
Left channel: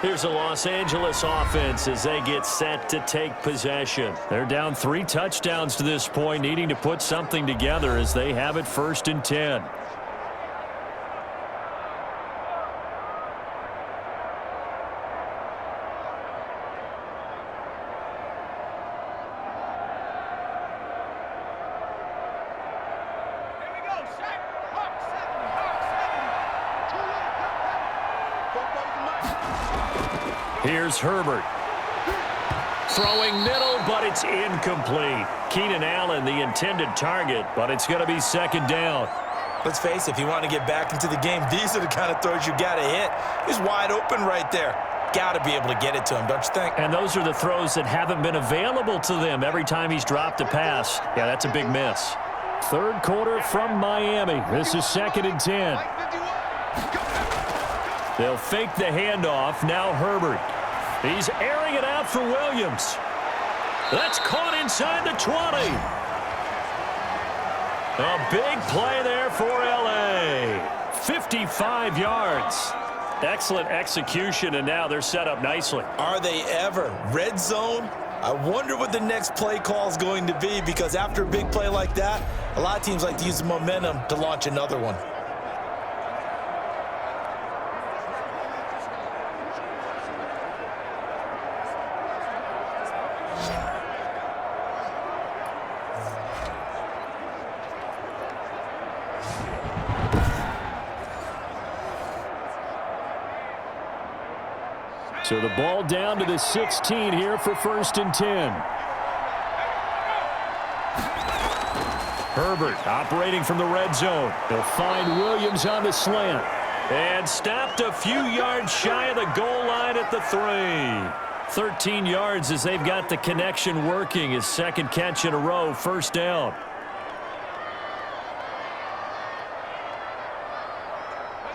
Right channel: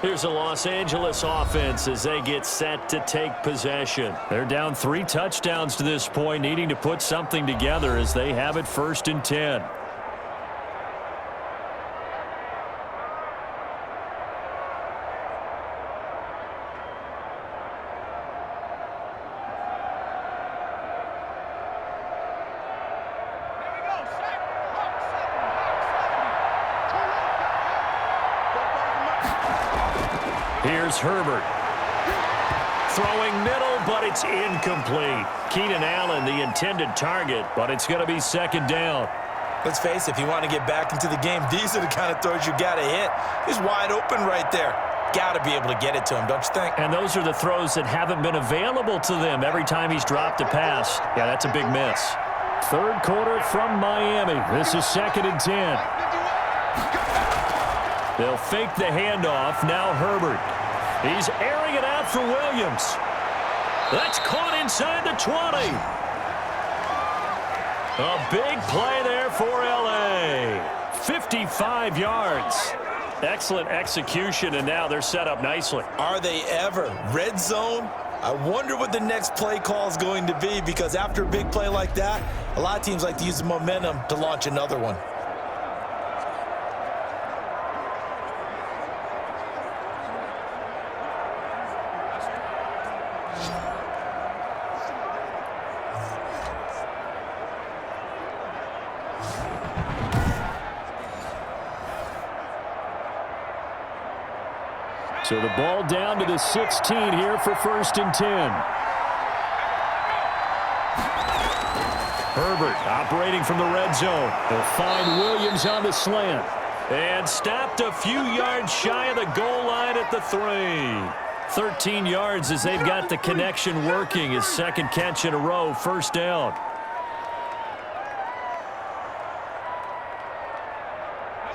Here's the Los Angeles offense as they get set to take possession. They're down 3 touchdowns to this point, needing to put something together as they have it 1st and 10. Here's Herbert. Throwing middle, but it's incomplete. Keenan Allen, the intended target, but it's going to be second down. Let's face it, if you want to get back into the game, these are the kind of throws you got to hit. He's wide open right there. Got to be able to get it to him, don't you think? And those are the throws that haven't been available to them every time he's dropped a pass. Yeah, that's a big miss. Third quarter from Miami. This is 2nd and 10. They'll fake the handoff. Now Herbert. He's airing it out for Williams. That's caught inside the 20. A big play there for L.A. 55 yards. Excellent execution, and now they're set up nicely. Are they ever? Red zone? I wonder what the next play call is going to be, because after a big play like that, a lot of teams like to use the momentum to launch another one. So the ball down to the 16 here for 1st and 10. Herbert operating from the red zone. He'll find Williams on the slant. And stopped a few yards shy of the goal line at the 3. 13 yards as they've got the connection working. His second catch in a row, first down.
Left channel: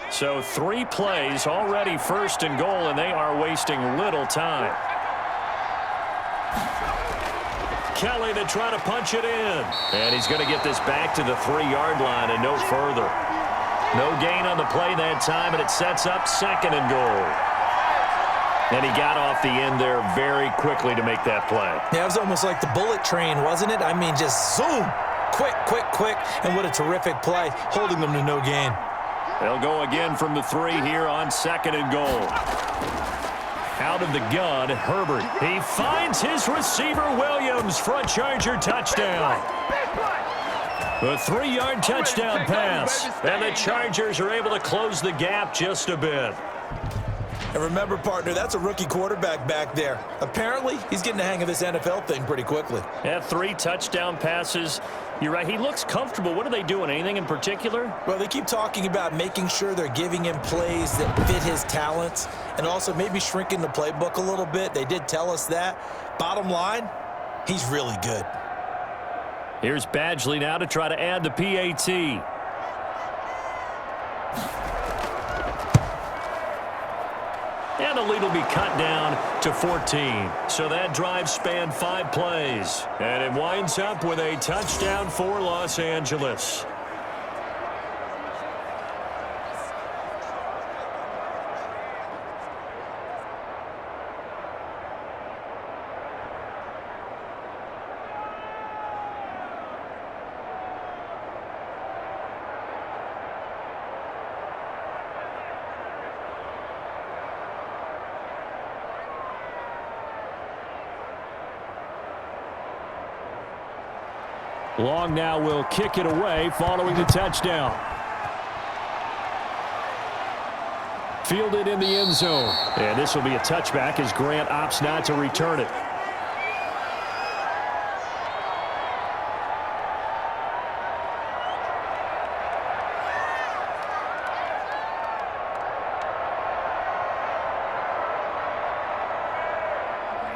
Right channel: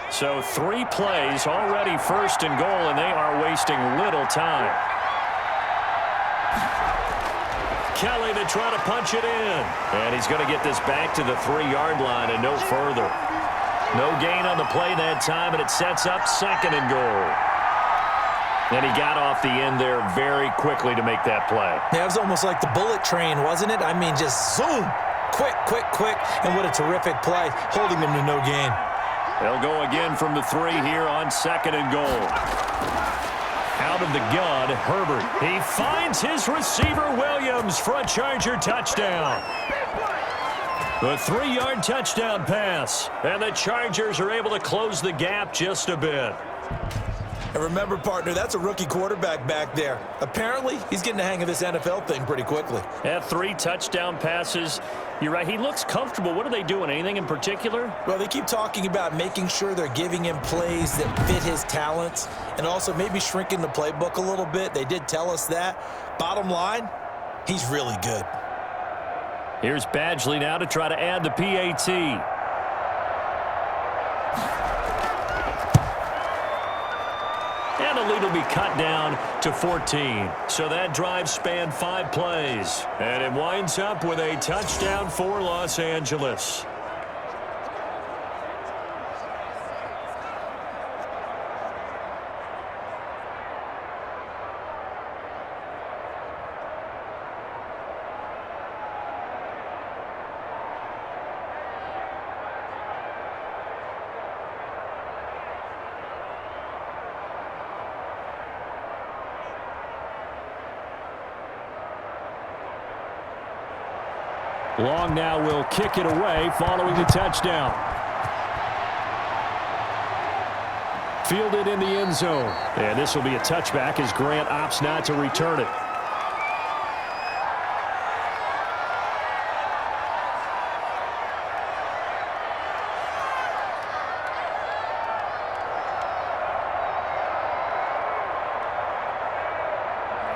So 3 plays already 1st and goal, and they are wasting little time. Kelly to try to punch it in. And he's going to get this back to the 3-yard line and no further. No gain on the play that time, and it sets up 2nd and goal. And he got off the end there very quickly to make that play. Yeah, it was almost like the bullet train, wasn't it? I mean, just zoom. Quick, quick, quick. And what a terrific play, holding them to no gain. They'll go again from the 3 here on 2nd and goal. Out of the gun, Herbert. He finds his receiver, Williams, for a Charger touchdown. The 3-yard touchdown pass. And the Chargers are able to close the gap just a bit. And remember, partner, that's a rookie quarterback back there. Apparently, he's getting the hang of this NFL thing pretty quickly. Yeah, 3 touchdown passes. You're right. He looks comfortable. What are they doing? Anything in particular? Well, they keep talking about making sure they're giving him plays that fit his talents and also maybe shrinking the playbook a little bit. They did tell us that. Bottom line, he's really good. Here's Badgley now to try to add the PAT. And the lead will be cut down to 14. So that drive spanned 5 plays. And it winds up with a touchdown for Los Angeles. Long now will kick it away following the touchdown. Fielded in the end zone. And this will be a touchback as Grant opts not to return it.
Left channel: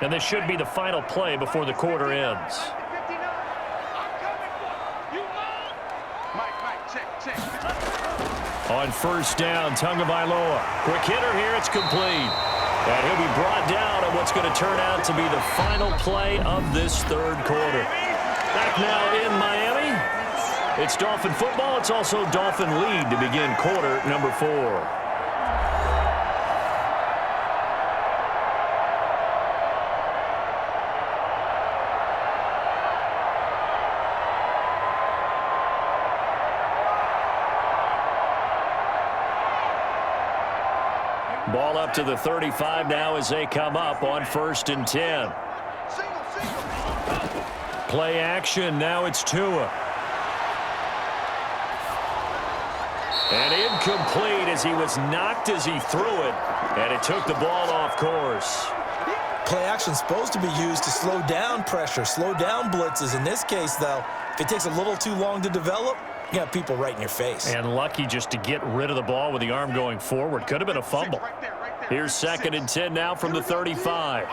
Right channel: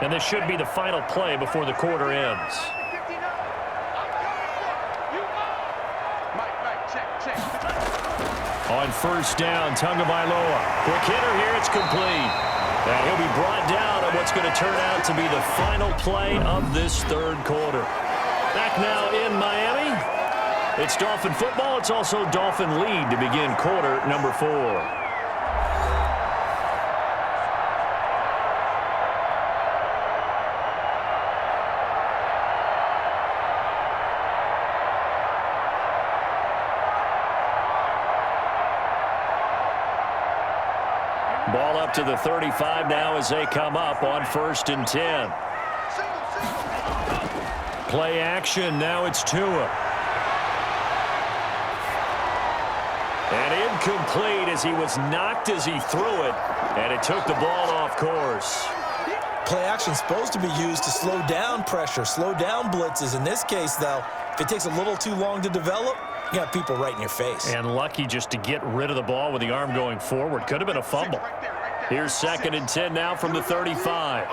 And this should be the final play before the quarter ends. On first down, Tagovailoa. Quick hitter here, it's complete. And he'll be brought down on what's going to turn out to be the final play of this 3rd quarter. Back now in Miami. It's Dolphin football. It's also Dolphin lead to begin quarter number 4. Ball up to the 35 now as they come up on 1st and 10. Play action. Now it's Tua. And incomplete as he was knocked as he threw it, and it took the ball off course. Play action is supposed to be used to slow down pressure, slow down blitzes. In this case, though, if it takes a little too long to develop, you got people right in your face. And lucky just to get rid of the ball with the arm going forward. Could have been a fumble. Here's 2nd and 10 now from the 35.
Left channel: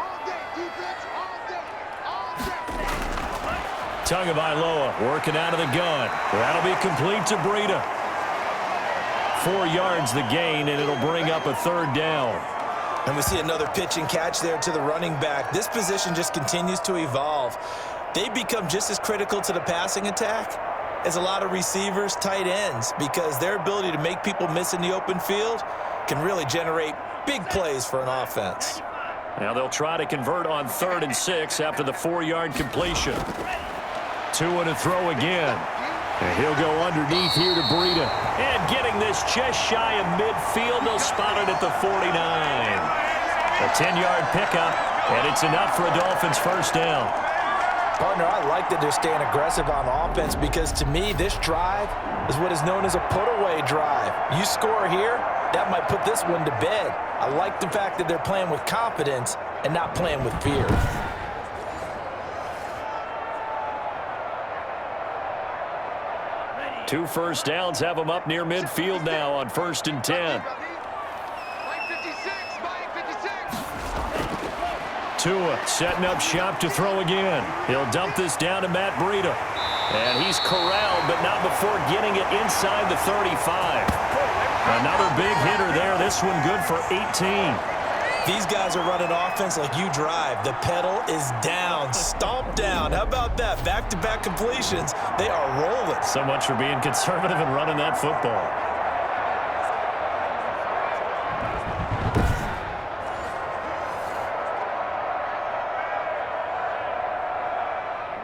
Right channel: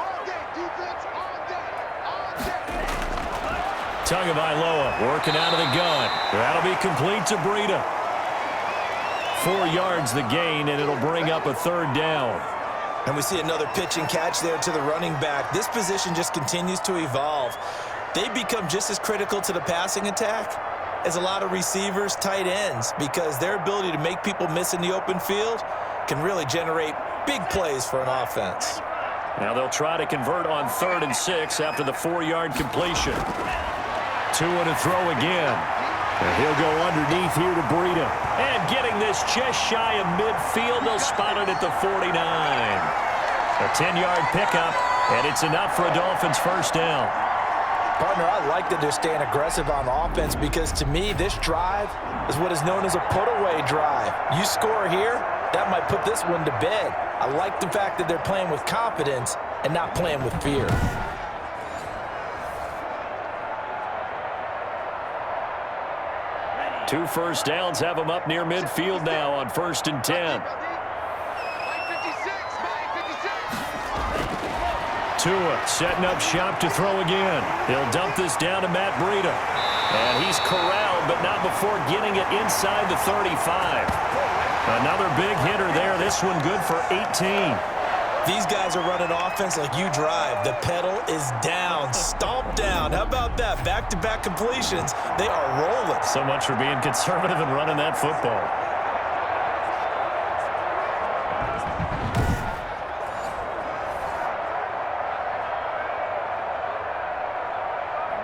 Tagovailoa working out of the gun. That'll be complete to Breida. 4 yards the gain, and it'll bring up a 3rd down. And we see another pitch and catch there to the running back. This position just continues to evolve. They become just as critical to the passing attack as a lot of receivers, tight ends, because their ability to make people miss in the open field can really generate big plays for an offense. Now they'll try to convert on 3rd and 6 after the 4-yard completion. Tua to throw again. And he'll go underneath here to Breida. And getting this just shy of midfield, they'll spot it at the 49. A 10-yard pickup, and it's enough for a Dolphins 1st down. Partner, I like that they're staying aggressive on offense because, to me, this drive is what is known as a put-away drive. You score here, that might put this one to bed. I like the fact that they're playing with confidence and not playing with fear. Two 1st downs have them up near midfield now on 1st and 10. Tua setting up shop to throw again. He'll dump this down to Matt Breida. And he's corralled, but not before getting it inside the 35. Another big hitter there. This one good for 18. These guys are running offense like you drive. The pedal is down, stomp down. How about that? Back-to-back completions. They are rolling. So much for being conservative and running that football.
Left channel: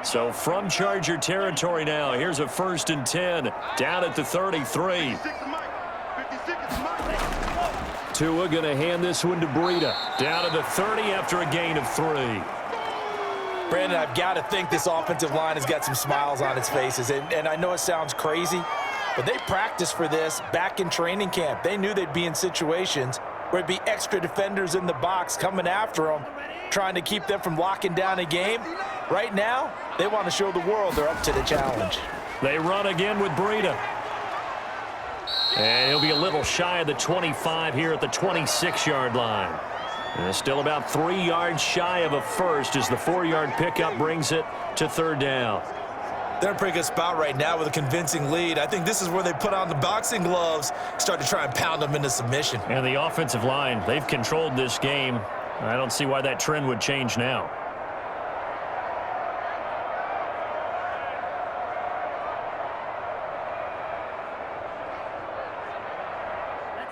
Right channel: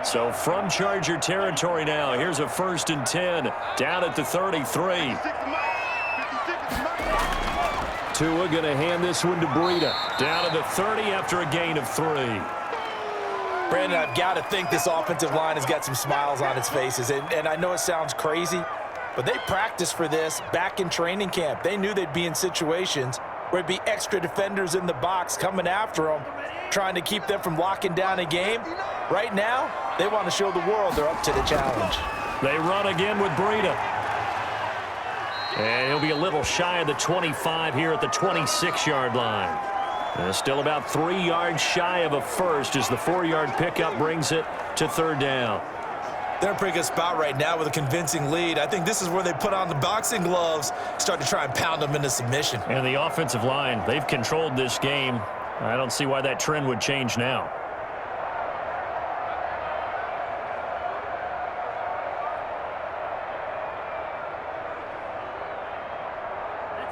So from Charger territory now, here's a 1st and 10 down at the 33. Tua going to hand this one to Breida. Down to the 30 after a gain of 3. Brandon, I've got to think this offensive line has got some smiles on its faces. And I know it sounds crazy, but they practiced for this back in training camp. They knew they'd be in situations where it'd be extra defenders in the box coming after them, trying to keep them from locking down a game. Right now, they want to show the world they're up to the challenge. They run again with Breida. And he'll be a little shy of the 25 here at the 26-yard line. And still about 3 yards shy of a first as the 4-yard pickup brings it to 3rd down. They're in a pretty good spot right now with a convincing lead. I think this is where they put on the boxing gloves, start to try and pound them into submission. And the offensive line, they've controlled this game. I don't see why that trend would change now.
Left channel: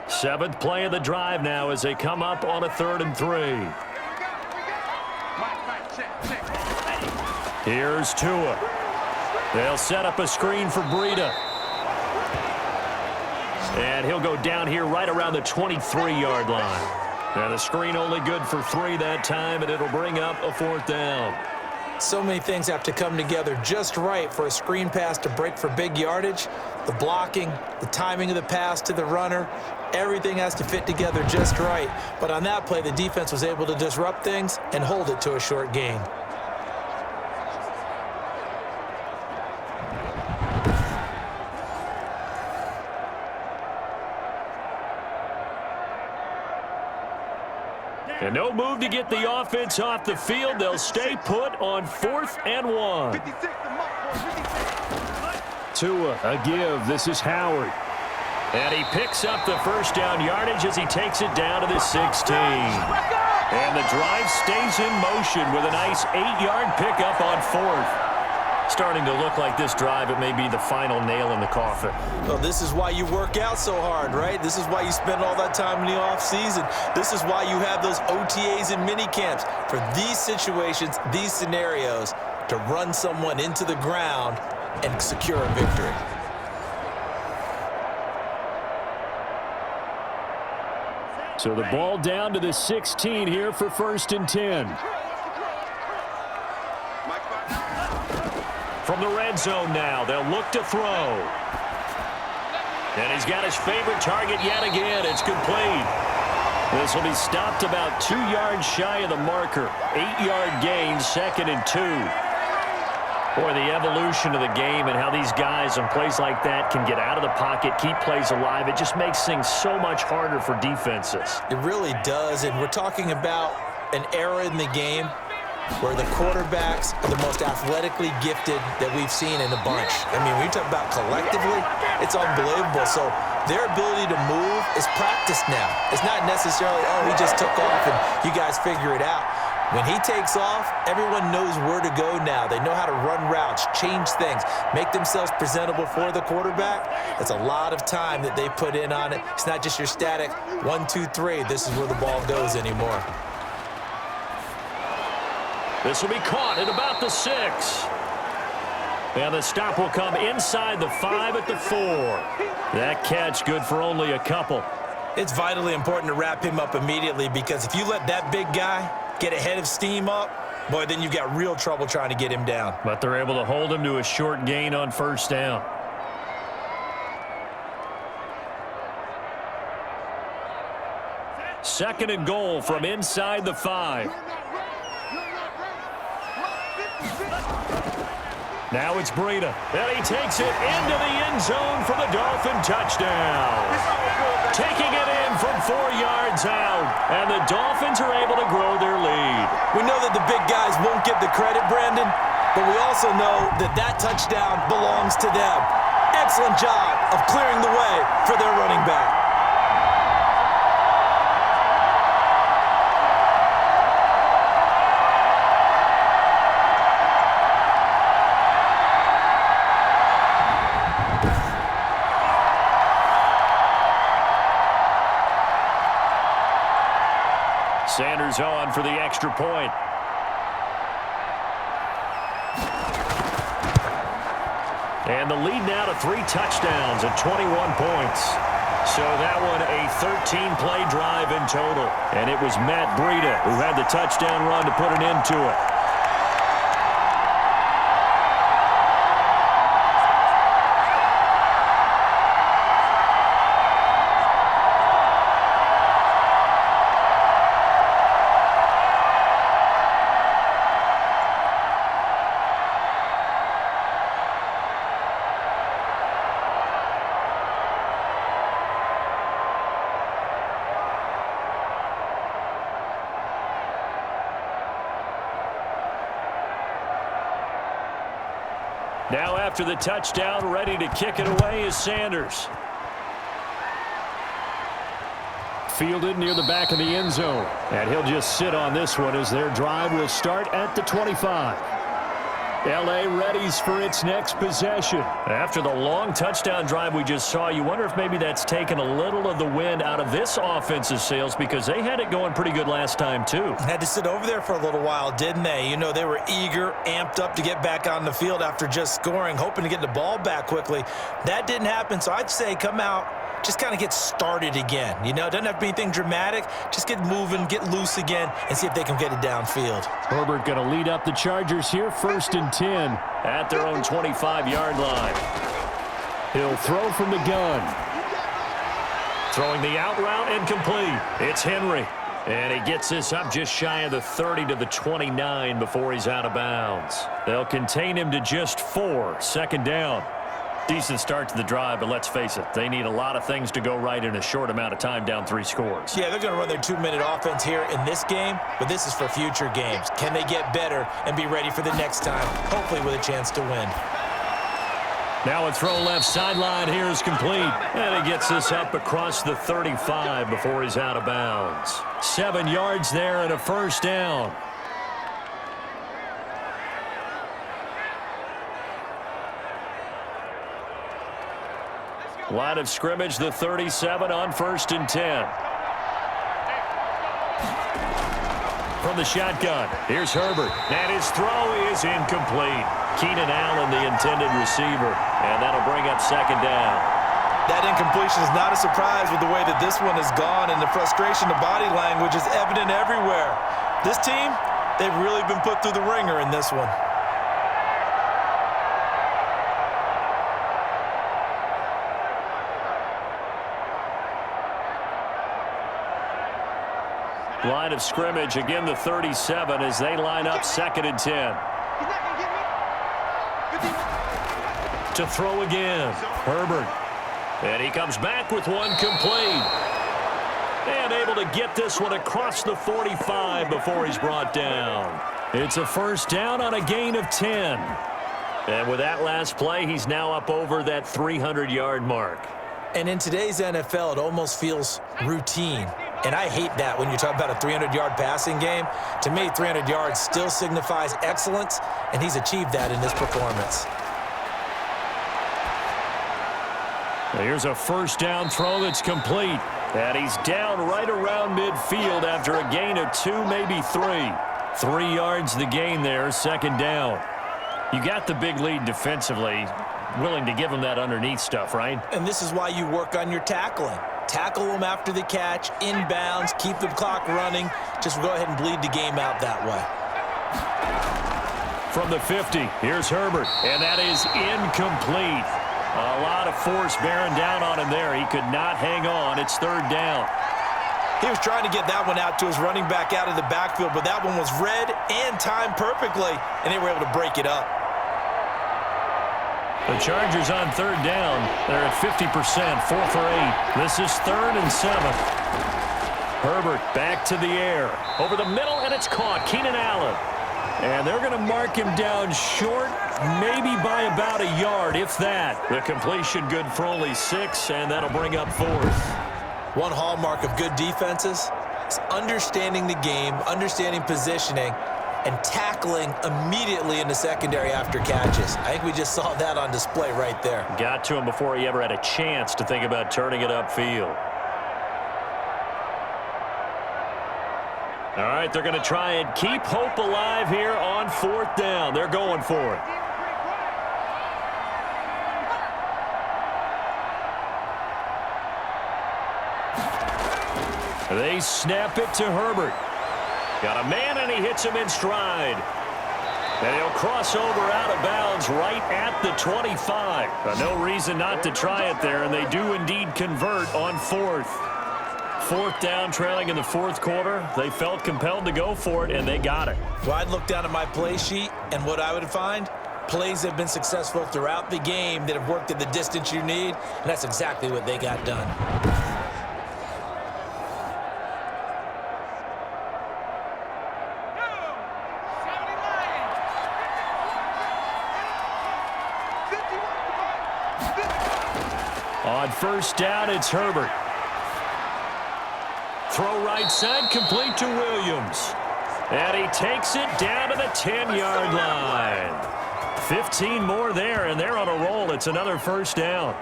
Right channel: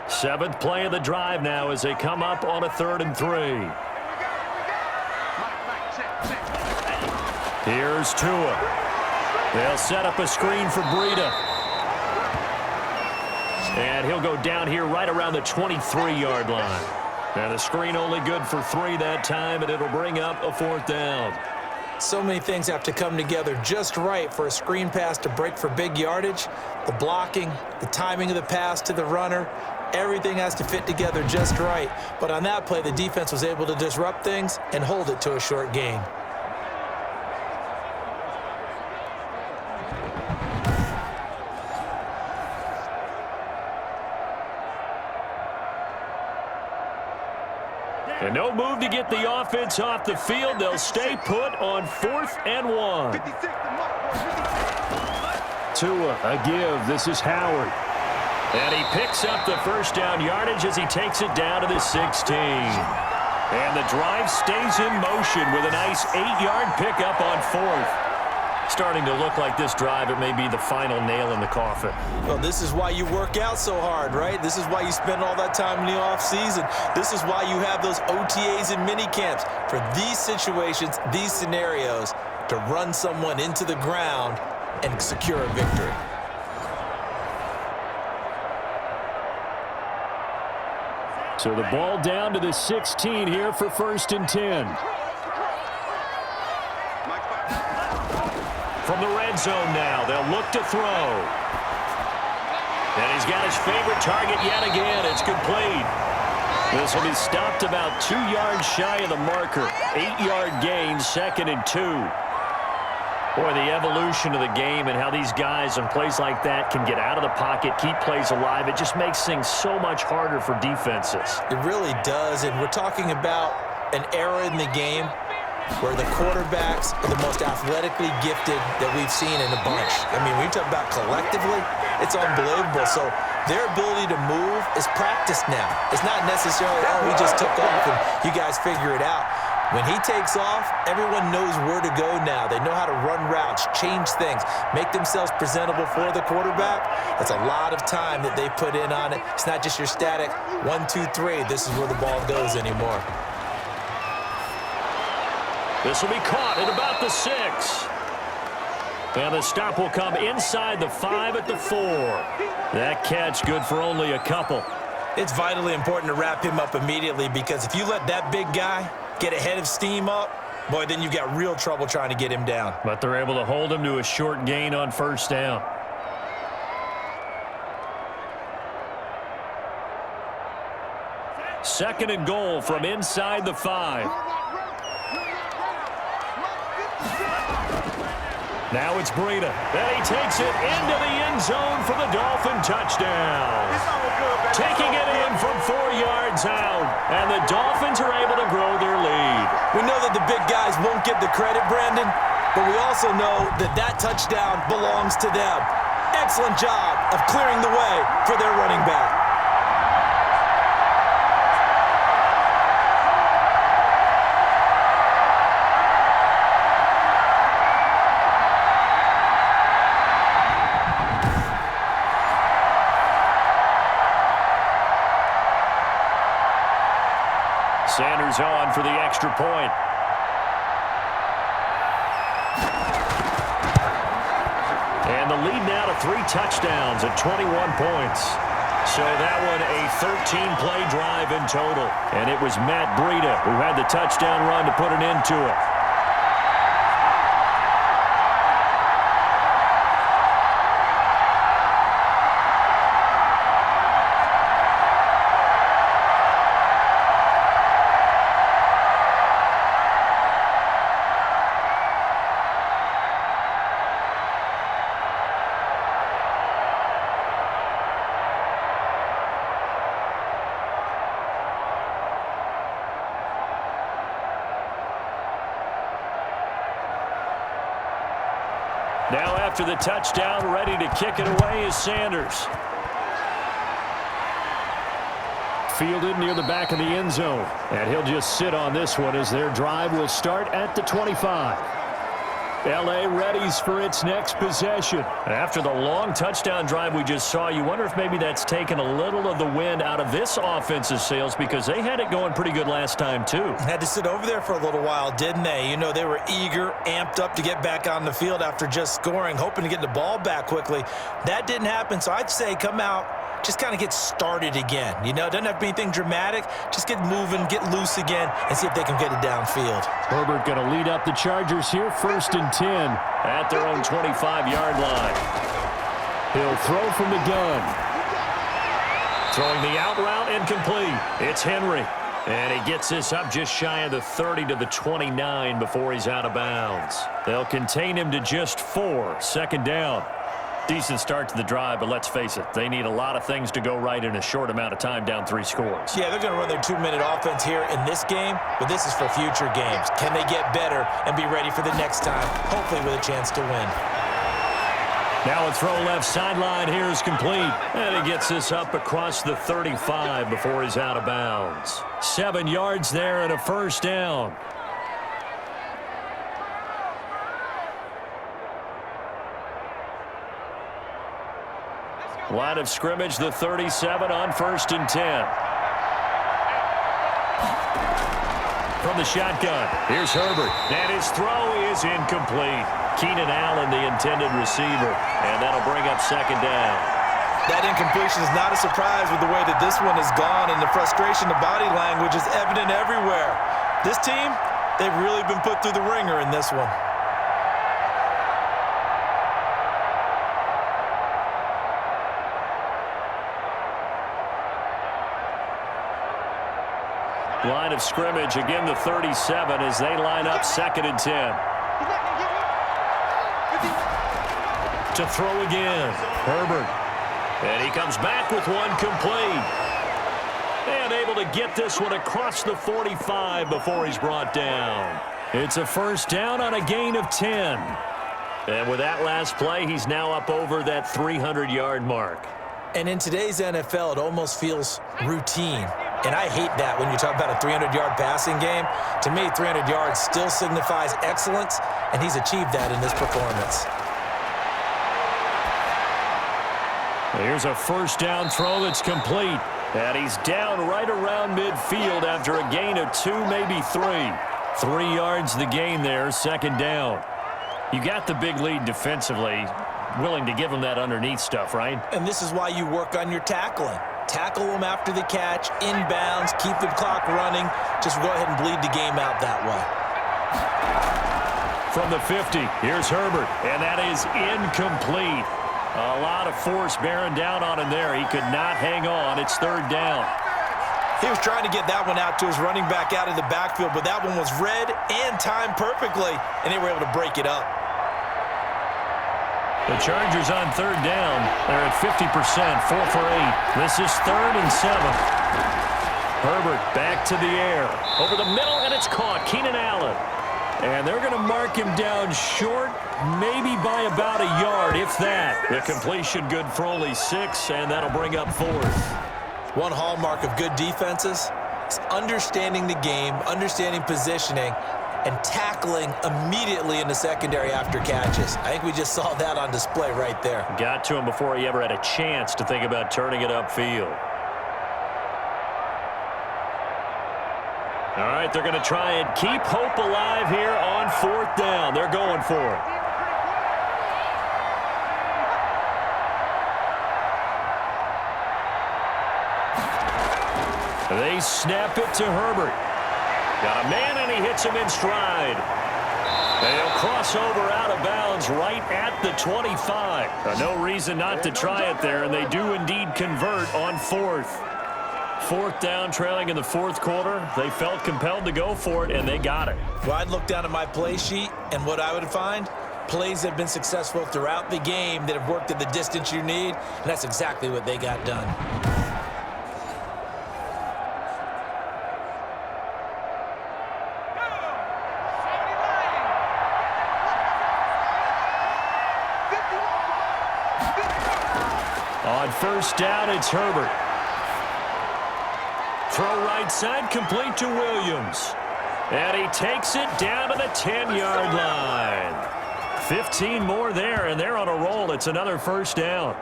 Seventh play of the drive now as they come up on a 3rd and 3. Here's Tua. They'll set up a screen for Breida. And he'll go down here right around the 23-yard line. Now the screen only good for 3 that time, and it'll bring up a 4th down. So many things have to come together just right for a screen pass to break for big yardage. The blocking, the timing of the pass to the runner, everything has to fit together just right. But on that play, the defense was able to disrupt things and hold it to a short gain. And no move to get the offense off the field. They'll stay put on 4th and 1. Tua, a give. This is Howard. And he picks up the 1st down yardage as he takes it down to the 16. And the drive stays in motion with a nice 8-yard pickup on 4th. Starting to look like this drive, it may be the final nail in the coffin. Well, this is why you work out so hard, right? This is why you spend all that time in the offseason. This is why you have those OTAs and mini camps for these situations, these scenarios, to run someone into the ground and secure a victory. So the ball down to the 16 here for 1st and 10. From the red zone now, they'll look to throw. And he's got his favorite target yet again. It's complete. This will be stopped about 2 yards shy of the marker. 8-yard gain, 2nd and 2. Boy, the evolution of the game and how these guys in plays like that can get out of the pocket, keep plays alive, it just makes things so much harder for defenses. It really does, and we're talking about an era in the game where the quarterbacks are the most athletically gifted that we've seen in a bunch. I mean, when you talk about collectively, it's unbelievable. So their ability to move is practiced now. It's not necessarily, oh, he just took off and you guys figure it out. When he takes off, everyone knows where to go now. They know how to run routes, change things, make themselves presentable for the quarterback. That's a lot of time that they put in on it. It's not just your static 1, 2, 3. This is where the ball goes anymore. This will be caught at about the 6. And the stop will come inside the 5 at the 4. That catch good for only a couple. It's vitally important to wrap him up immediately because if you let that big guy get ahead of steam up, boy, then you've got real trouble trying to get him down. But they're able to hold him to a short gain on 1st down. Second and goal from inside the 5. Now it's Breida, and he takes it into the end zone for the Dolphin touchdown. Taking it in from 4 yards out, and the Dolphins are able to grow their lead. We know that the big guys won't get the credit, Brandon, but we also know that that touchdown belongs to them. Excellent job of clearing the way for their running back. Sanders on for the extra point. And the lead now to 3 touchdowns at 21 points. So that one a 13-play drive in total. And it was Matt Breida who had the touchdown run to put an end to it. Now after the touchdown, ready to kick it away is Sanders. Fielded near the back of the end zone. And he'll just sit on this one as their drive will start at the 25. L.A. readies for its next possession. After the long touchdown drive we just saw, you wonder if maybe that's taken a little of the wind out of this offensive sails because they had it going pretty good last time too. Had to sit over there for a little while, didn't they? You know, they were eager, amped up to get back on the field after just scoring, hoping to get the ball back quickly. That didn't happen, so I'd say come out, just kind of get started again. You know, it doesn't have to be anything dramatic. Just get moving, get loose again, and see if they can get it downfield. Herbert going to lead up the Chargers here, 1st and 10 at their own 25-yard line. He'll throw from the gun. Throwing the out route incomplete. It's Henry. And he gets this up just shy of the 30 to the 29 before he's out of bounds. They'll contain him to just 4, 2nd down. Decent start to the drive, but let's face it, they need a lot of things to go right in a short amount of time down 3 scores. Yeah, they're going to run their 2-minute offense here in this game, but this is for future games. Can they get better and be ready for the next time, hopefully with a chance to win? Now a throw left sideline here is complete. And he gets this up across the 35 before he's out of bounds. 7 yards there and a 1st down. Line of scrimmage, the 37 on 1st and 10. From the shotgun, here's Herbert. And his throw is incomplete. Keenan Allen, the intended receiver. And that'll bring up 2nd down. That incompletion is not a surprise with the way that this one has gone, and the frustration, the body language is evident everywhere. This team, they've really been put through the ringer in this one. Line of scrimmage, again the 37 as they line up 2nd and 10. He's not going to get me. 51. To throw again, Herbert. And he comes back with one complete. And able to get this one across the 45 before he's brought down. It's a first down on a gain of 10. And with that last play, he's now up over that 300-yard mark. And in today's NFL, it almost feels routine. And I hate that when you talk about a 300-yard passing game. To me, 300 yards still signifies excellence, and he's achieved that in this performance. Here's a first down throw that's complete. And he's down right around midfield after a gain of 2, maybe 3. 3 yards the gain there, 2nd down. You got the big lead defensively. Willing to give him that underneath stuff, right? And this is why you work on your tackling. Tackle them after the catch, inbounds, keep the clock running. Just go ahead and bleed the game out that way. From the 50, here's Herbert, and that is incomplete. A lot of force bearing down on him there. He could not hang on. It's 3rd down. He was trying to get that one out to his running back out of the backfield, but that one was read and timed perfectly, and they were able to break it up. The Chargers on 3rd down. They're at 50%, 4 for 8. This is 3rd and 7. Herbert back to the air. Over the middle, and it's caught. Keenan Allen. And they're going to mark him down short, maybe by about a yard, if that. The completion good for only 6, and that'll bring up 4th. One hallmark of good defenses is understanding the game, understanding positioning, and tackling immediately in the secondary after catches. I think we just saw that on display right there. Got to him before he ever had a chance to think about turning it upfield. All right, they're going to try and keep hope alive here on 4th down. They're going for it. They snap it to Herbert. Got a man, and he hits him in stride. And he'll cross over out of bounds right at the 25. No reason not to try it there, and they do indeed convert on 4th. 4th down, trailing in the 4th quarter. They felt compelled to go for it, and they got it. Well, I'd look down at my play sheet, and what I would find, plays have been successful throughout the game that have worked at the distance you need, and that's exactly what they got done. On 1st down, it's Herbert. Throw right side, complete to Williams. And he takes it down to the 10-yard line. 15 more there, and they're on a roll. It's another 1st down.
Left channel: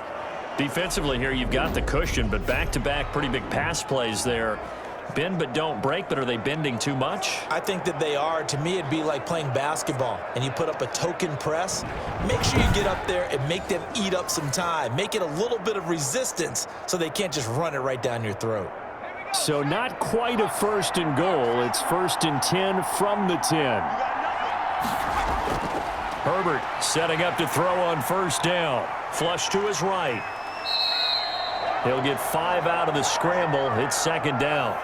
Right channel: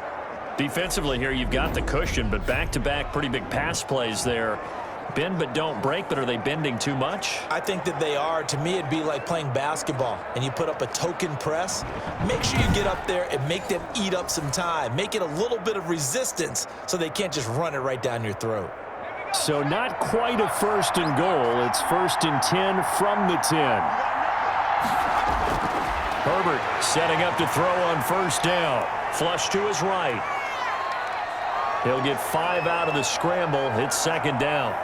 Defensively here, you've got the cushion, but back-to-back pretty big pass plays there. Bend but don't break, but are they bending too much? I think that they are. To me, it'd be like playing basketball, and you put up a token press. Make sure you get up there and make them eat up some time. Make it a little bit of resistance so they can't just run it right down your throat. So not quite a 1st and goal. It's 1st and 10 from the 10. Herbert setting up to throw on 1st down. Flush to his right. He'll get 5 out of the scramble. It's 2nd down.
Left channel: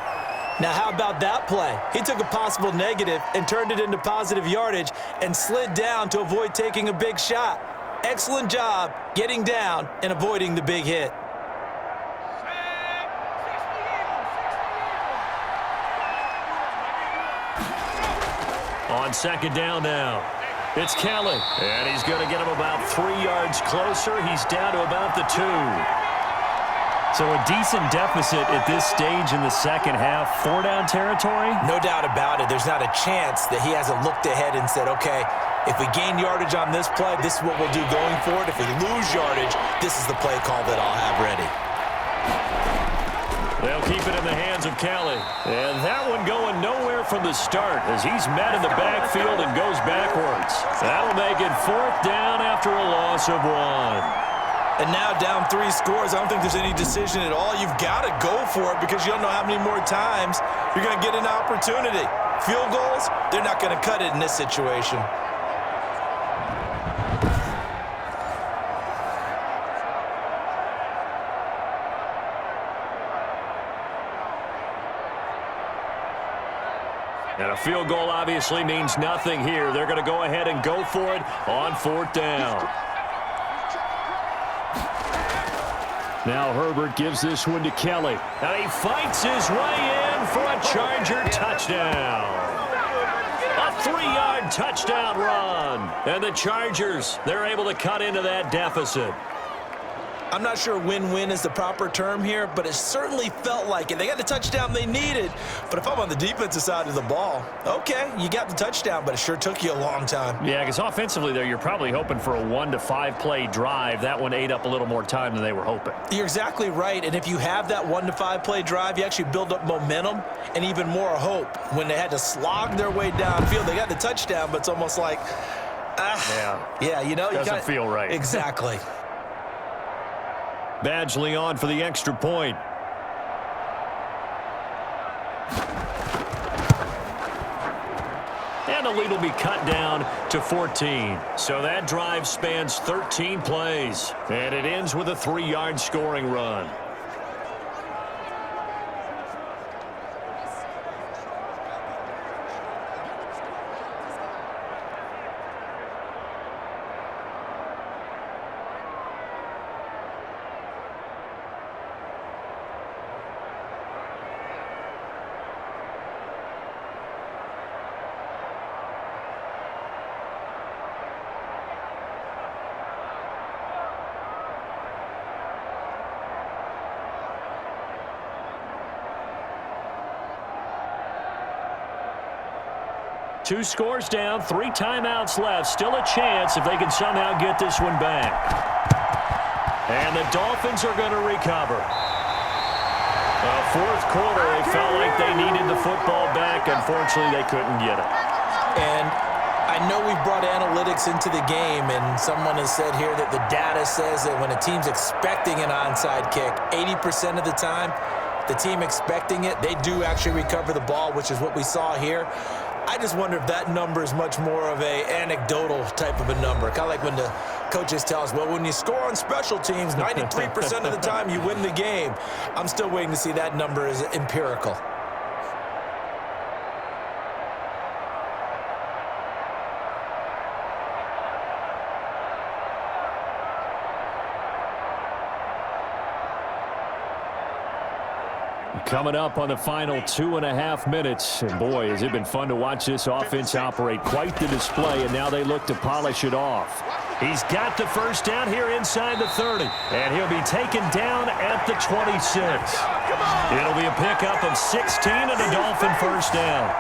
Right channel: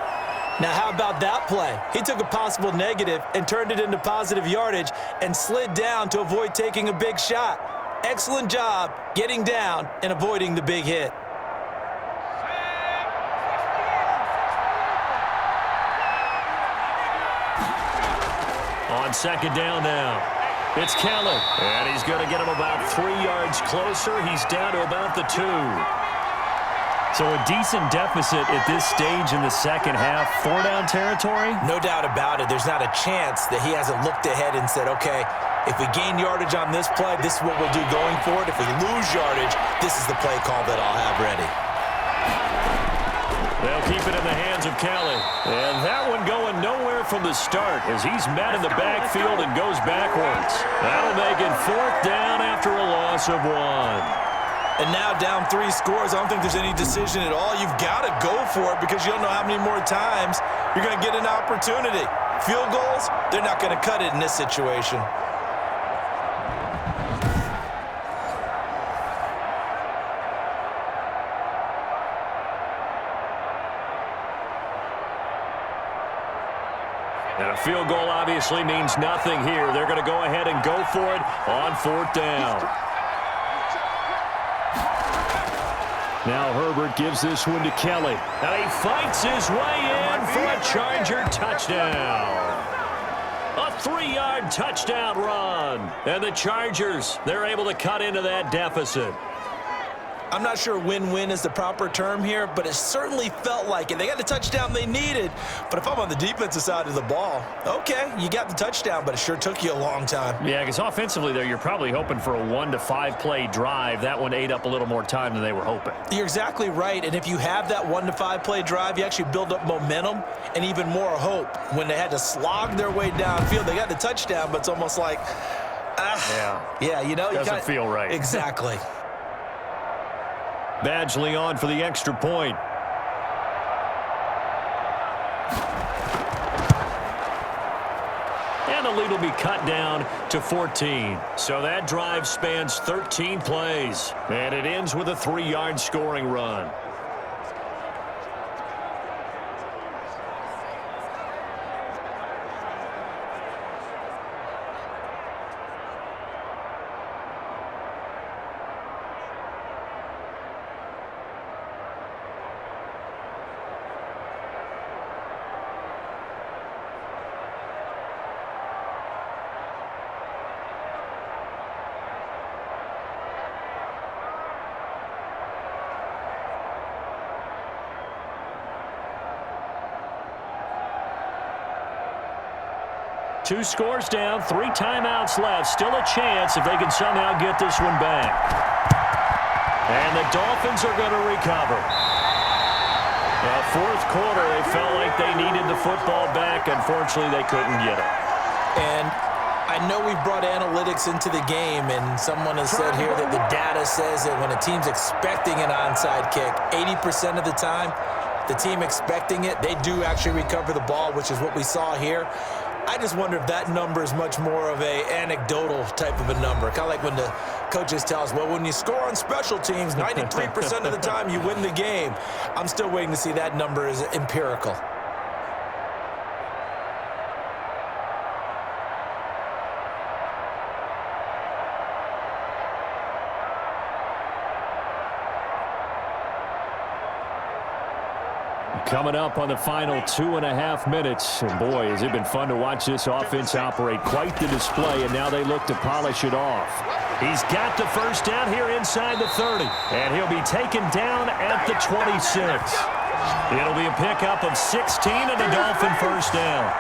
Now, how about that play? He took a possible negative and turned it into positive yardage and slid down to avoid taking a big shot. Excellent job getting down and avoiding the big hit. On 2nd down now. It's Kelly. And he's going to get him about 3 yards closer. He's down to about the 2. So a decent deficit at this stage in the 2nd half. 4-down territory? No doubt about it. There's not a chance that he hasn't looked ahead and said, okay, if we gain yardage on this play, this is what we'll do going forward. If we lose yardage, this is the play call that I'll have ready. They'll keep it in the hands of Kelly. And that one going nowhere from the start as he's met in the backfield and goes backwards. That'll make it 4th down after a loss of 1. And now down 3 scores. I don't think there's any decision at all. You've got to go for it because you don't know how many more times you're going to get an opportunity. Field goals, they're not going to cut it in this situation. And a field goal obviously means nothing here. They're going to go ahead and go for it on 4th down. Now Herbert gives this one to Kelly. And he fights his way in for a Charger touchdown. A 3-yard touchdown run. And the Chargers, they're able to cut into that deficit. I'm not sure win-win is the proper term here, but it certainly felt like it. They got the touchdown they needed, but if I'm on the defensive side of the ball, okay, you got the touchdown, but it sure took you a long time. Yeah, because offensively there, you're probably hoping for a 1 to 5 play drive. That one ate up a little more time than they were hoping. You're exactly right, and if you have that 1 to 5 play drive, you actually build up momentum and even more hope. When they had to slog their way downfield, they got the touchdown, but it's almost like, yeah, you know, doesn't feel right. Exactly. Badgley on for the extra point. And the lead will be cut down to 14. So that drive spans 13 plays. And it ends with a 3-yard scoring run. Two scores down, 3 timeouts left. Still a chance if they can somehow get this one back. And the Dolphins are going to recover. Fourth quarter, they felt like they needed the football back. Unfortunately, they couldn't get it. And I know we've brought analytics into the game, and someone has said here that the data says that when a team's expecting an onside kick, 80% of the time, the team expecting it, they do actually recover the ball, which is what we saw here. I just wonder if that number is much more of a anecdotal type of a number. Kind of like when the coaches tell us, well, when you score on special teams, 93% of the time you win the game. I'm still waiting to see that number is empirical. Coming up on the final 2.5 minutes. And boy, has it been fun to watch this offense operate. Quite the display, and now they look to polish it off. He's got the first down here inside the 30. And he'll be taken down at the 26. It'll be a pickup of 16 and a Dolphin first down.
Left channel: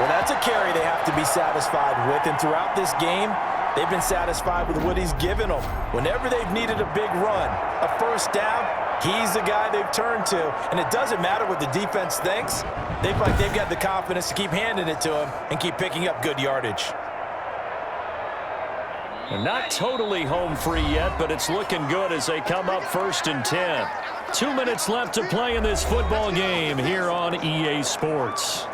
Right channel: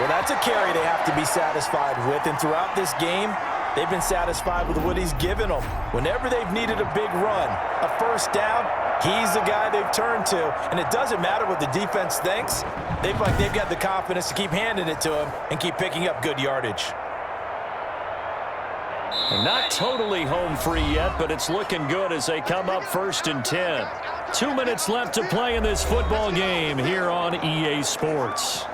Well, that's a carry they have to be satisfied with. And throughout this game, they've been satisfied with what he's given them. Whenever they've needed a big run, a first down, he's the guy they've turned to. And it doesn't matter what the defense thinks. They feel like they've got the confidence to keep handing it to him and keep picking up good yardage. And not totally home free yet, but it's looking good as they come up 1st and 10. 2 minutes left to play in this football game here on EA Sports.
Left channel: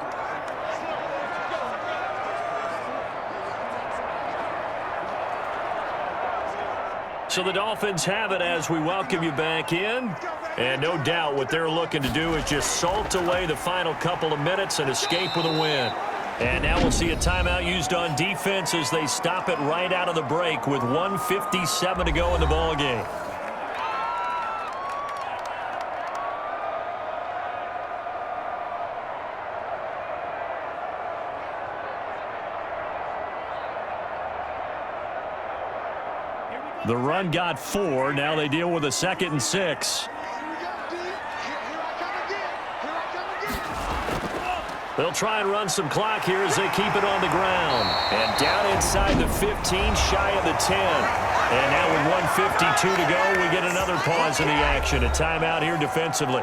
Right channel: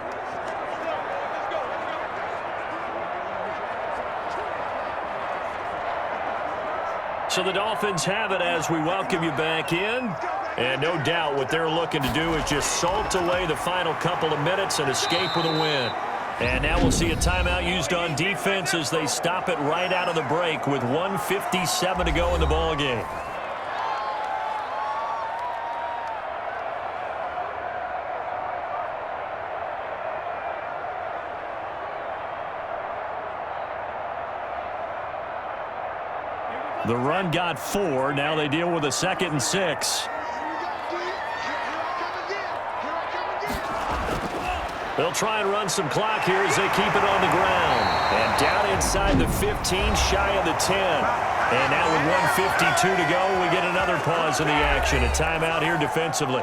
So the Dolphins have it as we welcome you back in. And no doubt what they're looking to do is just salt away the final couple of minutes and escape with a win. And now we'll see a timeout used on defense as they stop it right out of the break with 1:57 to go in the ball game. The run got 4. Now they deal with a 2nd and 6. They'll try and run some clock here as they keep it on the ground. And down inside the 15, shy of the 10. And now with 1:52 to go, we get another pause in the action. A timeout here defensively.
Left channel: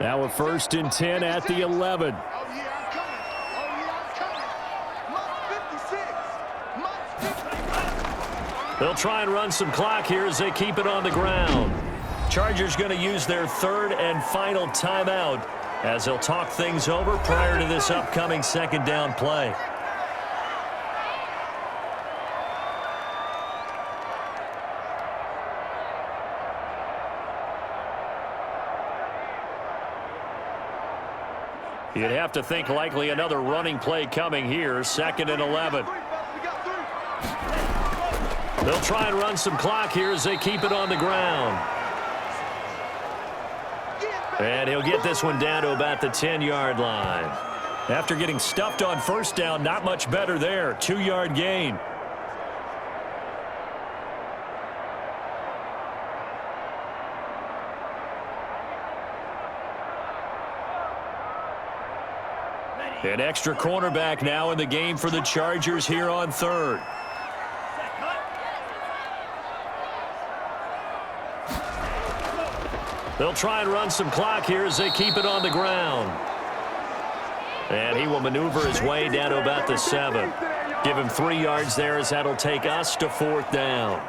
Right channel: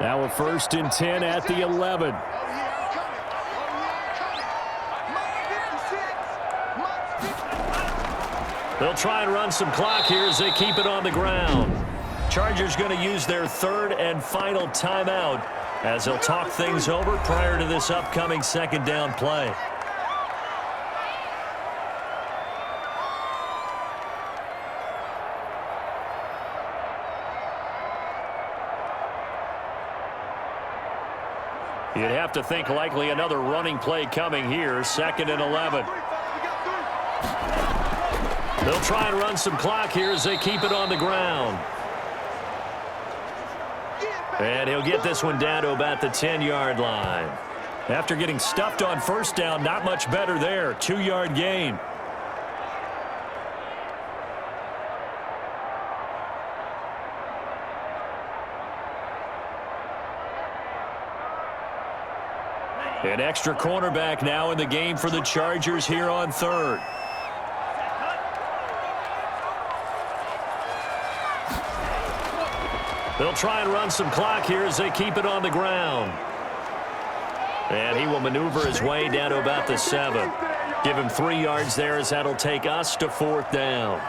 Now a 1st and 10 at the 11. They'll try and run some clock here as they keep it on the ground. Chargers going to use their 3rd and final timeout as they'll talk things over prior to this upcoming 2nd down play. You'd have to think likely another running play coming here, 2nd and 11. They'll try and run some clock here as they keep it on the ground. And he'll get this one down to about the 10-yard line. After getting stuffed on first down, not much better there. 2-yard gain. An extra cornerback now in the game for the Chargers here on 3rd. They'll try and run some clock here as they keep it on the ground. And he will maneuver his way down to about the 7. Give him 3 yards there as that'll take us to 4th down.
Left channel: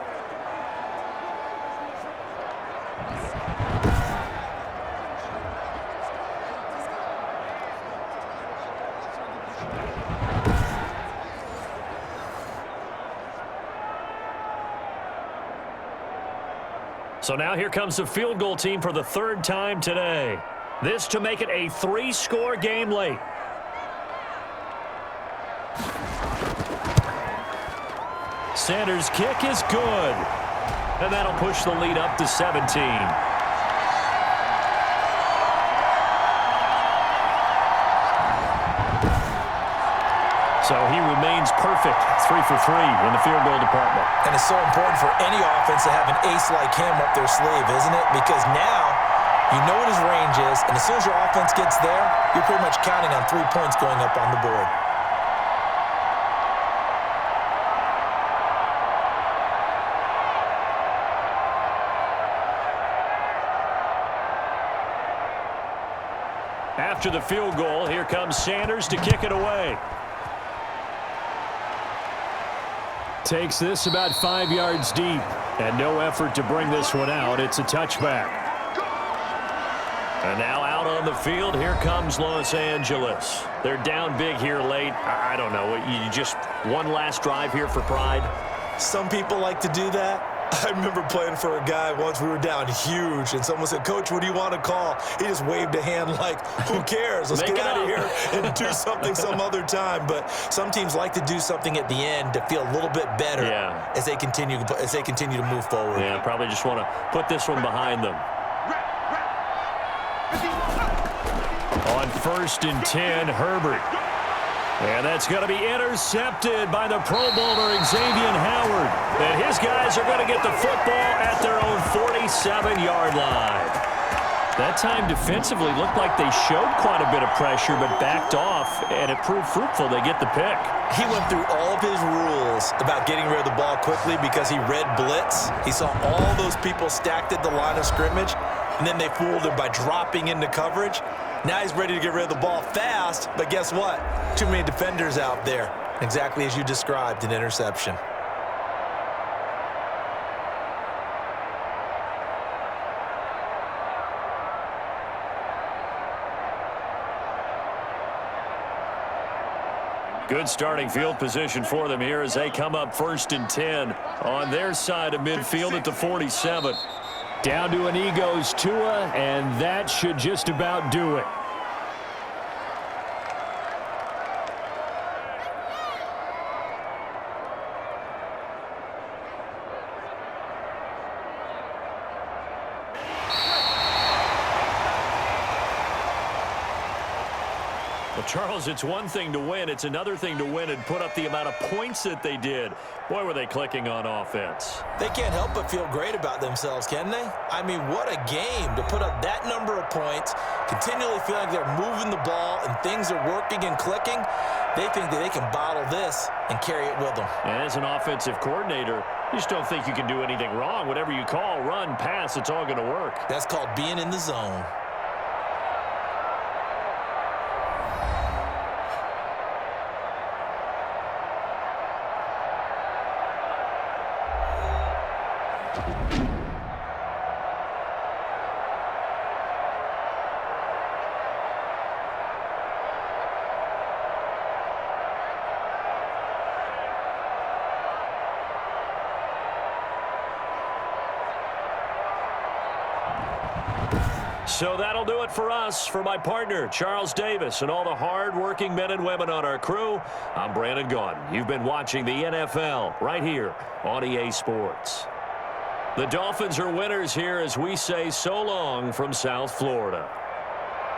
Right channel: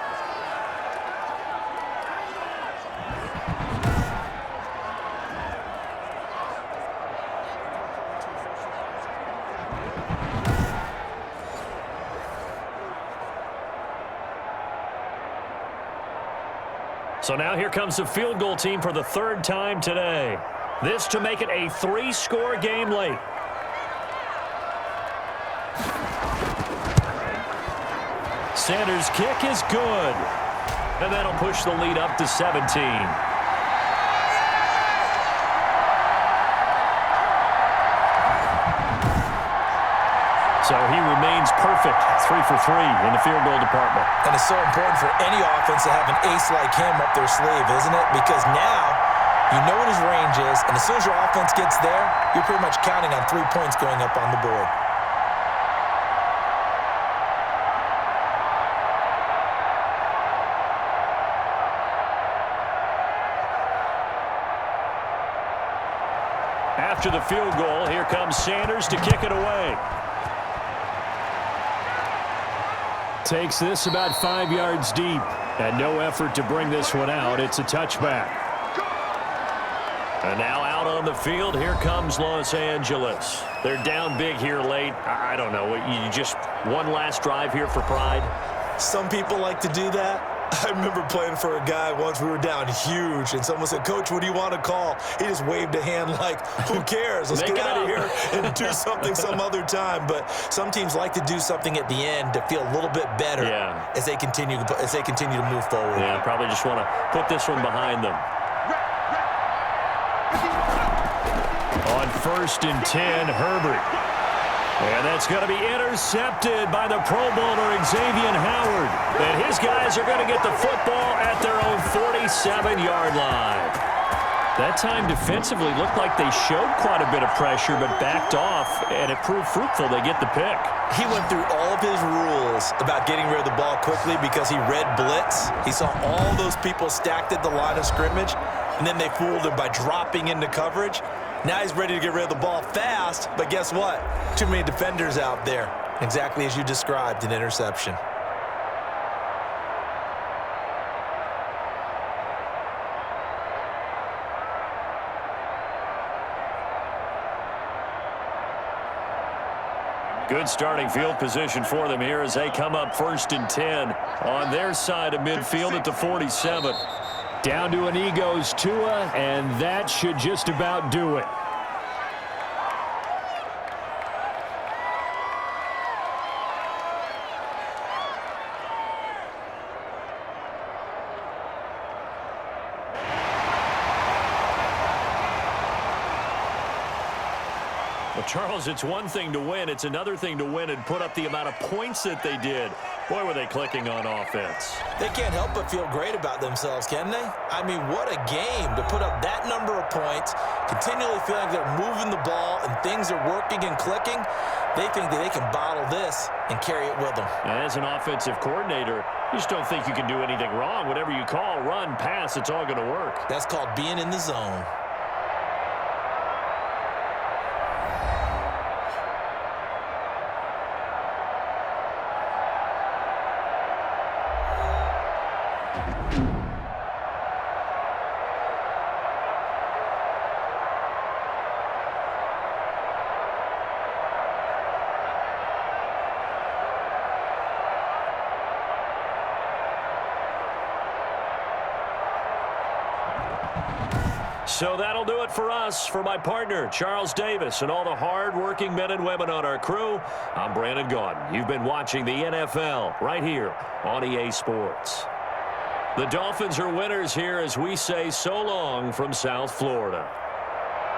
So now here comes the field goal team for the 3rd time today. This to make it a 3-score game late. Sanders' kick is good. And that'll push the lead up to 17. So he remains perfect, 3 for 3 in the field goal department. And it's so important for any offense to have an ace like him up their sleeve, isn't it? Because now you know what his range is, and as soon as your offense gets there, you're pretty much counting on 3 points going up on the board. After the field goal, here comes Sanders to kick it away. Takes this about 5 yards deep, and no effort to bring this one out. It's a touchback. And now out on the field, here comes Los Angeles. They're down big here late. I don't know. You just one last drive here for pride? Some people like to do that. I remember playing for a guy once. We were down huge, and someone said, "Coach, what do you want to call?" He just waved a hand like, "Who cares? Let's get out of here and do something some other time." But some teams like to do something at the end to feel a little bit better as they continue to move forward. Yeah, probably just want to put this one behind them. On 1st and 10, Herbert. And that's going to be intercepted by the Pro Bowler Xavier Howard. And his guys are going to get the football at their own 47-yard line. That time defensively looked like they showed quite a bit of pressure but backed off, and it proved fruitful. They get the pick. He went through all of his rules about getting rid of the ball quickly because he read blitz. He saw all those people stacked at the line of scrimmage, and then they fooled him by dropping into coverage. Now he's ready to get rid of the ball fast, but guess what? Too many defenders out there. Exactly as you described, an interception. Good starting field position for them here as they come up 1st and 10 on their side of midfield at the 47. Down to an Egos Tua, and that should just about do it. Well, Charles, it's one thing to win. It's another thing to win and put up the amount of points that they did. Boy, were they clicking on offense. They can't help but feel great about themselves, can they? I mean, what a game to put up that number of points, continually feeling like they're moving the ball and things are working and clicking. They think that they can bottle this and carry it with them. And as an offensive coordinator, you just don't think you can do anything wrong. Whatever you call, run, pass, it's all going to work. That's called being in the zone. So that'll do it for us. For my partner, Charles Davis, and all the hard-working men and women on our crew, I'm Brandon Gaudin. You've been watching the NFL right here on EA Sports. The Dolphins are winners here as we say so long from South Florida.